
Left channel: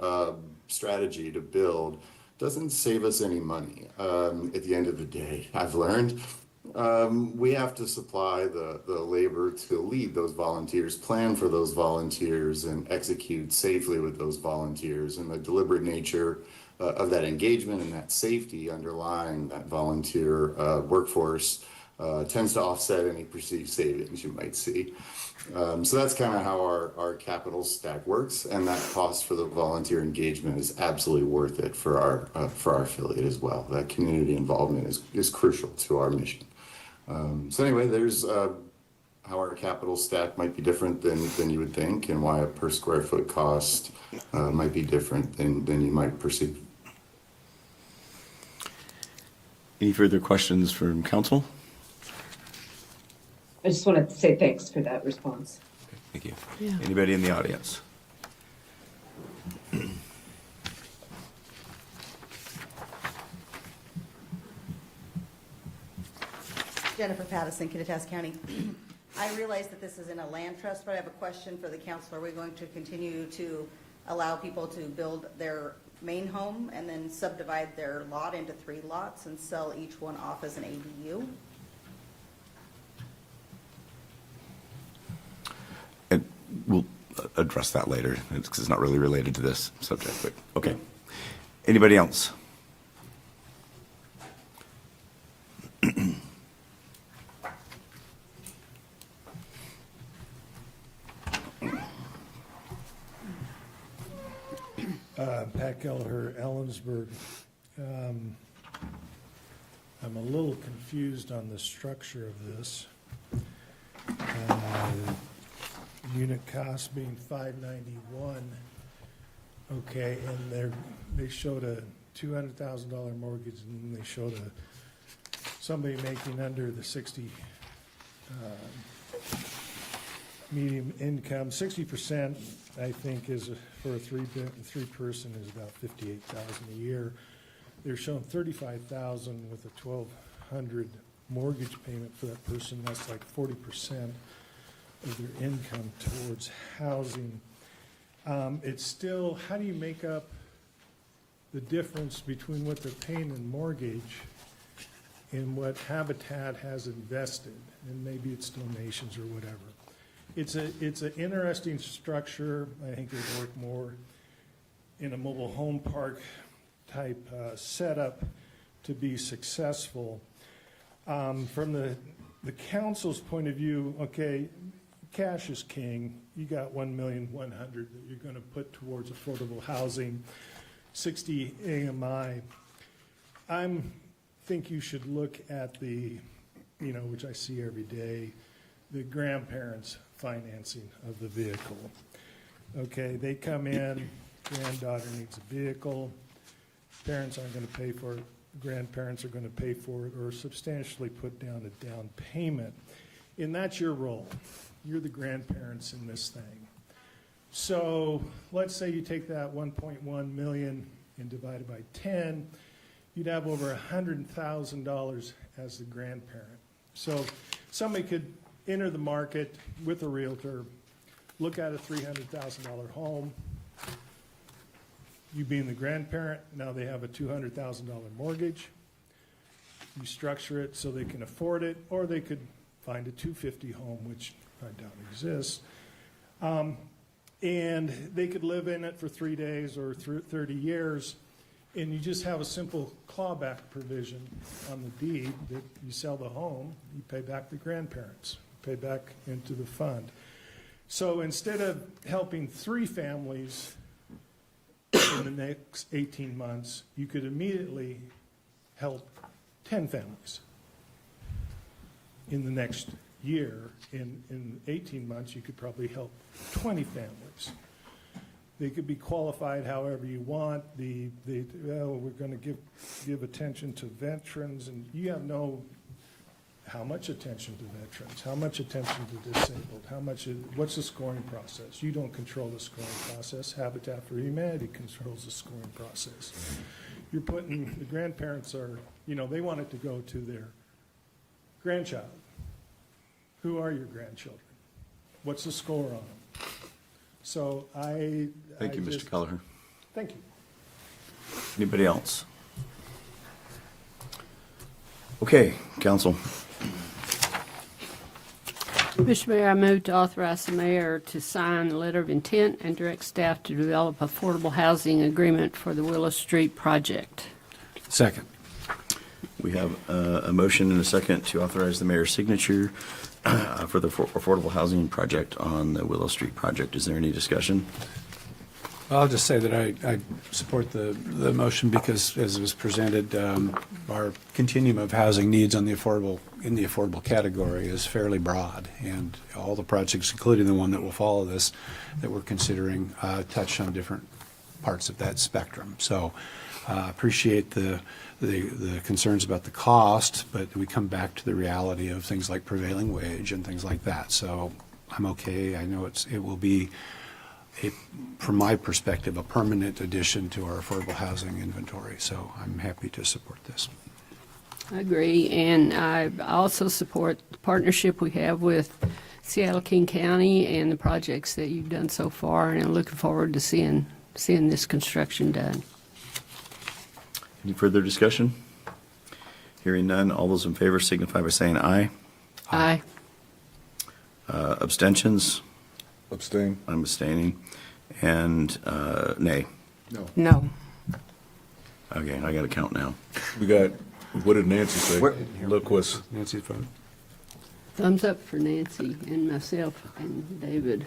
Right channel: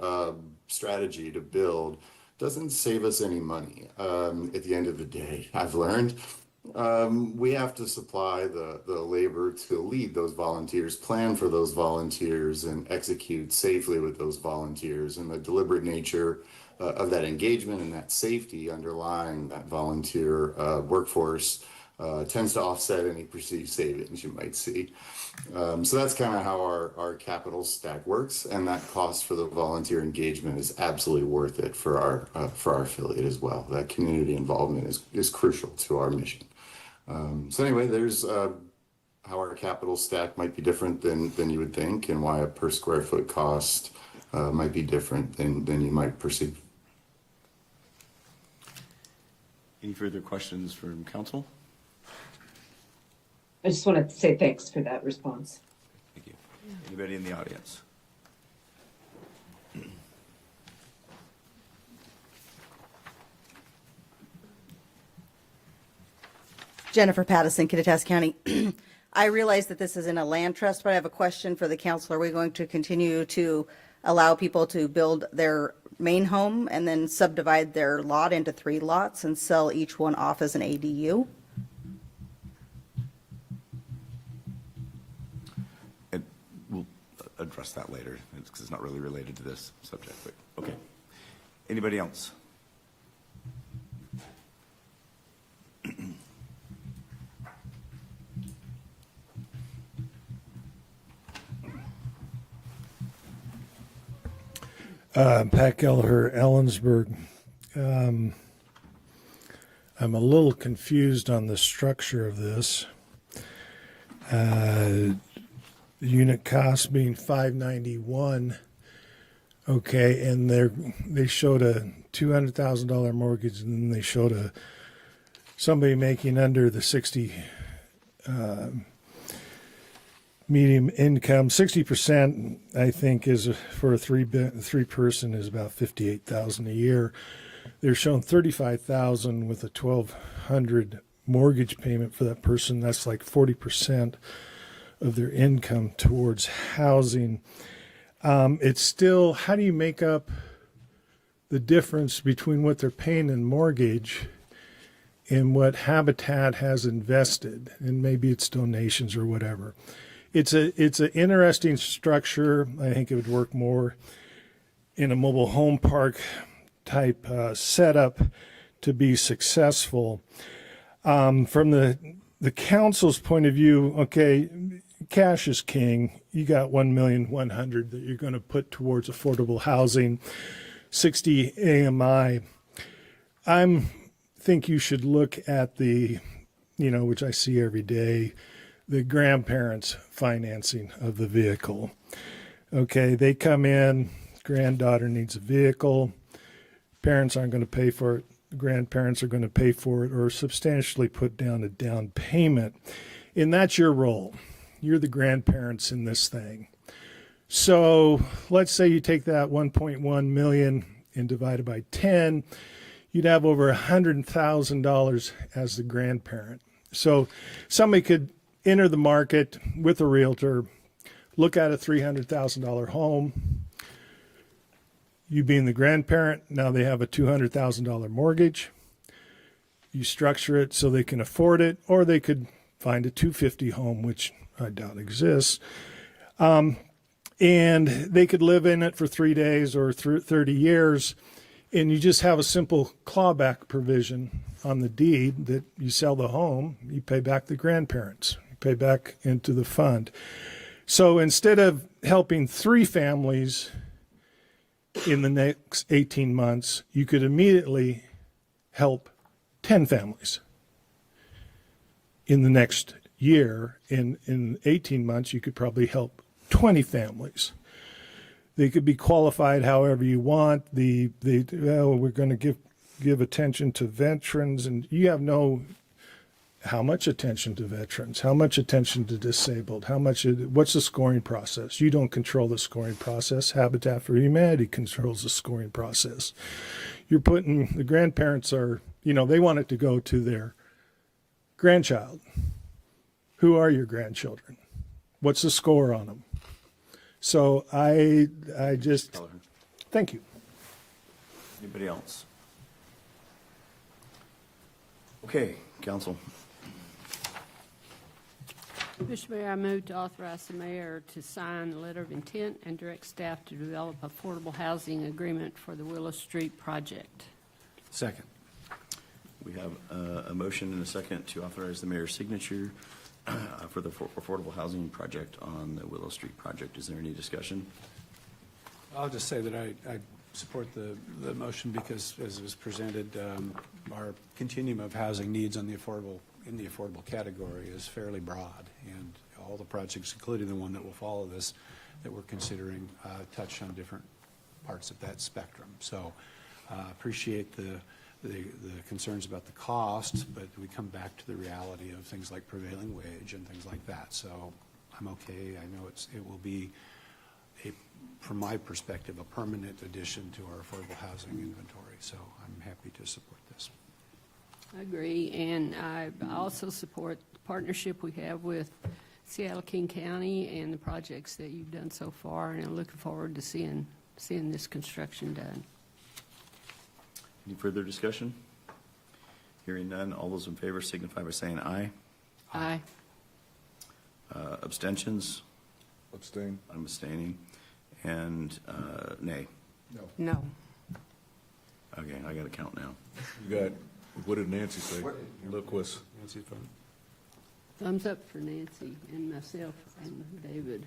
strategy to build doesn't save us any money. At the end of the day, I've learned we have to supply the labor to lead those volunteers, plan for those volunteers, and execute safely with those volunteers. And the deliberate nature of that engagement and that safety underlying that volunteer workforce tends to offset any perceived savings you might see. So that's kind of how our capital stack works, and that cost for the volunteer engagement is absolutely worth it for our affiliate as well. That community involvement is crucial to our mission. So anyway, there's how our capital stack might be different than you would think, and why a per square foot cost might be different than you might perceive. Any further questions from council? I just wanted to say thanks for that response. Thank you. Yeah. Anybody in the audience? Jennifer Pattison, Kittitas County. I realize that this isn't a land trust, but I have a question for the council. Are we going to continue to allow people to build their main home and then subdivide their lot into 3 lots and sell each one off as an ADU? And we'll address that later, because it's not really related to this subject, but okay. Anybody else? Pat Kelleher, Ellensburg. I'm a little confused on the structure of this. Unit cost being $591. Okay, and they showed a $200,000 mortgage, and then they showed somebody making under the 60 medium income. 60%, I think, is for a three person is about 58,000 a year. They're showing 35,000 with a 1,200 mortgage payment for that person. That's like 40% of their income towards housing. It's still, how do you make up the difference between what they're paying in mortgage and what Habitat has invested? And maybe it's donations or whatever. It's an interesting structure. I think it would work more in a mobile home park type setup to be successful. From the council's point of view, okay, cash is king. You got 1,100,000 that you're going to put towards affordable housing, 60 AMI. Think you should look at the, which I see every day, the grandparents' financing of the vehicle. Okay, they come in, granddaughter needs a vehicle, parents aren't going to pay for it, grandparents are going to pay for it or substantially put down a down payment. And that's your role. You're the grandparents in this thing. So let's say you take that 1.1 million and divide it by 10, you'd have over $100,000 as the grandparent. So somebody could enter the market with a realtor, look at a $300,000 home. You being the grandparent, now they have a $200,000 mortgage. You structure it so they can afford it, or they could find a $250,000 home, which I doubt exists. And they could live in it for 3 days or 30 years. And you just have a simple clawback provision on the deed that you sell the home, you pay back the grandparents, you pay back into the fund. So instead of helping 3 families in the next 18 months, you could immediately help 10 families in the next year. In 18 months, you could probably help 20 families. They could be qualified however you want. We're going to give attention to veterans, and you have how much attention to veterans, how much attention to disabled, what's the scoring process? You don't control the scoring process. Habitat for Humanity controls the scoring process. You're putting, the grandparents are, they want it to go to their grandchild. Who are your grandchildren? What's the score on them? So Thank you, Mr. Kelleher. Thank you. Anybody else? Okay, council. Mr. Mayor, I move to authorize the mayor to sign the letter of intent and direct staff to develop affordable housing agreement for the Willow Street project. Second. We have a motion and a second to authorize the mayor's signature for the affordable housing project on the Willow Street project. Is there any discussion? I'll just say that I support the motion because, as it was presented, our continuum of housing needs in the affordable category is fairly broad, and all the projects, including the one that will follow this, that we're considering, touch on different parts of that spectrum. So, appreciate the concerns about the cost, but we come back to the reality of things like prevailing wage and things like that. So, I'm okay. I know it will be, from my perspective, a permanent addition to our affordable housing inventory. So I'm happy to support this. I agree, and I also support the partnership we have with Seattle King County and the projects that you've done so far, and I'm looking forward to seeing this construction done. Any further discussion? Hearing none, all those in favor signify by saying aye. Aye. Abstentions? Abstain. I'm abstaining. And nay. No. Okay, I got to count now. We got, what did Nancy say? Look what's. Nancy's vote. Thumbs up for Nancy and myself and David.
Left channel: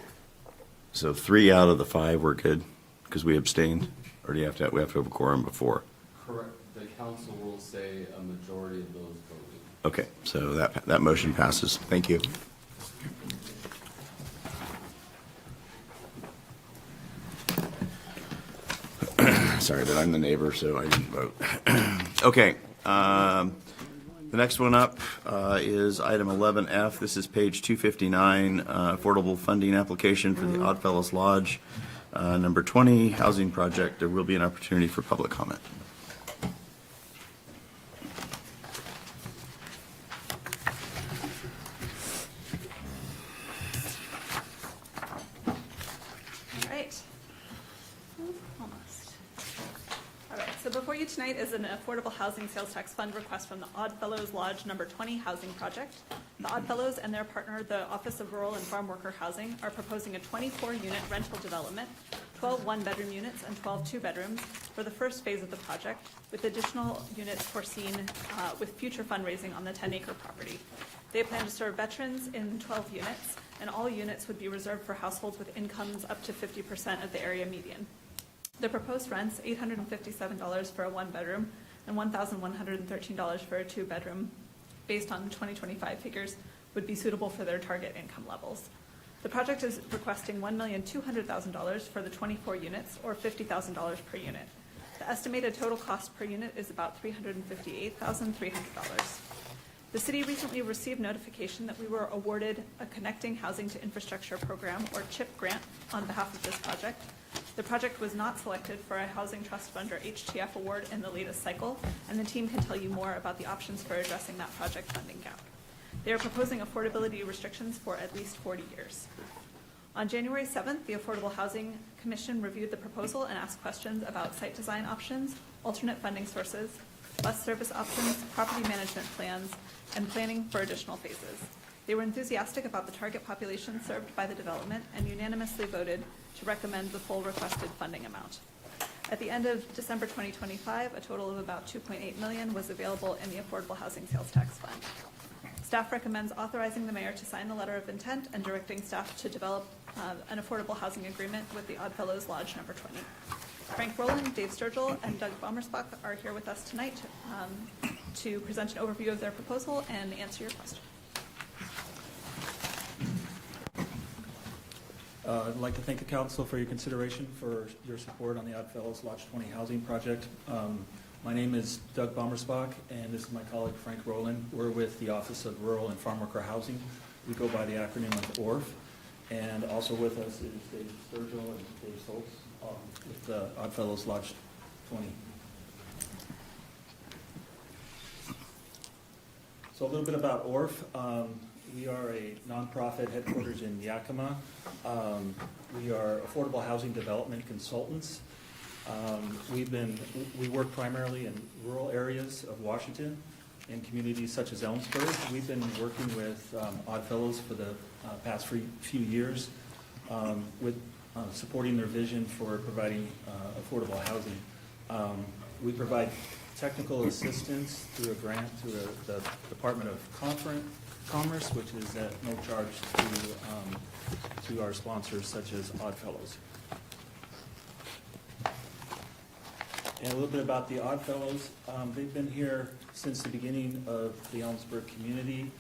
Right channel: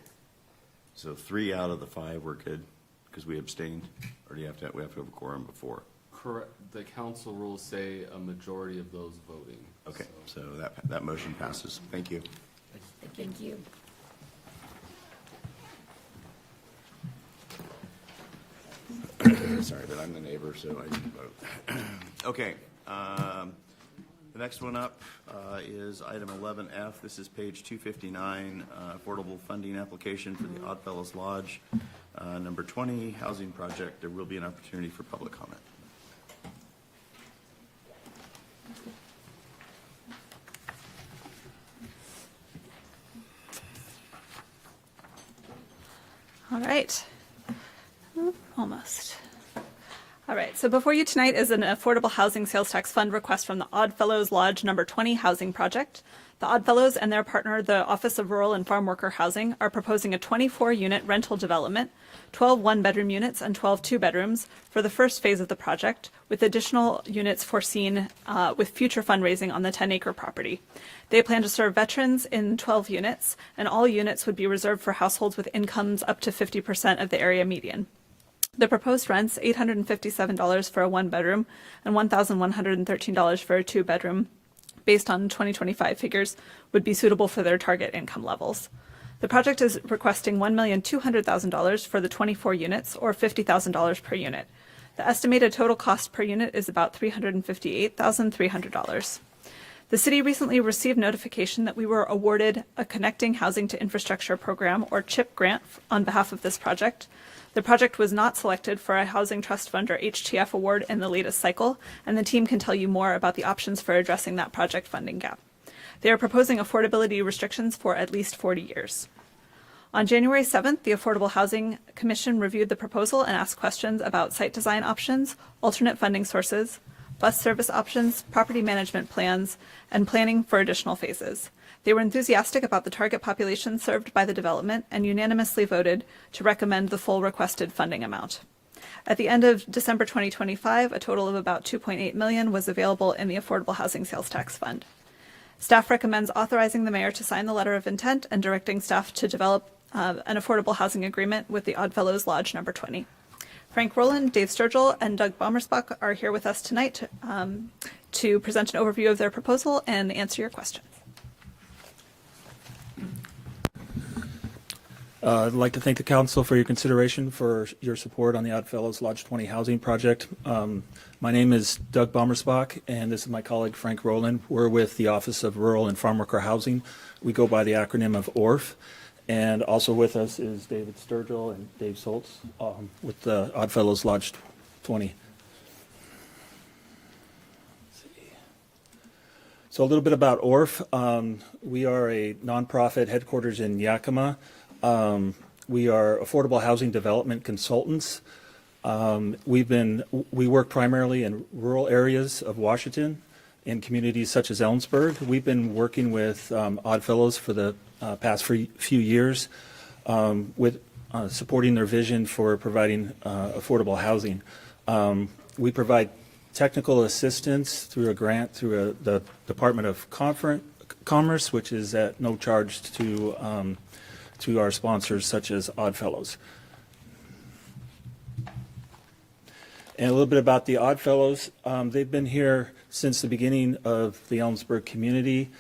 So 3 out of the 5 were good because we abstained, or do we have to have a quorum before? Correct. The council will say a majority of those voting. Okay, so that motion passes. Thank you. Thank you. Sorry that I'm the neighbor, so I didn't vote. Okay. The next one up is item 11F. This is page 259, affordable funding application for the Oddfellows Lodge, number 20, housing project. There will be an opportunity for public comment. All right. Oop, almost. All right, so before you tonight is an affordable housing sales tax fund request from the Oddfellows Lodge number 20 housing project. The Oddfellows and their partner, the Office of Rural and Farm Worker Housing, are proposing a 24-unit rental development, 12 one-bedroom units and 12 two-bedrooms for the first phase of the project, with additional units foreseen with future fundraising on the 10-acre property. They plan to serve veterans in 12 units, and all units would be reserved for households with incomes up to 50% of the area median. The proposed rents, $857 for a one-bedroom and $1,113 for a two-bedroom, based on 2025 figures, would be suitable for their target income levels. The project is requesting $1,200,000 for the 24 units, or $50,000 per unit. The estimated total cost per unit is about $358,300. The city recently received notification that we were awarded a Connecting Housing to Infrastructure Program, or CHIP grant, on behalf of this project. The project was not selected for a Housing Trust Fund or HTF award in the latest cycle, and the team can tell you more about the options for addressing that project funding gap. They are proposing affordability restrictions for at least 40 years. On January 7th, the Affordable Housing Commission reviewed the proposal and asked questions about site design options, alternate funding sources, bus service options, property management plans, and planning for additional phases. They were enthusiastic about the target population served by the development and unanimously voted to recommend the full requested funding amount. At the end of December 2025, a total of about $2.8 million was available in the Affordable Housing Sales Tax Fund. Staff recommends authorizing the mayor to sign the letter of intent and directing staff to develop an affordable housing agreement with the Oddfellows Lodge number 20. Frank Rowland, Dave Sturgill, and Doug Bommersbach are here with us tonight to present an overview of their proposal and answer your question. I'd like to thank the council for your consideration for your support on the Oddfellows Lodge 20 housing project. My name is Doug Bommersbach, and this is my colleague Frank Rowland. We're with the Office of Rural and Farm Worker Housing. We go by the acronym of ORF. And also with us is David Sturgill and Dave Soltz with the Oddfellows Lodge 20. So a little bit about ORF. We are a nonprofit headquarters in Yakima. We are affordable housing development consultants. We work primarily in rural areas of Washington, in communities such as Ellensburg. We've been working with Oddfellows for the past few years with supporting their vision for providing affordable housing. We provide technical assistance through a grant through the Department of Commerce, which is at no charge to our sponsors such as Oddfellows. And a little bit about the Oddfellows. They've been here since the beginning of the Ellensburg community.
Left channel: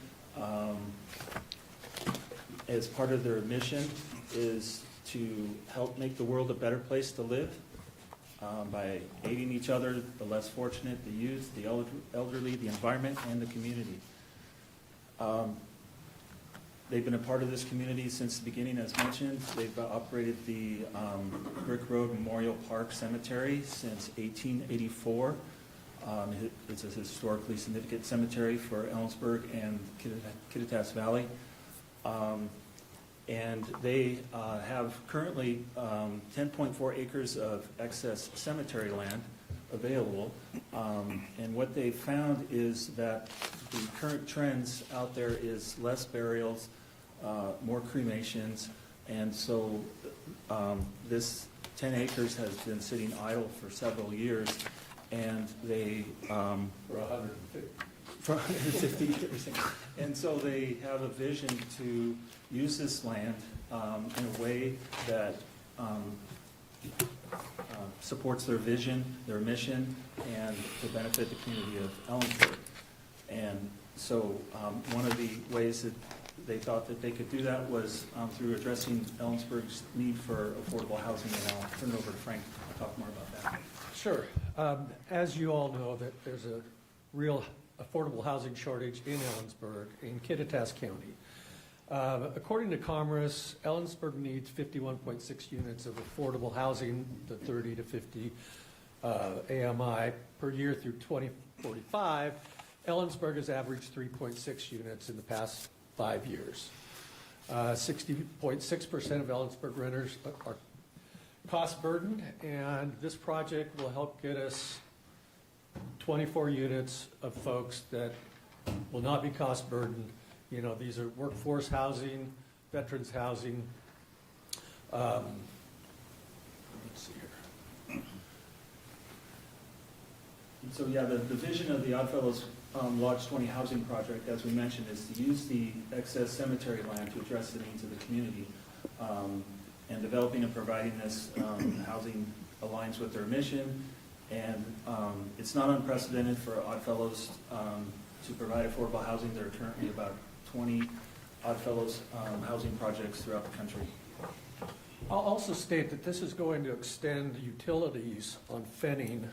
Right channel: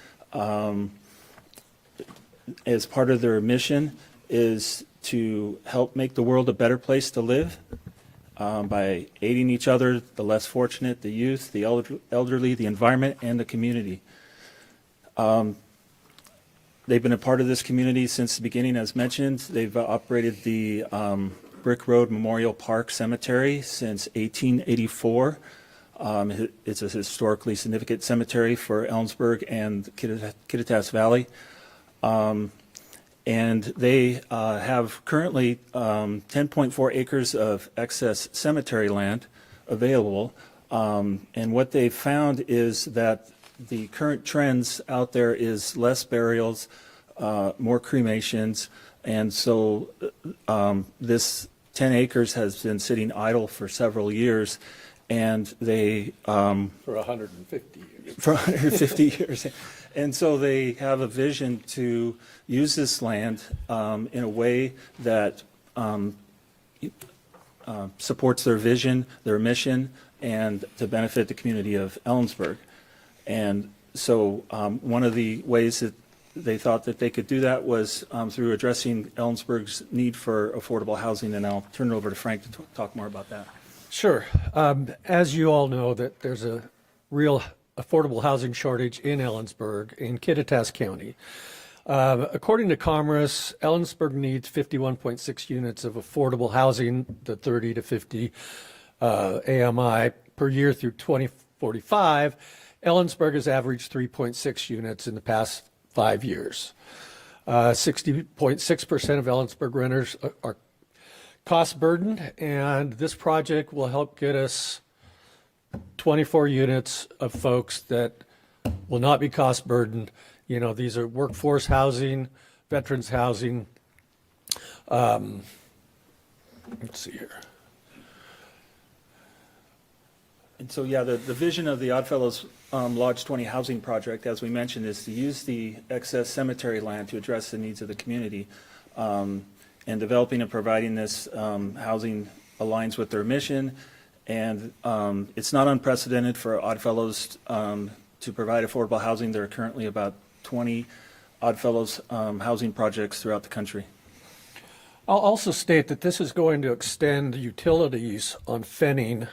As part of their mission is to help make the world a better place to live by aiding each other, the less fortunate, the youth, the elderly, the environment, and the community. They've been a part of this community since the beginning, as mentioned. They've operated the Brick Road Memorial Park Cemetery since 1884. It's a historically significant cemetery for Ellensburg and Kittitas Valley. And they have currently 10.4 acres of excess cemetery land available. And what they've found is that the current trends out there is less burials, more cremations, and so this 10 acres has been sitting idle for several years, and they For 150 years. for 150 years. And so they have a vision to use this land in a way that supports their vision, their mission, and to benefit the community of Ellensburg. And so one of the ways that they thought that they could do that was through addressing Ellensburg's need for affordable housing, and I'll turn it over to Frank to talk more about that. Sure. As you all know, that there's a real affordable housing shortage in Ellensburg in Kittitas County. According to Commerce, Ellensburg needs 51.6 units of affordable housing, the 30 to 50 AMI per year through 2045. Ellensburg has averaged 3.6 units in the past 5 years. 60.6% of Ellensburg renters are cost burdened, and this project will help get us 24 units of folks that will not be cost burdened. You know, these are workforce housing, veterans housing. Let's see here. And so, yeah, the vision of the Oddfellows Lodge 20 housing project, as we mentioned, is to use the excess cemetery land to address the needs of the community. And developing and providing this housing aligns with their mission. And it's not unprecedented for Oddfellows to provide affordable housing. There are currently about 20 Oddfellows housing projects throughout the country. I'll also state that this is going to extend utilities on Fenning,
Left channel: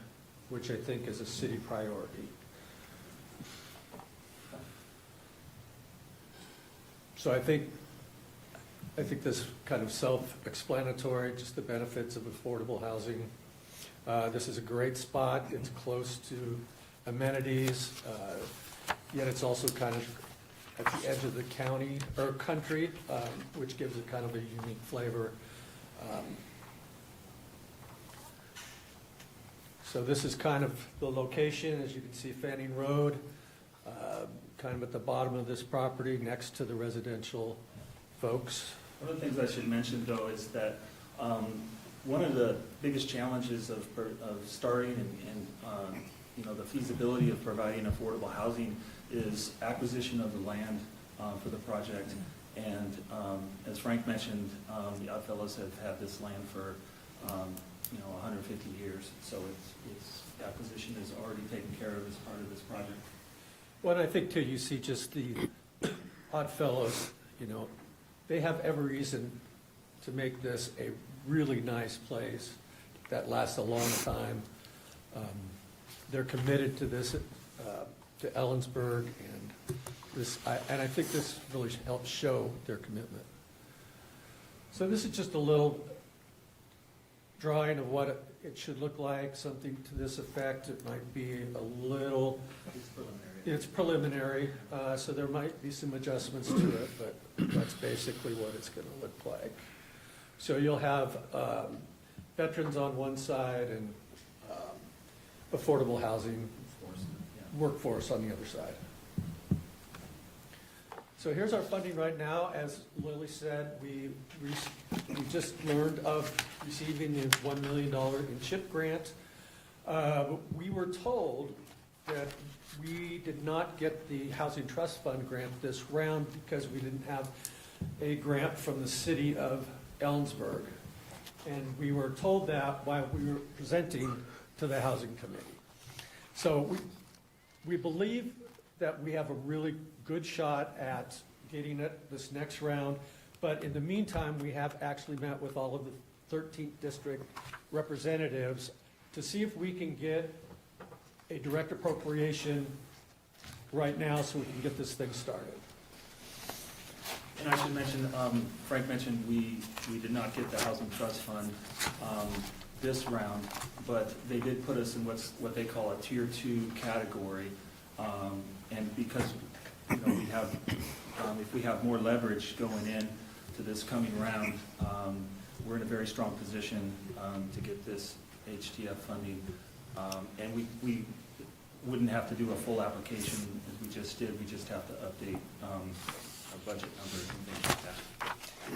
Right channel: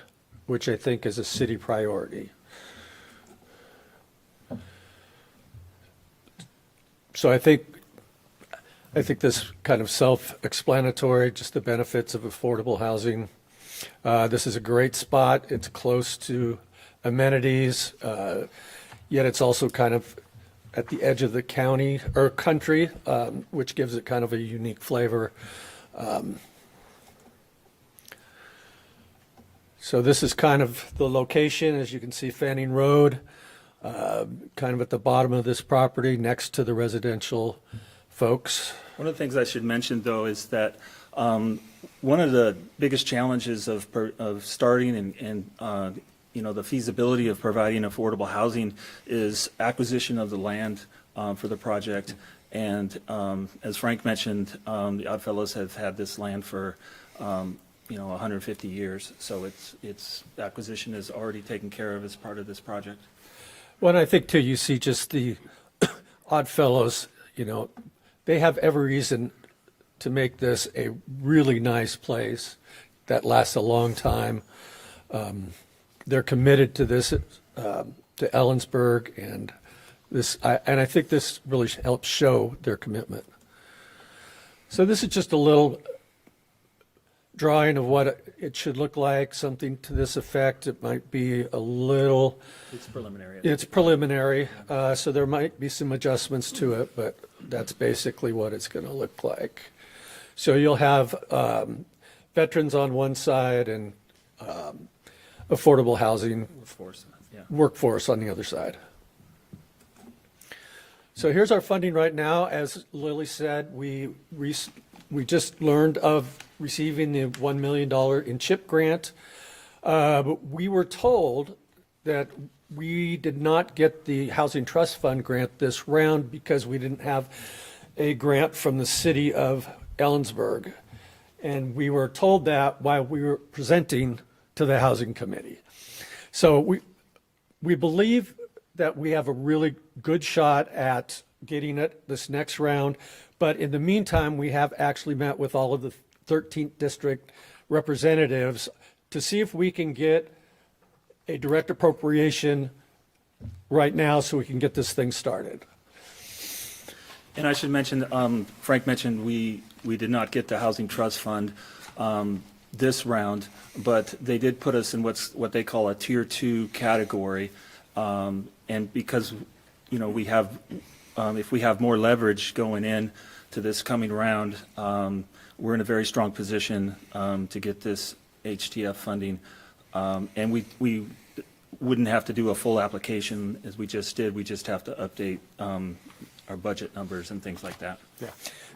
which I think is a city priority. So I think this kind of self-explanatory, just the benefits of affordable housing. This is a great spot. It's close to amenities, yet it's also kind of at the edge of the county or country, which gives it kind of a unique flavor. So this is kind of the location, as you can see, Fanning Road, kind of at the bottom of this property next to the residential folks. One of the things I should mention, though, is that one of the biggest challenges of starting and you know, the feasibility of providing affordable housing is acquisition of the land for the project. And as Frank mentioned, the Oddfellows have had this land for you know, 150 years. So its acquisition is already taken care of as part of this project. Well, I think too, you see just the Oddfellows, you know, they have every reason to make this a really nice place that lasts a long time. They're committed to this, to Ellensburg, and I think this really helps show their commitment. So this is just a little drawing of what it should look like, something to this effect. It might be a little. It's preliminary. It's preliminary, so there might be some adjustments to it, but that's basically what it's going to look like. So you'll have veterans on one side and affordable housing workforce on the other side. So here's our funding right now. As Lily said, we just learned of receiving the $1 million in CHIP grant. But we were told that we did not get the Housing Trust Fund grant this round because we didn't have a grant from the city of Ellensburg. And we were told that while we were presenting to the Housing Committee. So we believe that we have a really good shot at getting it this next round. But in the meantime, we have actually met with all of the 13th district representatives to see if we can get a direct appropriation right now so we can get this thing started. And I should mention, Frank mentioned we did not get the Housing Trust Fund this round, but they did put us in what they call a Tier 2 category. And because, you know, we have, if we have more leverage going in to this coming round, we're in a very strong position to get this HTF funding. And we wouldn't have to do a full application as we just did. We just have to update our budget numbers and things like that.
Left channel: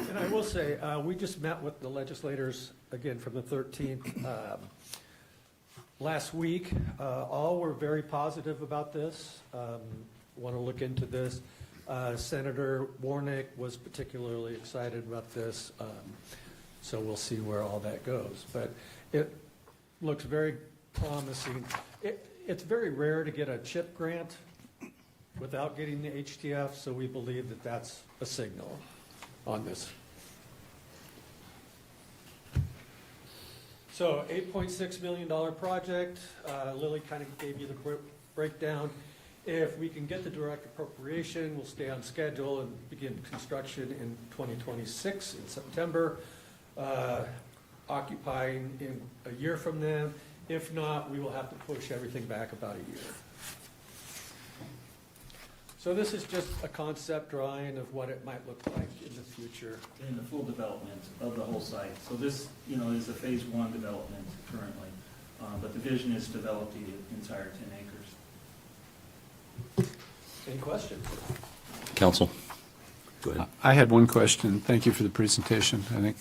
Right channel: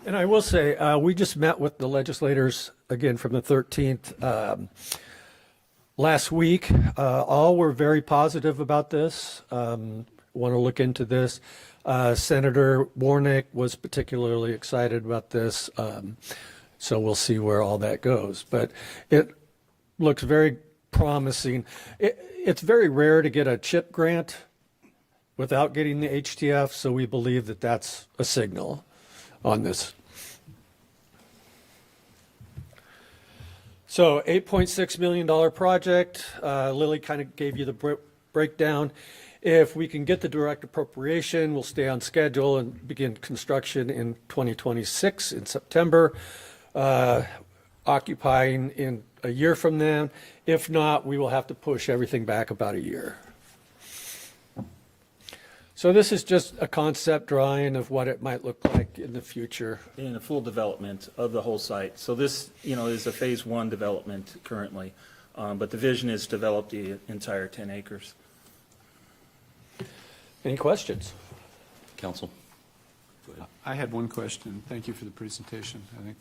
And I will say, we just met with the legislators, again, from the 13th last week. All were very positive about this, want to look into this. Senator Warnick was particularly excited about this, so we'll see where all that goes. But it looks very promising. It's very rare to get a CHIP grant without getting the HTF, so we believe that that's a signal on this. So $8.6 million project. Lily kind of gave you the breakdown. If we can get the direct appropriation, we'll stay on schedule and begin construction in 2026 in September, occupying in a year from then. If not, we will have to push everything back about a year. So this is just a concept drawing of what it might look like in the future. In a full development of the whole site. So this, is a phase 1 development currently, but the vision is to develop the entire 10 acres. Any questions? Council? Go ahead. I had one question. Thank you for the presentation. I think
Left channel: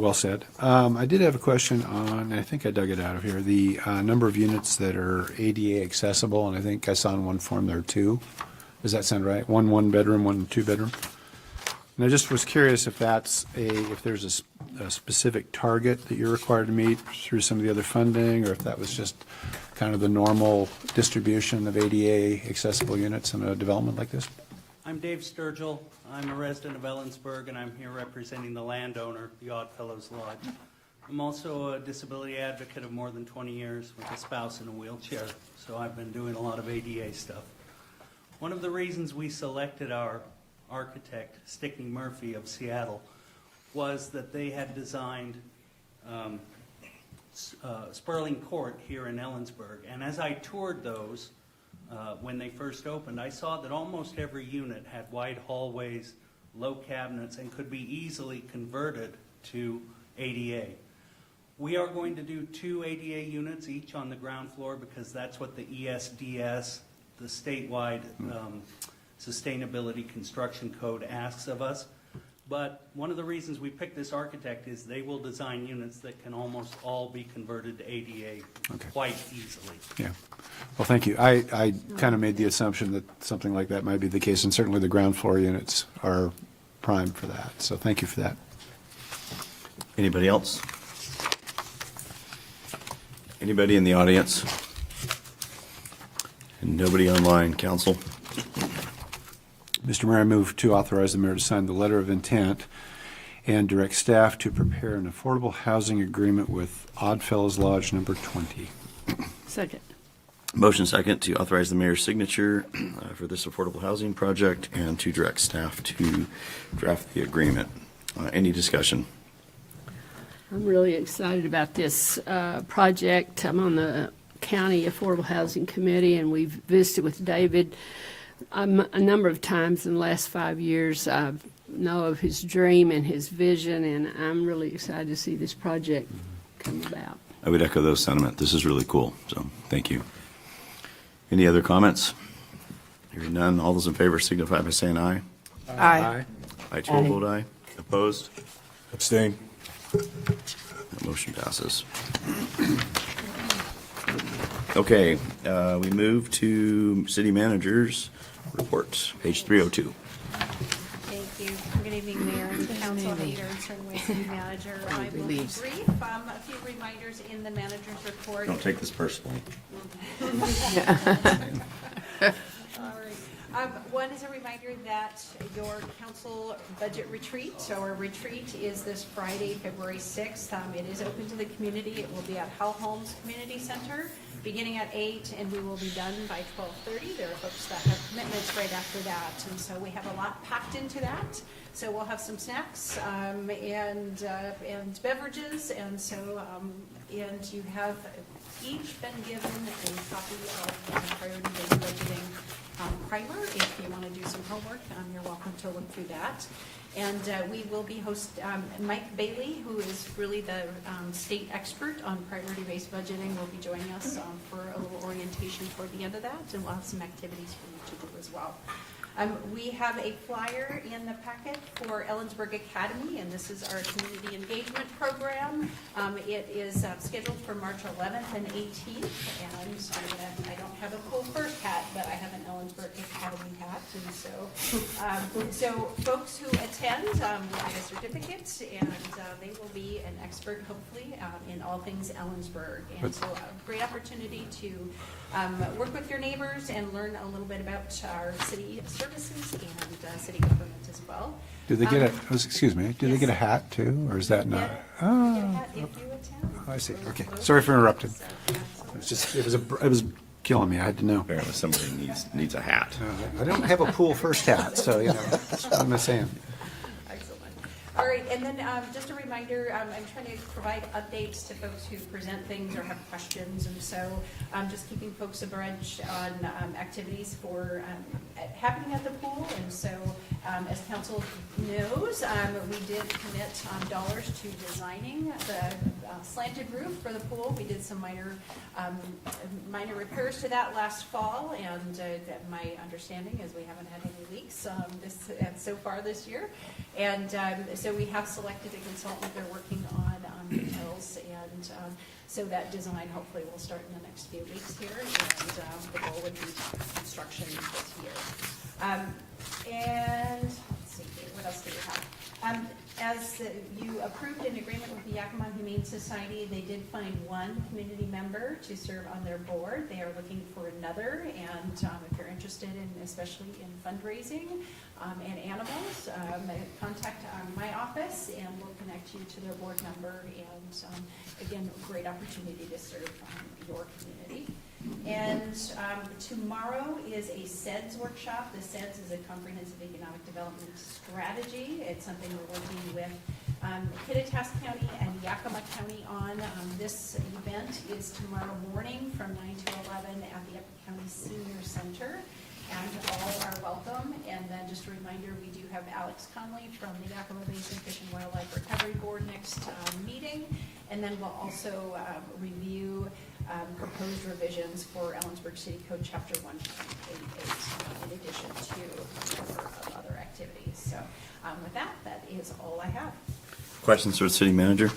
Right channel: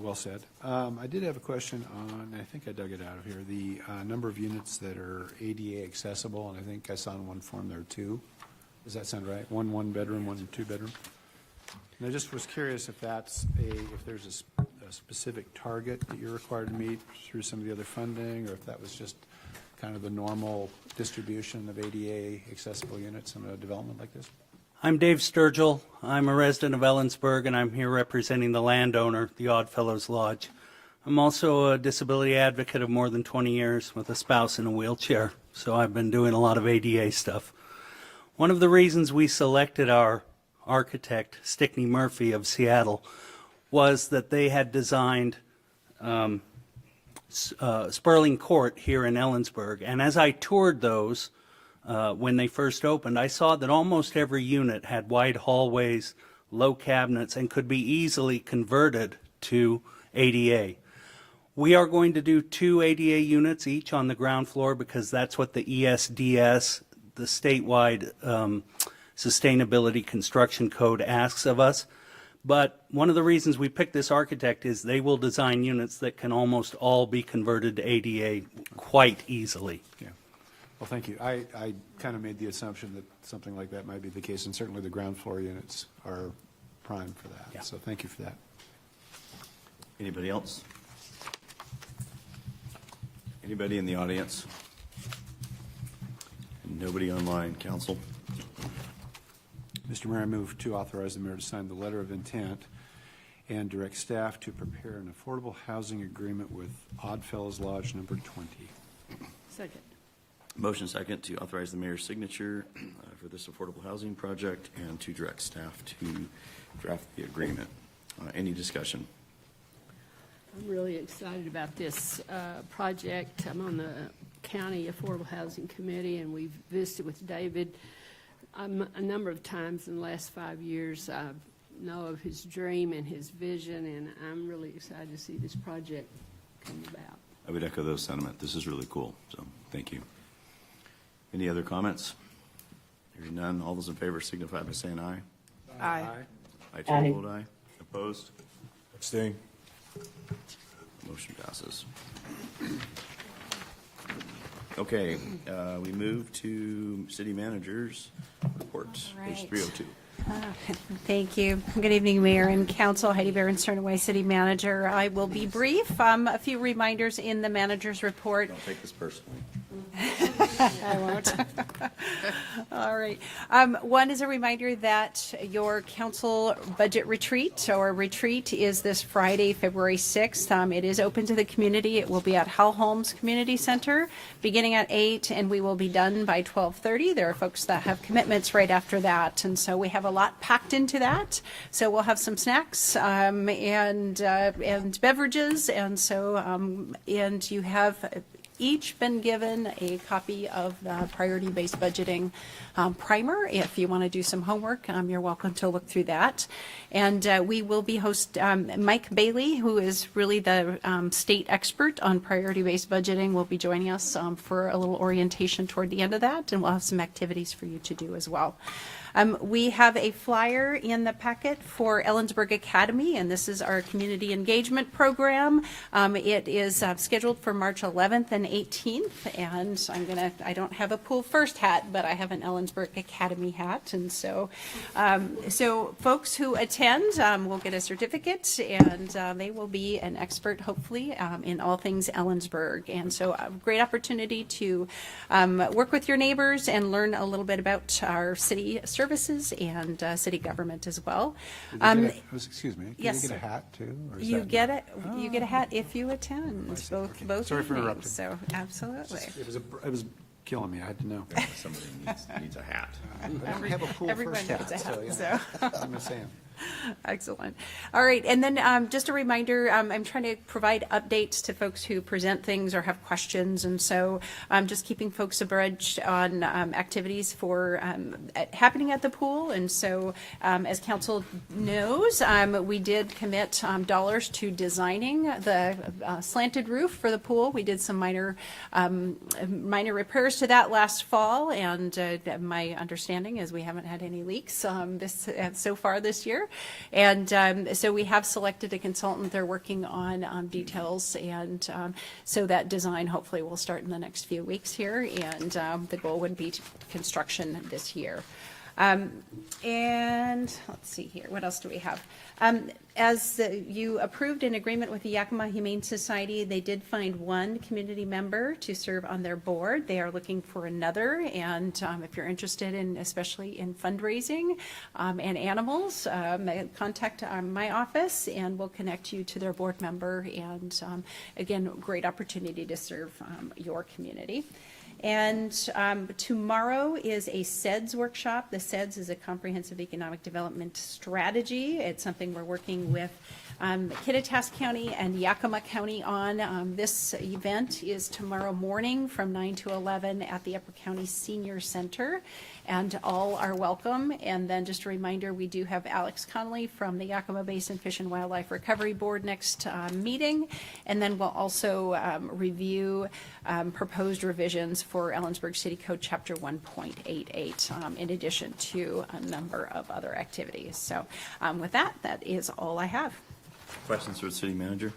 well said. I did have a question on, I think I dug it out of here, the number of units that are ADA accessible, and I think I saw in one form there are 2. Does that sound right? One bedroom, 1 2-bedroom? And I just was curious if if there's a specific target that you're required to meet through some of the other funding, or if that was just kind of the normal distribution of ADA accessible units in a development like this? I'm Dave Sturgill. I'm a resident of Ellensburg, and I'm here representing the landowner, the Oddfellows Lodge. I'm also a disability advocate of more than 20 years with a spouse in a wheelchair, so I've been doing a lot of ADA stuff. One of the reasons we selected our architect, Stickney Murphy of Seattle, was that they had designed Sperling Court here in Ellensburg. And as I toured those when they first opened, I saw that almost every unit had wide hallways, low cabinets, and could be easily converted to ADA. We are going to do 2 ADA units each on the ground floor because that's what the ESDS, the statewide Sustainability Construction Code, asks of us. But one of the reasons we picked this architect is they will design units that can almost all be converted to ADA quite easily. Yeah. Well, thank you. I kind of made the assumption that something like that might be the case, and certainly the ground floor units are primed for that. So thank you for that. Anybody else? Anybody in the audience? And nobody online, council? Mr. Mayor, I move to authorize the mayor to sign the letter of intent and direct staff to prepare an affordable housing agreement with Oddfellows Lodge number 20. Second. Motion second to authorize the mayor's signature for this affordable housing project and to direct staff to draft the agreement. Any discussion? I'm really excited about this project. I'm on the County Affordable Housing Committee, and we've visited with David a number of times in the last 5 years. I know of his dream and his vision, and I'm really excited to see this project come about. I would echo those sentiments. This is really cool, so thank you. Any other comments? Hearing none, all those in favor signify by saying aye. Aye. I too vote aye. Opposed? Abstain. That motion passes. Okay, we move to city managers report, page 302. Thank you. Good evening, Mayor and Council. Heidi Sternaway, City Manager. I will be brief. A few reminders in the manager's report. Don't take this personally. All right. One is a reminder that your council budget retreat is this Friday, February 6th. It is open to the community. It will be at Hal Holmes Community Center beginning at 8, and we will be done by 12:30. There are folks that have commitments right after that, and so we have a lot packed into that. So we'll have some snacks and beverages, and so and you have each been given a copy of the priority-based budgeting primer. If you want to do some homework, you're welcome to look through that. And we will be Mike Bailey, who is really the state expert on priority-based budgeting, will be joining us for a little orientation toward the end of that, and we'll have some activities for you to do as well. We have a flyer in the packet for Ellensburg Academy, and this is our community engagement program. It is scheduled for March 11th and 18th, and I don't have a Pool First hat, but I have an Ellensburg Academy hat, and so folks who attend will get a certificate, and they will be an expert, hopefully, in all things Ellensburg. And so a great opportunity to work with your neighbors and learn a little bit about our city services and city government as well. Do they get excuse me, do yes. they get a hat too, or is that you get not? You get a hat if you attend. I see. Both Sorry for interrupting. So absolutely. It was killing me. I had to know. Apparently somebody needs a hat. I don't have a pool first hat, so you know, what am I saying? Excellent. All right, and then just a reminder, I'm trying to provide updates to folks who present things or have questions, and so I'm just keeping folks abreast on activities for happening at the pool. And so, as council knows, we did commit dollars to designing the slanted roof for the pool. We did some minor repairs to that last fall, and my understanding is we haven't had any leaks so far this year. And so we have selected a consultant. They're working on details, and so that design hopefully will start in the next few weeks here, and the goal would be construction this year. And let's see here, what else do we have? As you approved an agreement with the Yakima Humane Society, they did find one community member to serve on their board. They are looking for another, and if you're interested in, especially in fundraising and animals, contact my office and we'll connect you to their board member. And again, great opportunity to serve your community. And tomorrow is a SEDS workshop. The SEDS is a comprehensive economic development strategy. It's something we're working with Kittitas County and Yakima County on. This event is tomorrow morning from 9 to 11 at the Upper County Senior Center, and all are welcome. And then just a reminder, we do have Alex Conley from the Yakima Basin Fish and Wildlife Recovery Board next meeting. And then we'll also review proposed revisions for Ellensburg City Code Chapter 1.88, in addition to a number of other activities. So with that is all I have. Questions for the city manager?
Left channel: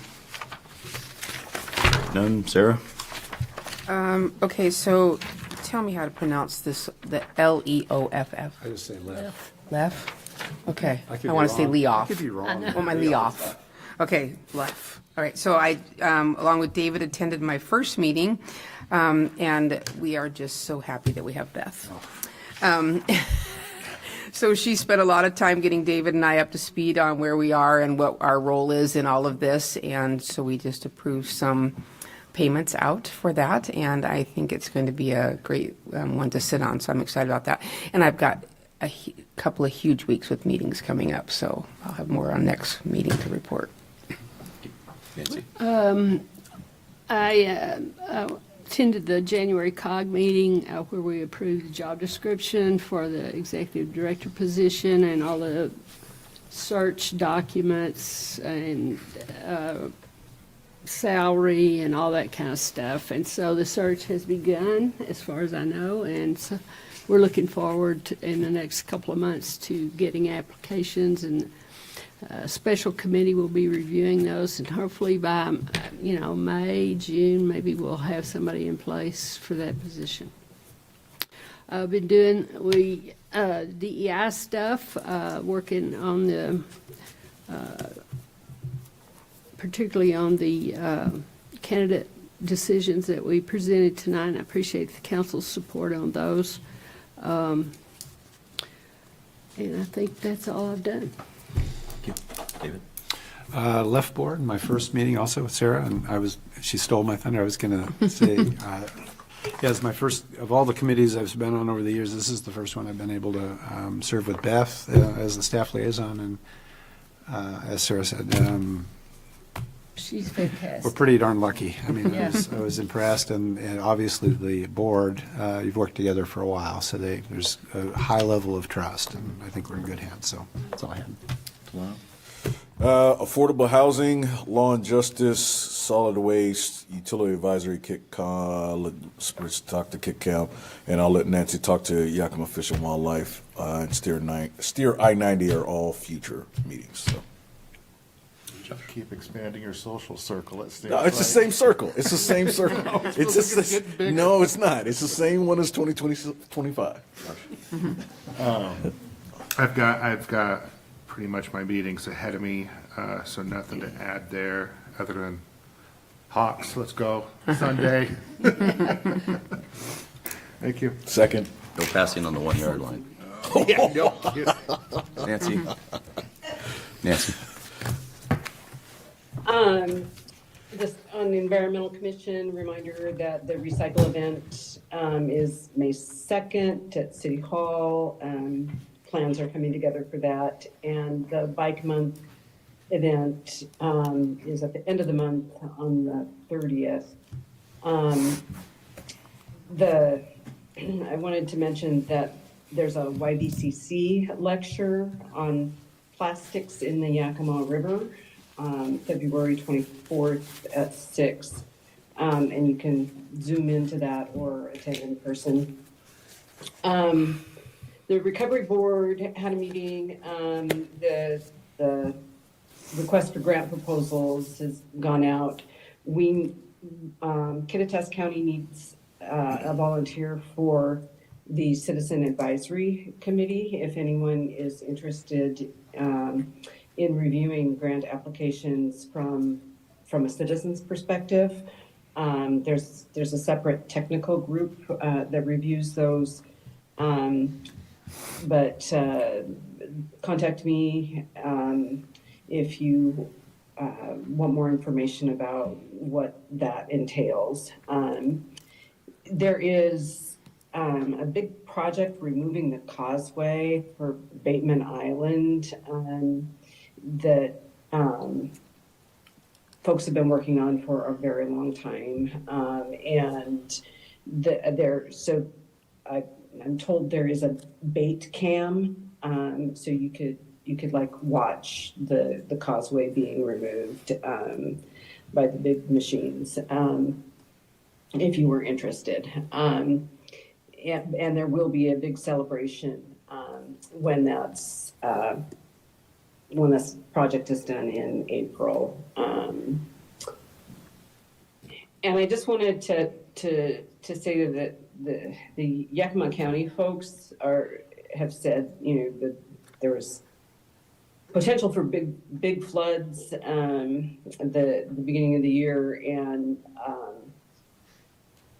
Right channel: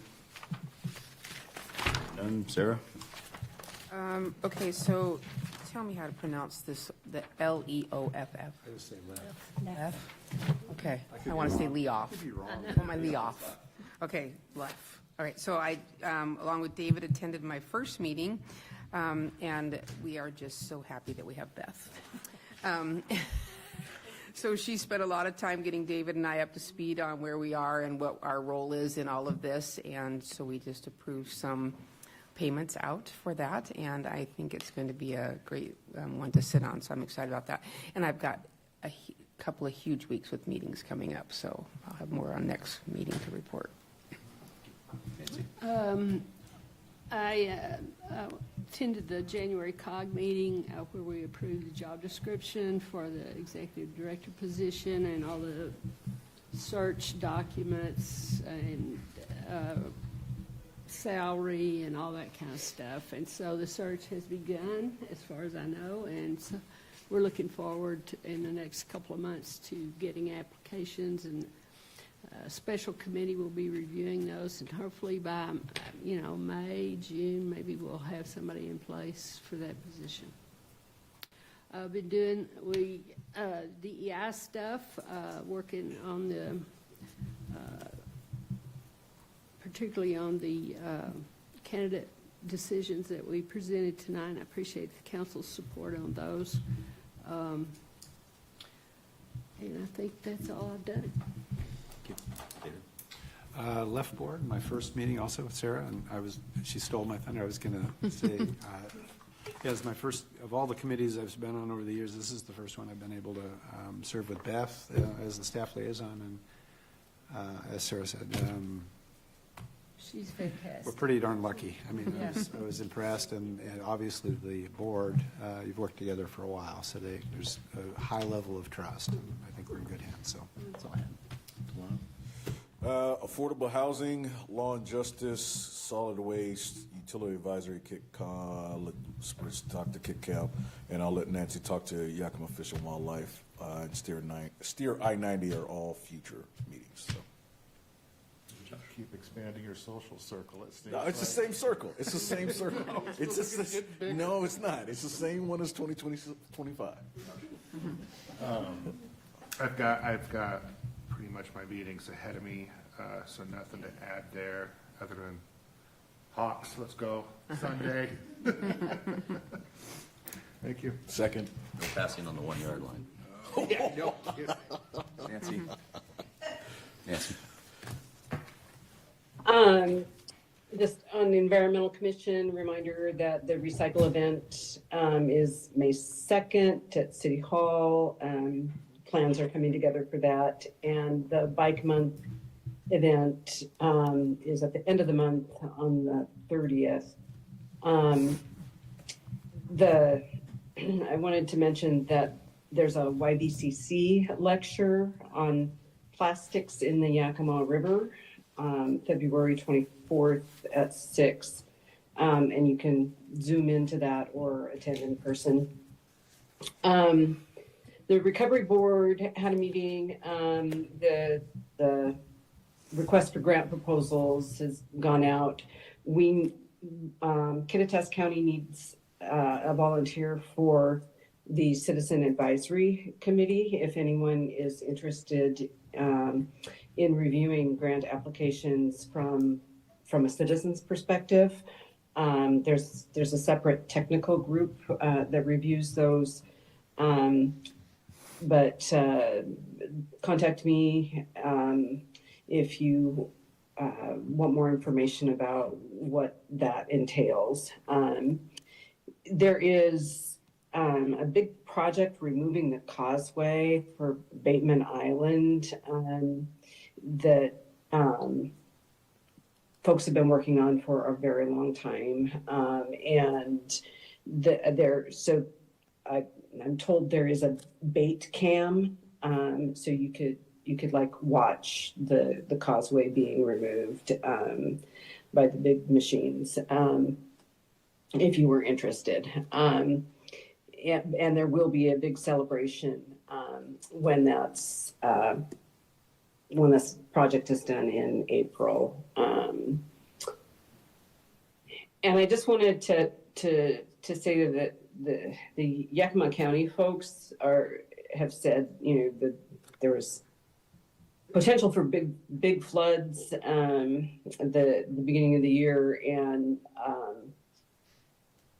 None. Sarah? Okay, so tell me how to pronounce this, the L-E-O-F-F. I just say left. Left? Okay. I could I be want to say wrong. Leoff. I could be wrong. I want my Leoff. Okay, left. All right, so I, along with David, attended my first meeting, and we are just so happy that we have Beth. So she spent a lot of time getting David and I up to speed on where we are and what our role is in all of this, and so we just approved some payments out for that, and I think it's going to be a great one to sit on, so I'm excited about that. And I've got a couple of huge weeks with meetings coming up, so I'll have more on next meeting to report. Nancy? I attended the January COG meeting where we approved the job description for the executive director position and all the search documents and salary and all that kind of stuff. And so the search has begun, as far as I know, and so we're looking forward to, in the next couple of months, to getting applications, and a special committee will be reviewing those, and hopefully by May, June, maybe we'll have somebody in place for that position. I've been doing DEI stuff, working on the particularly on the candidate decisions that we presented tonight, and I appreciate the council's support on those. And I think that's all I've done. Thank you. David? Left board, my first meeting also with Sarah, and she stole my thunder. I was going to say, as my first, of all the committees I've been on over the years, this is the first one I've been able to serve with Beth as the staff liaison, and as Sarah said, She's fantastic. we're pretty darn lucky. I mean, Yeah. I was impressed, and obviously the board, you've worked together for a while, so there's a high level of trust, and I think we're in good hands, so that's all I had. Affordable housing, law and justice, solid waste, utility advisory, let's talk to Kit Camp, and I'll let Nancy talk to Yakima Fish and Wildlife, and Steer I-90 are all future meetings, so. Keep expanding your social circle. No, it's the same circle. It's the same circle. No, it's not. It's the same one as 2025. I've got pretty much my meetings ahead of me, so nothing to add there other than Hawks. Let's go Sunday. Thank you. Second. No passing on the 1 yard line. Nancy? Nancy? Just on the Environmental Commission, reminder that the recycle event is May 2nd at City Hall. Plans are coming together for that. And the Bike Month event is at the end of the month on the 30th. I wanted to mention that there's a YBCC lecture on plastics in the Yakima River, February 24th at 6. And you can zoom into that or attend in person. The Recovery Board had a meeting. The request for grant proposals has gone out. Kittitas County needs a volunteer for the Citizen Advisory Committee. If anyone is interested in reviewing grant applications from a citizen's perspective, there's a separate technical group that reviews those. But contact me if you want more information about what that entails. There is a big project removing the causeway for Bateman Island that folks have been working on for a very long time. I'm told there is a bait cam, so you could like watch the causeway being removed by the big machines, if you were interested. And there will be a big celebration when this project is done in April. And I just wanted to say that the Yakima County folks have said, that there was potential for big floods at the beginning of the year, and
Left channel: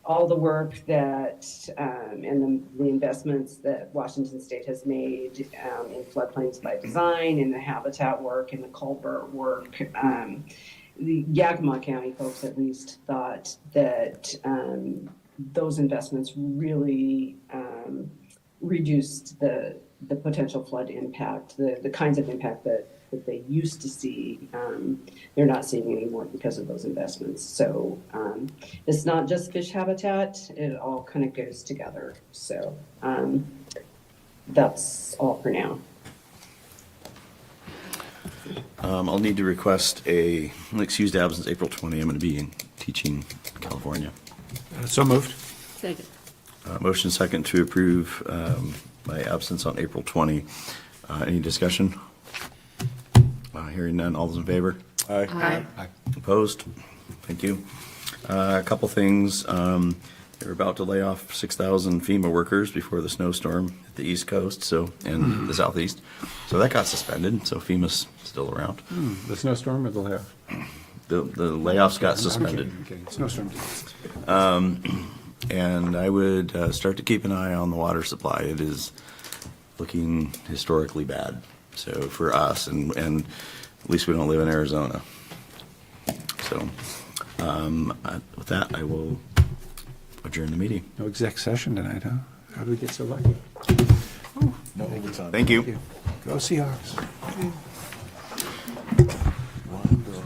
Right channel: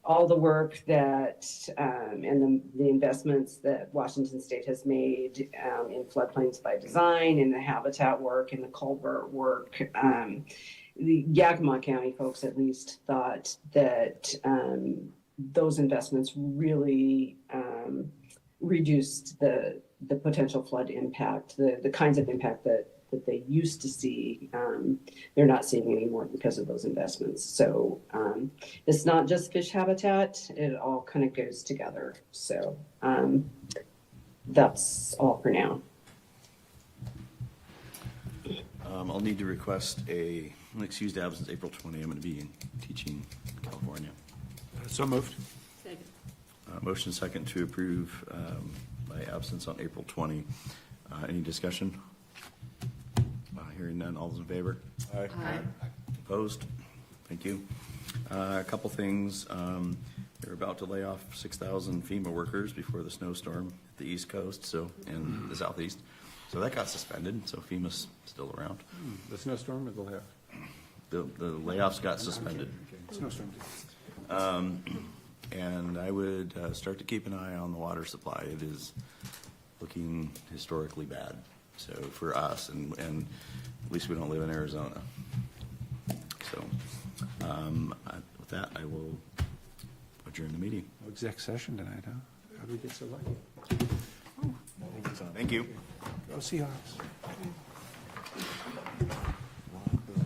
all the work that and the investments that Washington State has made in floodplains by design, and the habitat work and the culvert work. The Yakima County folks at least thought that those investments really reduced the potential flood impact, the kinds of impact that they used to see. They're not seeing anymore because of those investments. So it's not just fish habitat, it all kind of goes together. So that's all for now. I'll need to request an excused absence April 20. I'm going to be teaching in California. So moved. Second. Motion second to approve my absence on April 20. Any discussion? Hearing none. All those in favor? Aye. Aye. Opposed? Thank you. A couple things. They're about to lay off 6,000 FEMA workers before the snowstorm at the East Coast, and the Southeast. So that got suspended. So FEMA's still around. The snowstorm or the layoff? The layoffs got suspended. Okay. Snowstorm. And I would start to keep an eye on the water supply. It is looking historically bad. So for us, and at least we don't live in Arizona. So with that, I will adjourn the meeting. No exec session tonight, huh? How did we get so lucky? No overtime. Thank you. Go Seahawks.